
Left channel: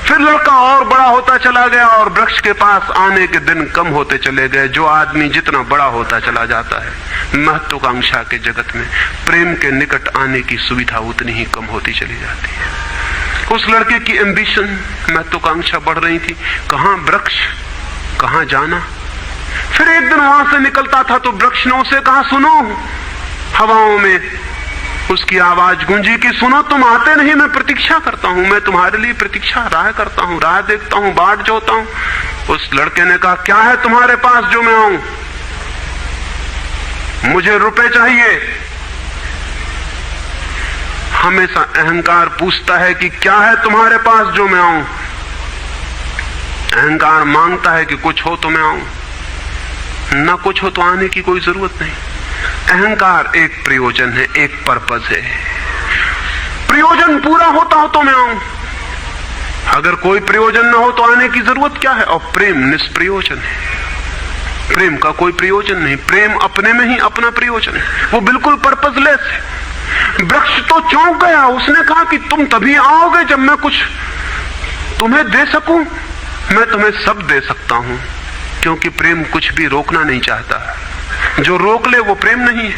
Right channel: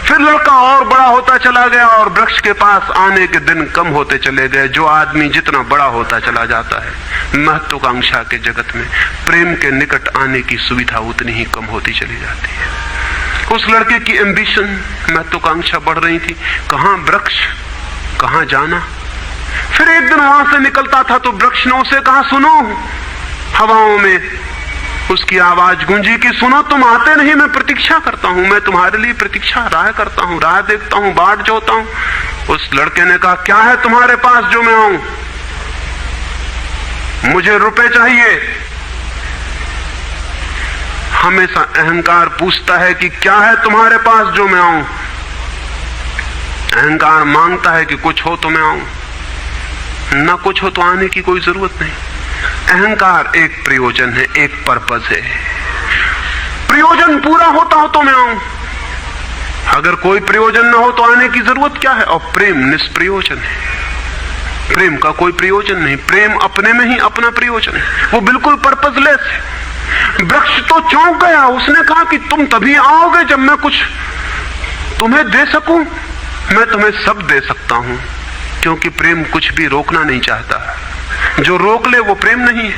फिर लड़का और बड़ा होता चला गया और वृक्ष के पास आने के दिन कम होते चले गए। जो आदमी जितना बड़ा होता चला जाता है, महत्वाकांक्षा के जगत में प्रेम के निकट आने की सुविधा उतनी ही कम होती चली जाती है। उस लड़के की एम्बिशन, महत्वाकांक्षा बढ़ रही थी, कहां वृक्ष, कहां जाना। फिर एक दिन वहां से निकलता था तो वृक्ष ने उसे कहा, सुनो। हवाओं में उसकी आवाज गूंजी कि सुनो, तुम आते नहीं, मैं प्रतीक्षा करता हूं, मैं तुम्हारे लिए प्रतीक्षा राह करता हूं, राह देखता हूं, बाट जोता हूं। उस लड़के ने कहा, क्या है तुम्हारे पास जो मैं आऊं? मुझे रुपए चाहिए। हमेशा अहंकार पूछता है कि क्या है तुम्हारे पास जो मैं आऊं। अहंकार मांगता है कि कुछ हो तो मैं आऊं, न कुछ हो तो आने की कोई जरूरत नहीं। अहंकार एक प्रयोजन है, एक पर्पस है। प्रयोजन पूरा होता हो तो मैं आऊं, अगर कोई प्रयोजन न हो तो आने की जरूरत क्या है। और प्रेम निष्प्रयोजन है, प्रेम का कोई प्रयोजन नहीं। प्रेम अपने में ही अपना प्रयोजन है, वो बिल्कुल पर्पसलेस है। वृक्ष तो चौंक गया, उसने कहा कि तुम तभी आओगे जब मैं कुछ तुम्हें दे सकूं। मैं तुम्हें सब दे सकता हूं, क्योंकि प्रेम कुछ भी रोकना नहीं चाहता। जो रोक ले वो प्रेम नहीं है।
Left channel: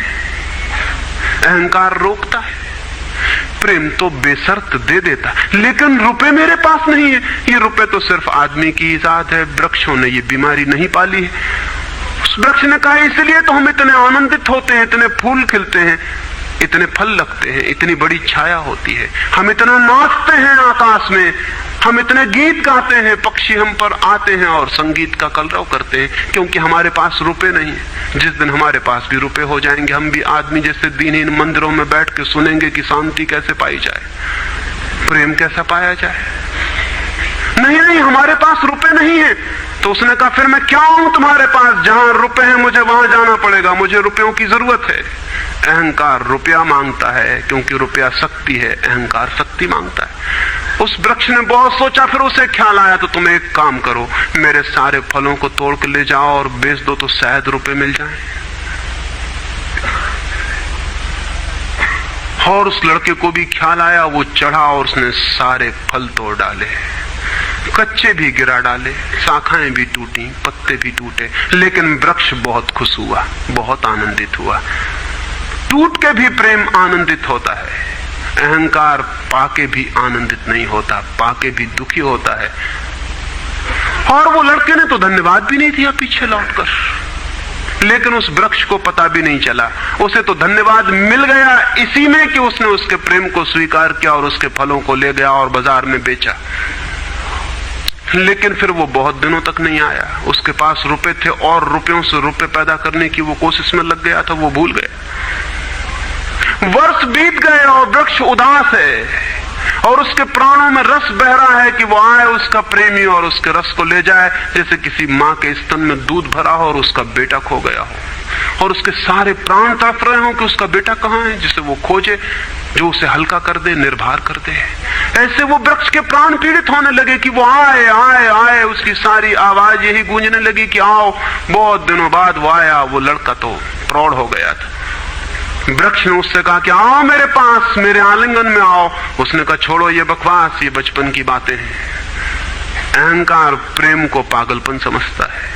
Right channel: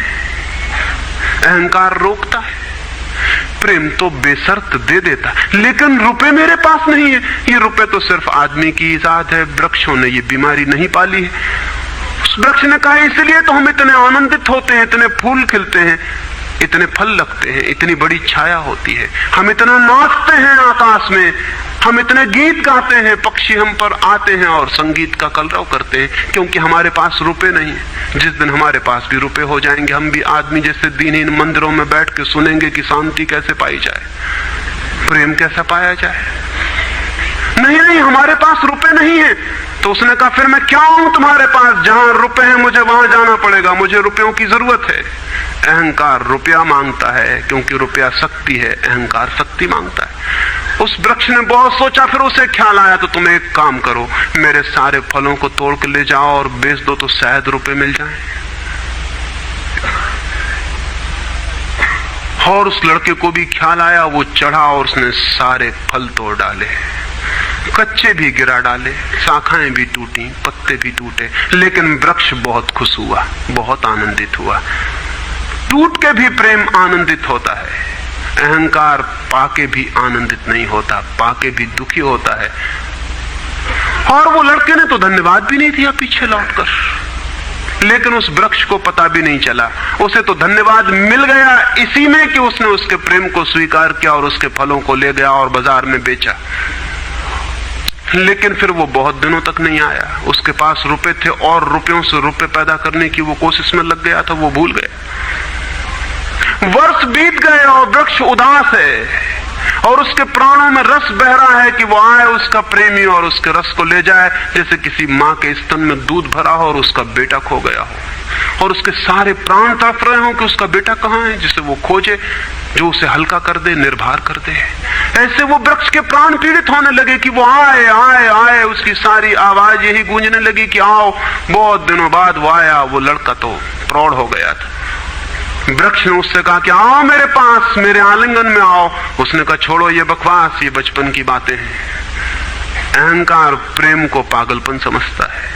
अहंकार रोकता है, प्रेम तो बेशर्त दे देता है। लेकिन रुपए मेरे पास नहीं है। ये रुपए तो सिर्फ आदमी की इजाद है, वृक्षों ने ये बीमारी नहीं पाली है। उस वृक्ष ने कहा, इसलिए तो हम इतने आनंदित होते हैं, इतने फूल खिलते हैं, इतने फल लगते हैं, इतनी बड़ी छाया होती है, हम इतना नाचते हैं आकाश में, हम इतने गीत गाते हैं, पक्षी हम पर आते हैं और संगीत का कलरव करते हैं, क्योंकि हमारे पास रुपए नहीं है। जिस दिन हमारे पास भी रुपए हो जाएंगे, हम भी आदमी जैसे दीनहीन मंदिरों में बैठ के सुनेंगे कि शांति कैसे पाई जाए, प्रेम कैसा पाया जाए। नहीं, हमारे पास रुपए नहीं है। तो उसने कहा फिर मैं क्या हूं तुम्हारे पास? जहां रुपए हैं मुझे वहां जाना पड़ेगा, मुझे रुपयों की जरूरत है। अहंकार रुपया मांगता है, क्योंकि रुपया शक्ति है, अहंकार शक्ति मांगता है। उस वृक्ष ने बहुत सोचा, फिर उसे ख्याल आया तो तुम एक काम करो, मेरे सारे फलों को तोड़ के ले जाओ और बेच दो तो शायद रुपए मिल जाए। और उस लड़के को भी ख्याल आया, वो चढ़ा और उसने सारे फल तोड़ डाले, कच्चे भी गिरा डाले, शाखाएं भी टूटी, पत्ते भी टूटे, लेकिन वृक्ष बहुत खुश हुआ, बहुत आनंदित हुआ। टूट के भी प्रेम आनंदित होता है, अहंकार पाके भी आनंदित नहीं होता, पाके भी दुखी होता है। और वो लड़के ने तो धन्यवाद भी नहीं दिया पीछे लौटकर, लेकिन उस वृक्ष को पता भी नहीं चला, उसे तो धन्यवाद मिल गया इसी में कि उसने उसके प्रेम को स्वीकार किया और उसके फलों को ले गया और बाजार में बेचा। लेकिन फिर वो बहुत दिनों तक नहीं आया। उसके पास रुपए थे और रुपयों से रुपए पैदा करने की वो कोशिश में लग गया, तो वो भूल गया। वर्ष बीत गए और वृक्ष उदास है और उसके प्राणों में रस बह रहा है कि वो आए उसका प्रेमी और उसके रस को ले जाए, जैसे किसी माँ के स्तन में दूध भरा हो और उसका बेटा खो गया और उसके सारे प्राण तड़प रहे हो कि उसका बेटा कहाँ है, जिसे वो खोजे, जो उसे हल्का कर दे, निर्भर कर दे। ऐसे वो वृक्ष के प्राण पीड़ित होने लगे कि वो आए आए आए, उसकी सारी आवाज यही गूंजने लगी कि आओ। बहुत दिनों बाद वो आया, वो लड़का तो प्रौढ़ हो गया था। वृक्ष ने उससे कहा कि आओ मेरे पास, मेरे आलिंगन में आओ। उसने कहा छोड़ो ये बकवास, ये बचपन की बातें हैं। अहंकार प्रेम को पागलपन समझता है,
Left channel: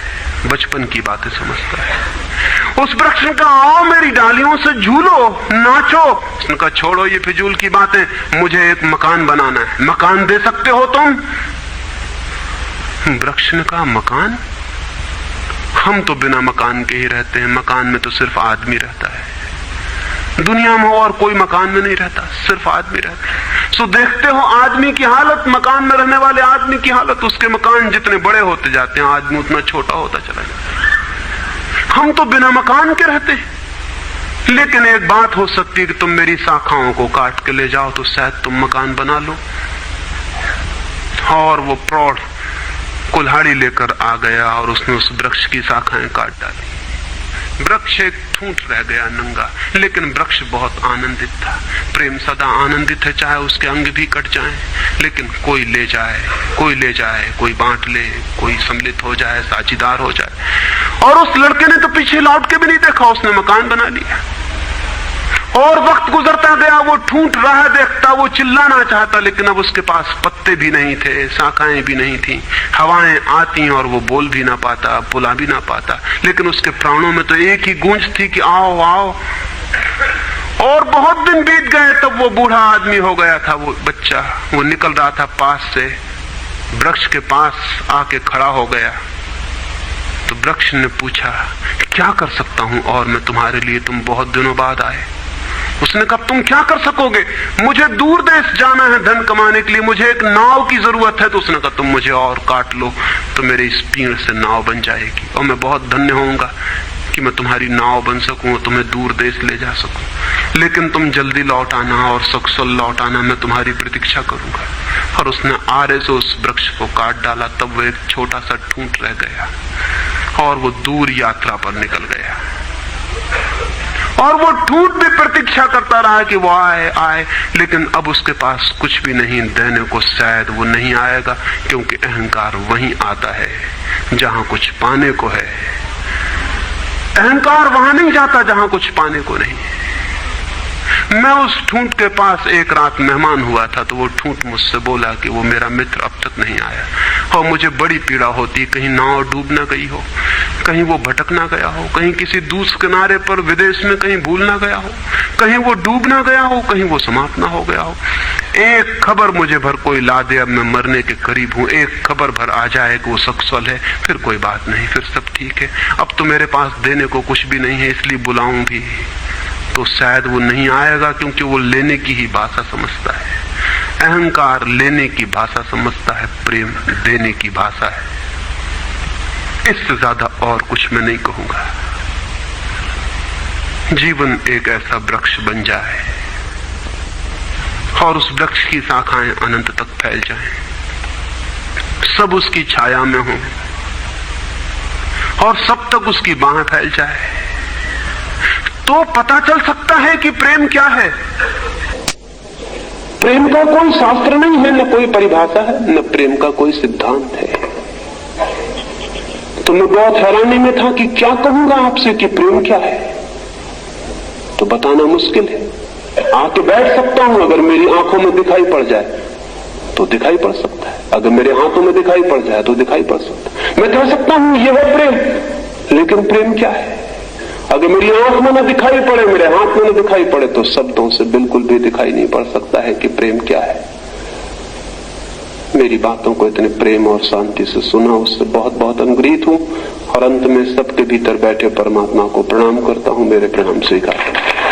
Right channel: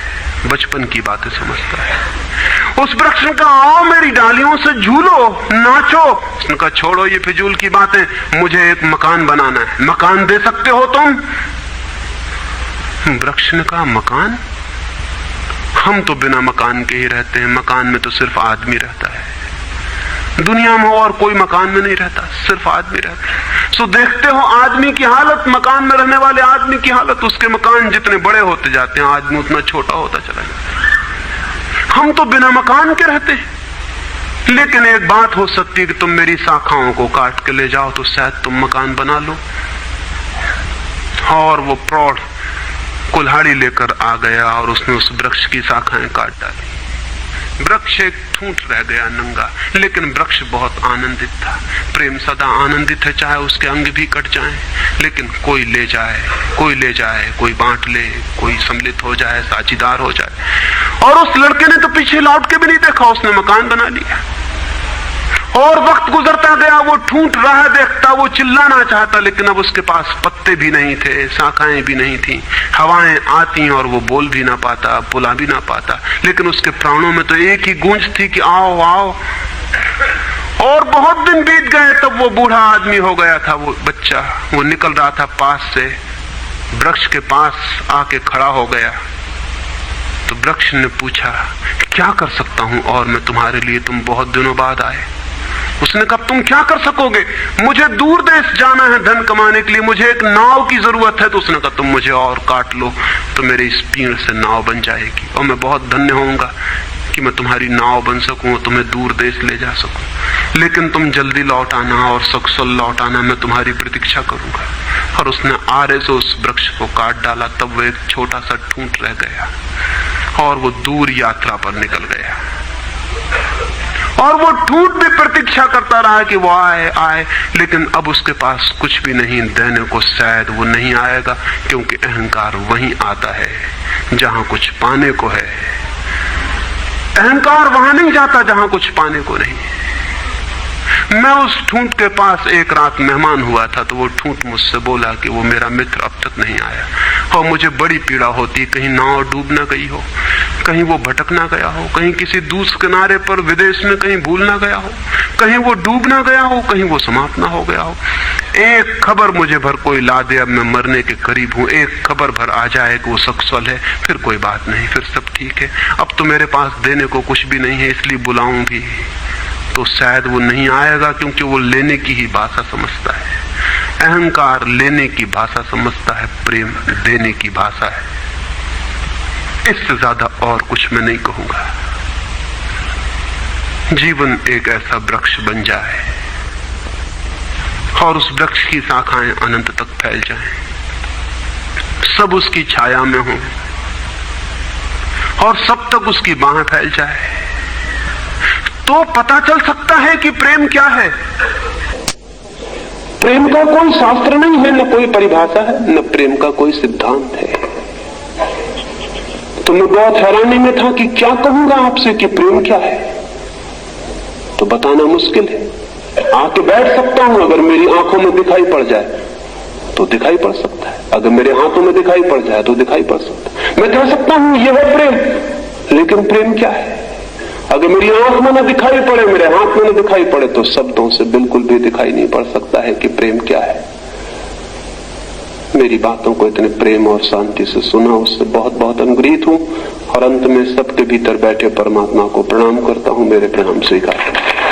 बचपन की बातें समझता है। उस वृक्ष ने कहा आओ मेरी डालियों से झूलो, नाचो। उसने कहा छोड़ो ये फिजूल की बातें, मुझे एक मकान बनाना है। मकान दे सकते हो तुम? वृक्ष ने कहा मकान? हम तो बिना मकान के ही रहते हैं, मकान में तो सिर्फ आदमी रहता है। दुनिया में और कोई मकान में नहीं रहता, सिर्फ आदमी रहता है। सो देखते हो आदमी की हालत, मकान में रहने वाले आदमी की हालत। उसके मकान जितने बड़े होते जाते हैं, आदमी उतना छोटा होता चला जाता है। हम तो बिना मकान के रहते हैं। लेकिन एक बात हो सकती है कि तुम मेरी शाखाओं को काट के ले जाओ तो शायद तुम मकान बना लो। और वो प्रौढ़ कुल्हाड़ी लेकर आ गया और उसने उस वृक्ष की शाखाएं काट डाली। वृक्ष एक ठूंठ रह गया नंगा, लेकिन वृक्ष बहुत आनंदित था। प्रेम सदा आनंदित है, चाहे उसके अंग भी कट जाएं, लेकिन कोई ले जाए, कोई ले जाए, कोई बांट ले, कोई सम्मिलित हो जाए, साझीदार हो जाए। और उस लड़के ने तो पीछे लौट के भी नहीं देखा, उसने मकान बना लिया। और वक्त गुजरता गया, वो ठूंठ रहा देखता, वो चिल्लाना चाहता, लेकिन अब उसके पास पत्ते भी नहीं थे, शाखाएं भी नहीं थी, हवाएं आती और वो बोल भी ना पाता, बुला भी ना पाता। लेकिन उसके प्राणों में तो एक ही गूंज थी कि आओ आओ। और बहुत दिन बीत गए, तब वो बूढ़ा आदमी हो गया था। वो बच्चा वो निकल रहा था पास से, वृक्ष के पास आके खड़ा हो गया। तो वृक्ष ने पूछा क्या कर सकता हूं और मैं तुम्हारे लिए, तुम बहुत दिनों बाद आए। उसने कहा तुम क्या कर सकोगे? मुझे दूर देश जाना है धन कमाने के लिए, मुझे एक नाव की जरूरत है। तो उसने कहा तुम मुझे और काट लो तो मेरी इस पीड़ से नाव बन जाएगी और मैं बहुत धन्य होऊंगा कि मैं तुम्हारी नाव बन सकूं, तुम्हें दूर देश ले जा सकूं। लेकिन तुम जल्दी लौट आना और सकुशल लौट आना, मैं तुम्हारी प्रतीक्षा करूंगा। और उसने आरे से उस वृक्ष को काट डाला। तब वो एक छोटा सा ठूंठ रह गया और वो दूर यात्रा पर निकल गया। और वो ठूंठ भी प्रतीक्षा करता रहा कि वो आए आए, लेकिन अब उसके पास कुछ भी नहीं देने को। शायद वो नहीं आएगा, क्योंकि अहंकार वहीं आता है जहां कुछ पाने को है। अहंकार वहां नहीं जाता जहां कुछ पाने को नहीं। मैं उस ठूंठ के पास एक रात मेहमान हुआ था, तो वो ठूंठ मुझसे बोला कि वो मेरा मित्र अब तक नहीं आया और मुझे बड़ी पीड़ा होती, कहीं नाव डूब ना गई हो, कहीं वो भटक ना गया हो, कहीं किसी दूसरे किनारे पर विदेश में कहीं भूल ना गया हो, कहीं वो डूब ना गया हो, कहीं वो समाप्त ना हो गया हो। एक खबर मुझे भर कोई ला दे, अब मैं मरने के करीब हूँ, एक खबर भर आ जाए कि वो सकुशल है, फिर कोई बात नहीं, फिर सब ठीक है। अब तो मेरे पास देने को कुछ भी नहीं है, इसलिए बुलाऊं भी तो शायद वो नहीं आएगा, क्योंकि वो लेने की ही भाषा समझता है। अहंकार लेने की भाषा समझता है, प्रेम देने की भाषा है। इससे ज्यादा और कुछ मैं नहीं कहूंगा। जीवन एक ऐसा वृक्ष बन जाए और उस वृक्ष की शाखाएं अनंत तक फैल जाएं, सब उसकी छाया में हो और सब तक उसकी बाह फैल जाए, तो पता चल सकता है कि प्रेम क्या है। प्रेम का कोई शास्त्र नहीं है, न कोई परिभाषा है, न प्रेम का कोई सिद्धांत है। तो मैं बहुत हैरानी में था कि क्या कहूंगा आपसे कि प्रेम क्या है, तो बताना मुश्किल है। आके बैठ सकता हूं, अगर मेरी आंखों में दिखाई पड़ जाए तो दिखाई पड़ सकता है, अगर मेरे हाथों में दिखाई पड़ जाए तो दिखाई पड़ सकता है। मैं कह सकता हूं यह है प्रेम, लेकिन प्रेम क्या है? अगर मेरी आंख में न दिखाई पड़े, मेरे हाथ में न दिखाई पड़े, तो शब्दों से बिल्कुल भी दिखाई नहीं पड़ सकता है कि प्रेम क्या है। मेरी बातों को इतने प्रेम और शांति से सुना, उससे बहुत बहुत अनुग्रहित हूं और अंत में सबके भीतर बैठे परमात्मा को प्रणाम करता हूं। मेरे प्रणाम स्वीकार।